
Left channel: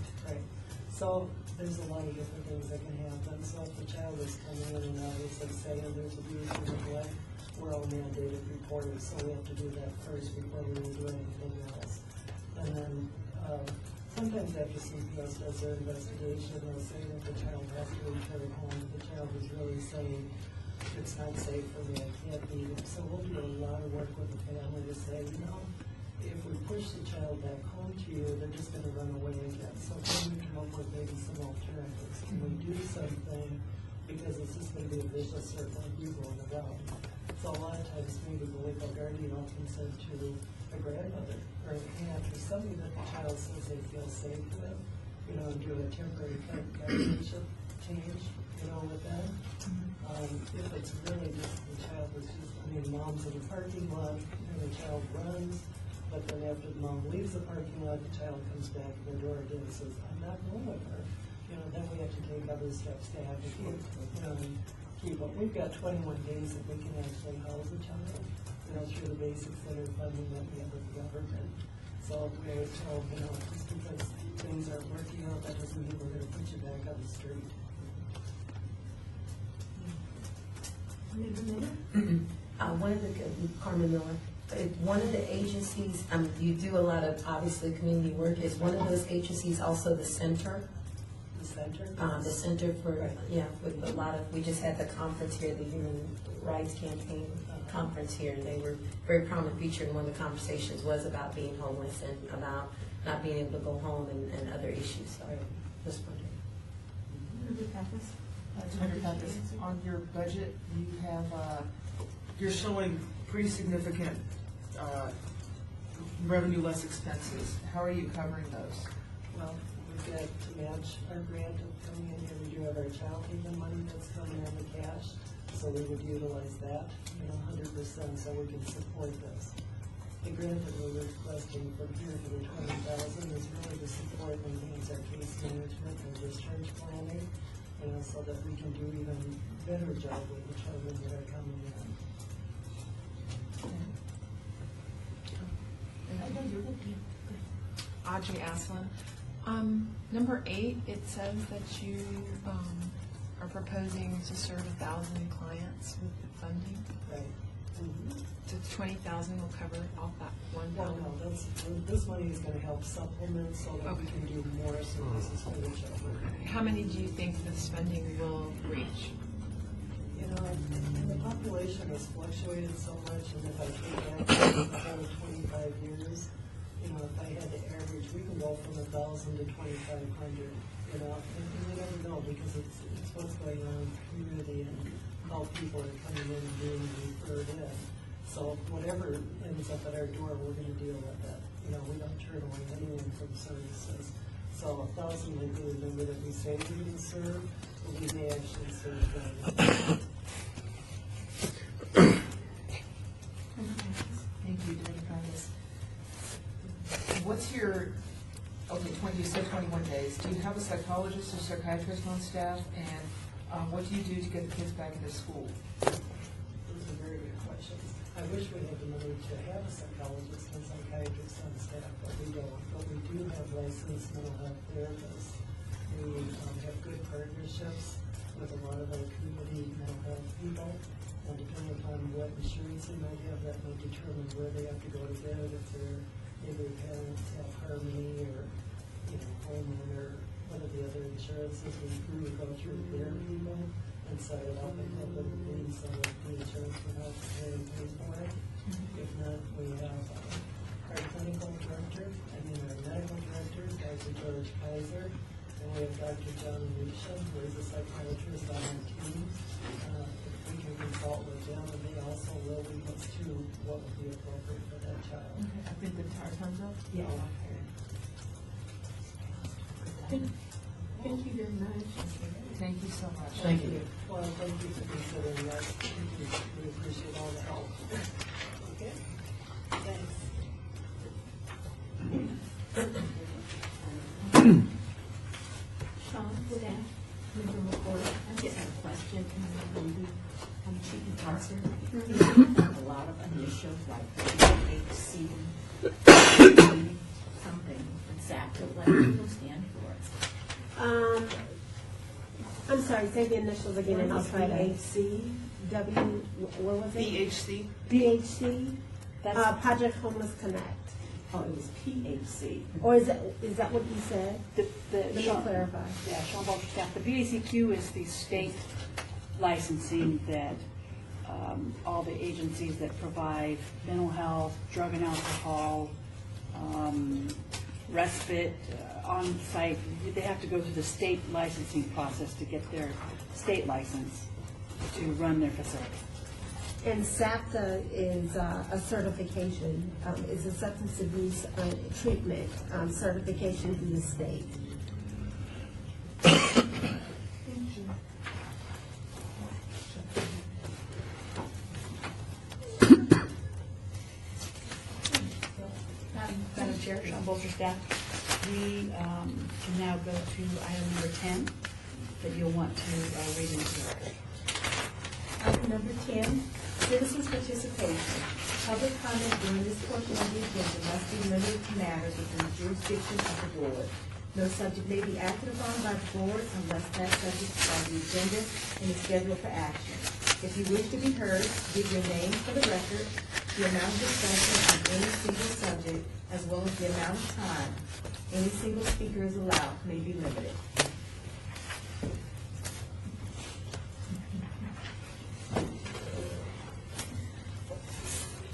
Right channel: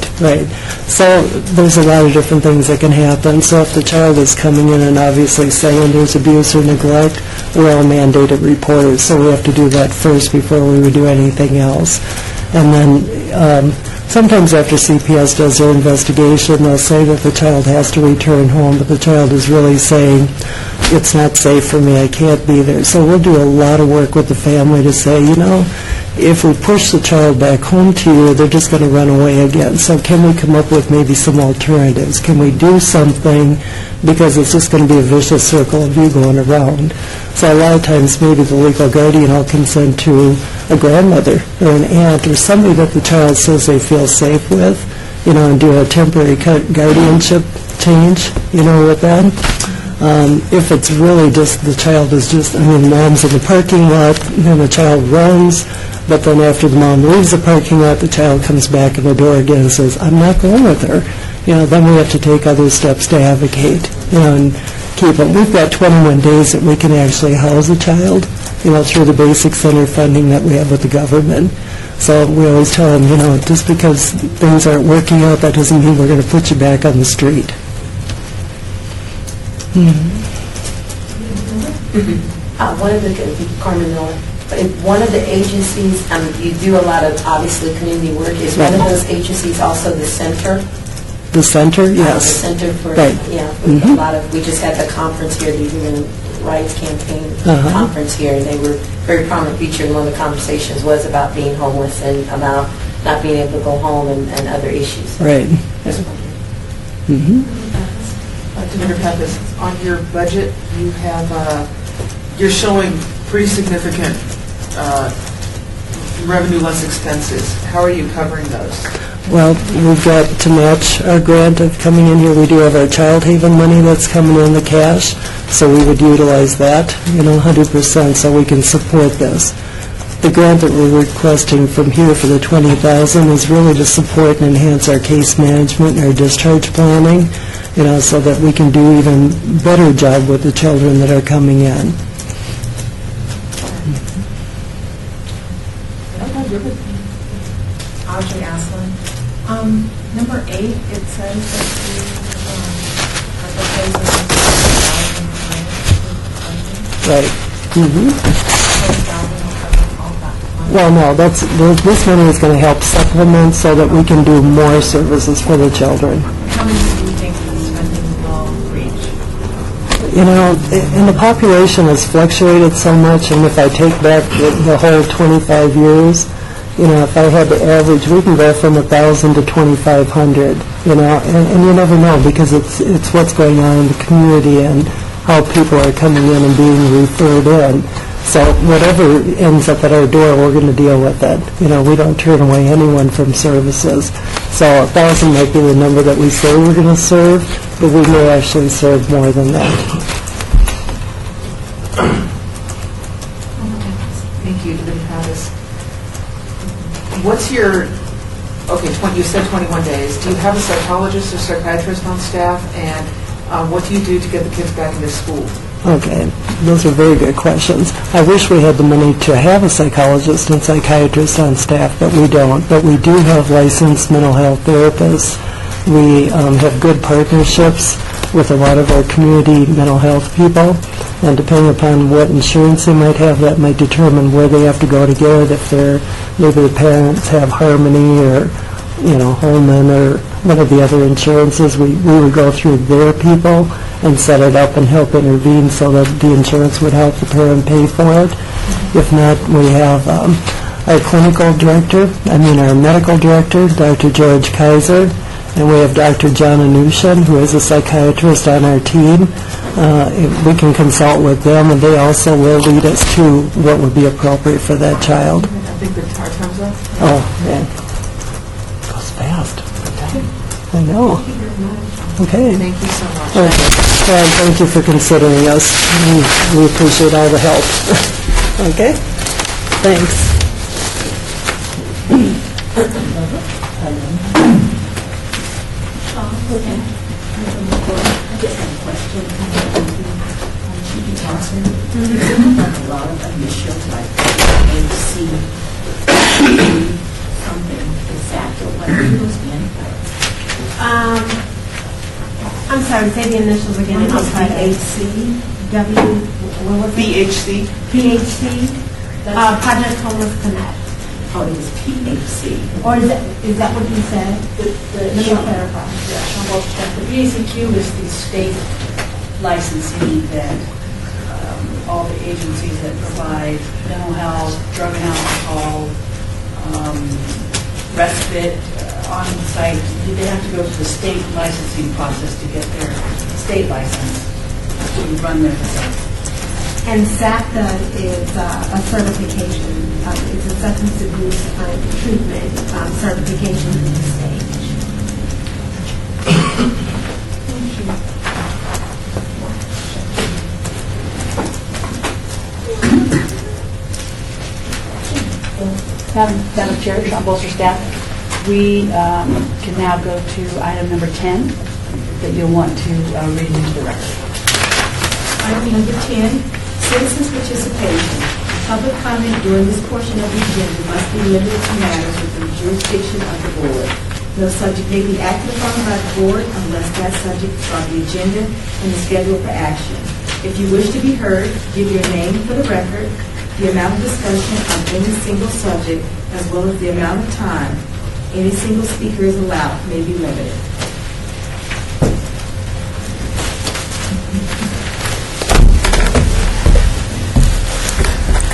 So there's a lot of different things that can happen. So if the child is coming in and obviously saying there's abuse or neglect, we're all mandated reporters, so we have to do that first before we would do anything else. And then sometimes after CPS does their investigation, they'll say that the child has to return home, but the child is really saying, it's not safe for me, I can't be there. So we'll do a lot of work with the family to say, if we push the child back home to you, they're just going to run away again. So can we come up with maybe some alternatives? Can we do something? Because it's just going to be a vicious circle of you going around. So a lot of times maybe the legal guardian will consent to a grandmother or an aunt or somebody that the child says they feel safe with, and do a temporary guardianship change, with that. If it's really just the child is mom's in the parking lot, and the child runs, but then after the mom leaves the parking lot, the child comes back in the door again and says, I'm not going with her. Then we have to take other steps to advocate, and keep them. We've got 21 days that we can actually house a child, through the basic center funding that we have with the government. So we always tell them, just because things aren't working out, that doesn't mean we're going to put you back on the street. Carmen Miller, one of the agencies, you do a lot of, obviously, community work. Is one of those agencies also the center The center, The yes. Center for, Right. yeah, Mhm. a lot of, we just had the conference here, the Human Rights Campaign Uh-huh. conference here, and they were very prominent feature, and one of the conversations was about being homeless and about not being able to go home and other issues. Right. Mhm. Director Pappas, on your budget, you have, you're showing pretty significant revenue less expenses. How are you covering those? Well, we've got to match our grant of coming in here. We do have our Child Haven money that's coming in the cash, so we would utilize that, 100%, so we can support this. The grant that we're requesting from here for the $20,000 is really to support and enhance our case management and our discharge planning, so that we can do even better job with the children that are coming in. Audrey Aslin. Number 8, it says that you are proposing Right. Mhm. Well, no, this money is going to help supplement so that we can do more services for the children. How many do you think this funding will reach? And the population has fluctuated so much, and if I take back the whole 25 years, if I had to average, we can go from 1,000 to 2,500, and you never know, because it's what's going on in the community and how people are coming in and being referred in. So whatever ends up at our door, we're going to deal with it. We don't turn away anyone from services. So 1,000 might be the number that we say we're going to serve, but we may actually serve more than that. Thank you, Director Pappas. What's your, you said 21 days. Do you have a psychologist or psychiatrist on staff? And what do you do to get the kids back into school? Okay, those are very good questions. I wish we had the money to have a psychologist and psychiatrist on staff, but we don't. But we do have licensed mental health therapists. We have good partnerships with a lot of our community mental health people, and depending upon what insurance they might have, that might determine where they have to go to get it. If maybe the parents have Harmony or Holman or one of the other insurances, we would go through their people and set it up and help intervene so that the insurance would help the parent pay for it. If not, we have our our medical director, Dr. George Kaiser, and we have Dr. John Anushan, who is a psychiatrist on our team. We can consult with them, and they also will lead us to what would be appropriate for that child. I think the time's up. Oh, yeah. Goes fast. I know. Okay. Thank you so much. Okay. Well, thank you for considering us. We appreciate all the help. Okay? Thanks. A lot of initials like AC something. Is that what it was in? I'm sorry, say the initials again. I'm sorry, HC, W, what was it? BHC? PHC, Project Homeless Connect. Oh, it was PHC. Or is that what you said? Let me clarify. The PACQ is the state licensing that all the agencies that provide mental health, drug and alcohol, respite, on-site, they have to go through the state licensing process to get their state license to run their facility. And SACTA is a certification, it's a substance abuse treatment certification in the state. Madam Chair, Sean Bolster, staff, we can now go to item number 10 that you'll want to read into the record. Item number 10, citizens' participation. Public comment during this portion of the agenda must be limited to matters within the jurisdiction of the board. No subject may be acted upon by the board unless that subject is on the agenda and is scheduled for action. If you wish to be heard, give your name for the record, the amount of discussion on any single subject, as well as the amount of time any single speaker is allowed may be limited.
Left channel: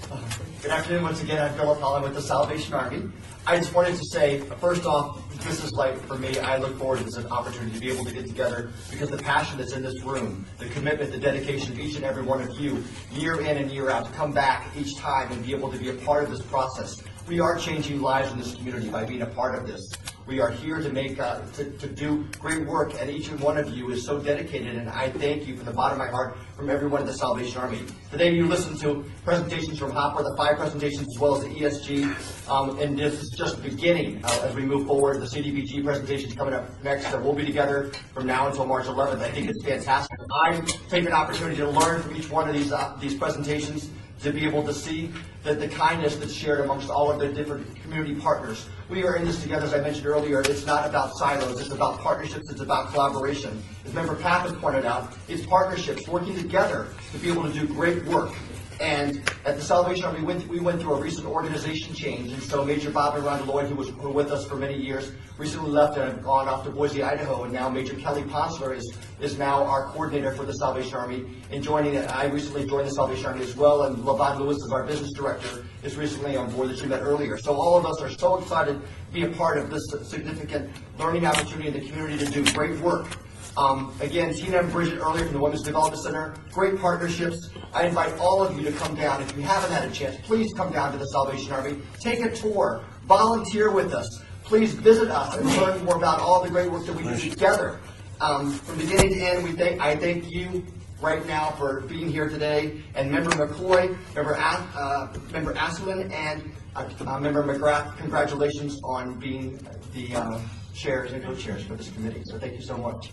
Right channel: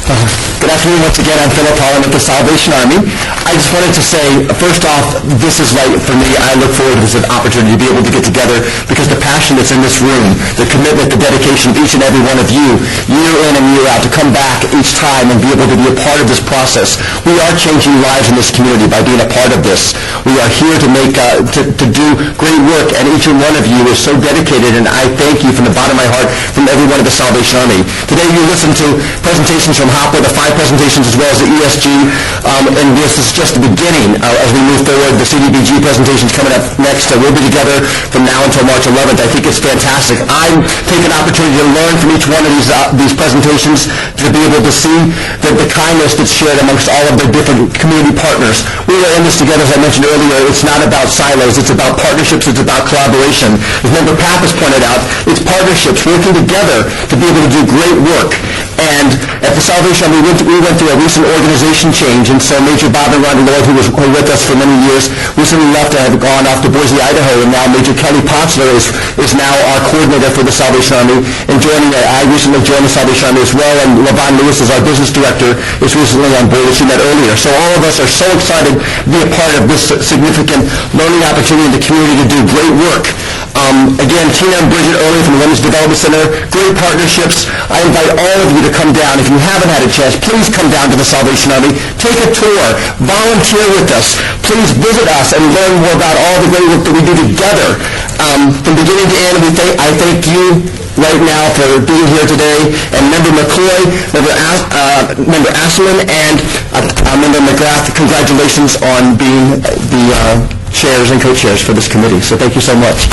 Good afternoon once again. I'm Philip Holland with the Salvation Army. I just wanted to say, first off, this is right for me. I look forward to this opportunity to be able to get together because the passion that's in this room, the commitment, the dedication of each and every one of you, year in and year out, to come back each time and be able to be a part of this process. We are changing lives in this community by being a part of this. We are here to make, to do great work, and each and one of you is so dedicated, and I thank you from the bottom of my heart, from everyone of the Salvation Army. Today you listened to presentations from HOPWA, the 5 presentations as well as the ESG, and this is just the beginning as we move forward. The CDBG presentation's coming up next. We'll be together from now until March 11th. I think it's fantastic. I take an opportunity to learn from each one of these presentations to be able to see the kindness that's shared amongst all of the different community partners. We are in this together, as I mentioned earlier. It's not about silos. It's about partnerships. It's about collaboration. As Member Pappas pointed out, it's partnerships working together to be able to do great work. And at the Salvation Army, we went through a recent organization change, and so Major Bob and Rhonda Lloyd, who was with us for many years, recently left and have gone off to Boise, Idaho, and now Major Kelly Potzler is now our coordinator for the Salvation Army. And I recently joined the Salvation Army as well, and LaVon Lewis, as our business director, is recently on board, as you met earlier. So all of us are so excited to be a part of this significant learning opportunity in the community to do great work. Again, Tina and Bridget earlier from the Women's Development Center, great partnerships. I invite all of you to come down. If you haven't had a chance, please come down to the Salvation Army. Take a tour. Volunteer with us. Please visit us and learn more about all the great work that we do together. From beginning to end, I thank you right now for being here today. And Member McCoy, Member Asselman, and Member McGrath, congratulations on being the chairs and co-chairs for this committee. So thank you so much.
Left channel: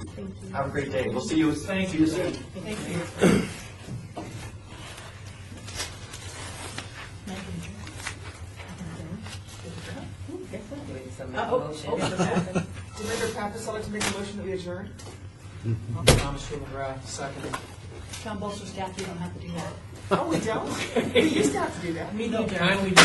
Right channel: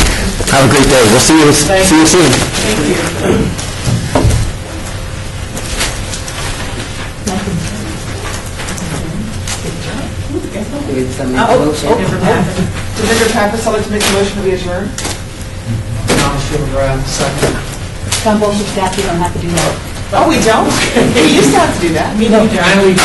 Have a great day. We'll see you soon. Thank you. To Member Pappas, I'd like to make a motion to be adjourned. Second. Some bullshit staff, you don't have to do that. Oh, we don't? We used to have to do that. I know we do.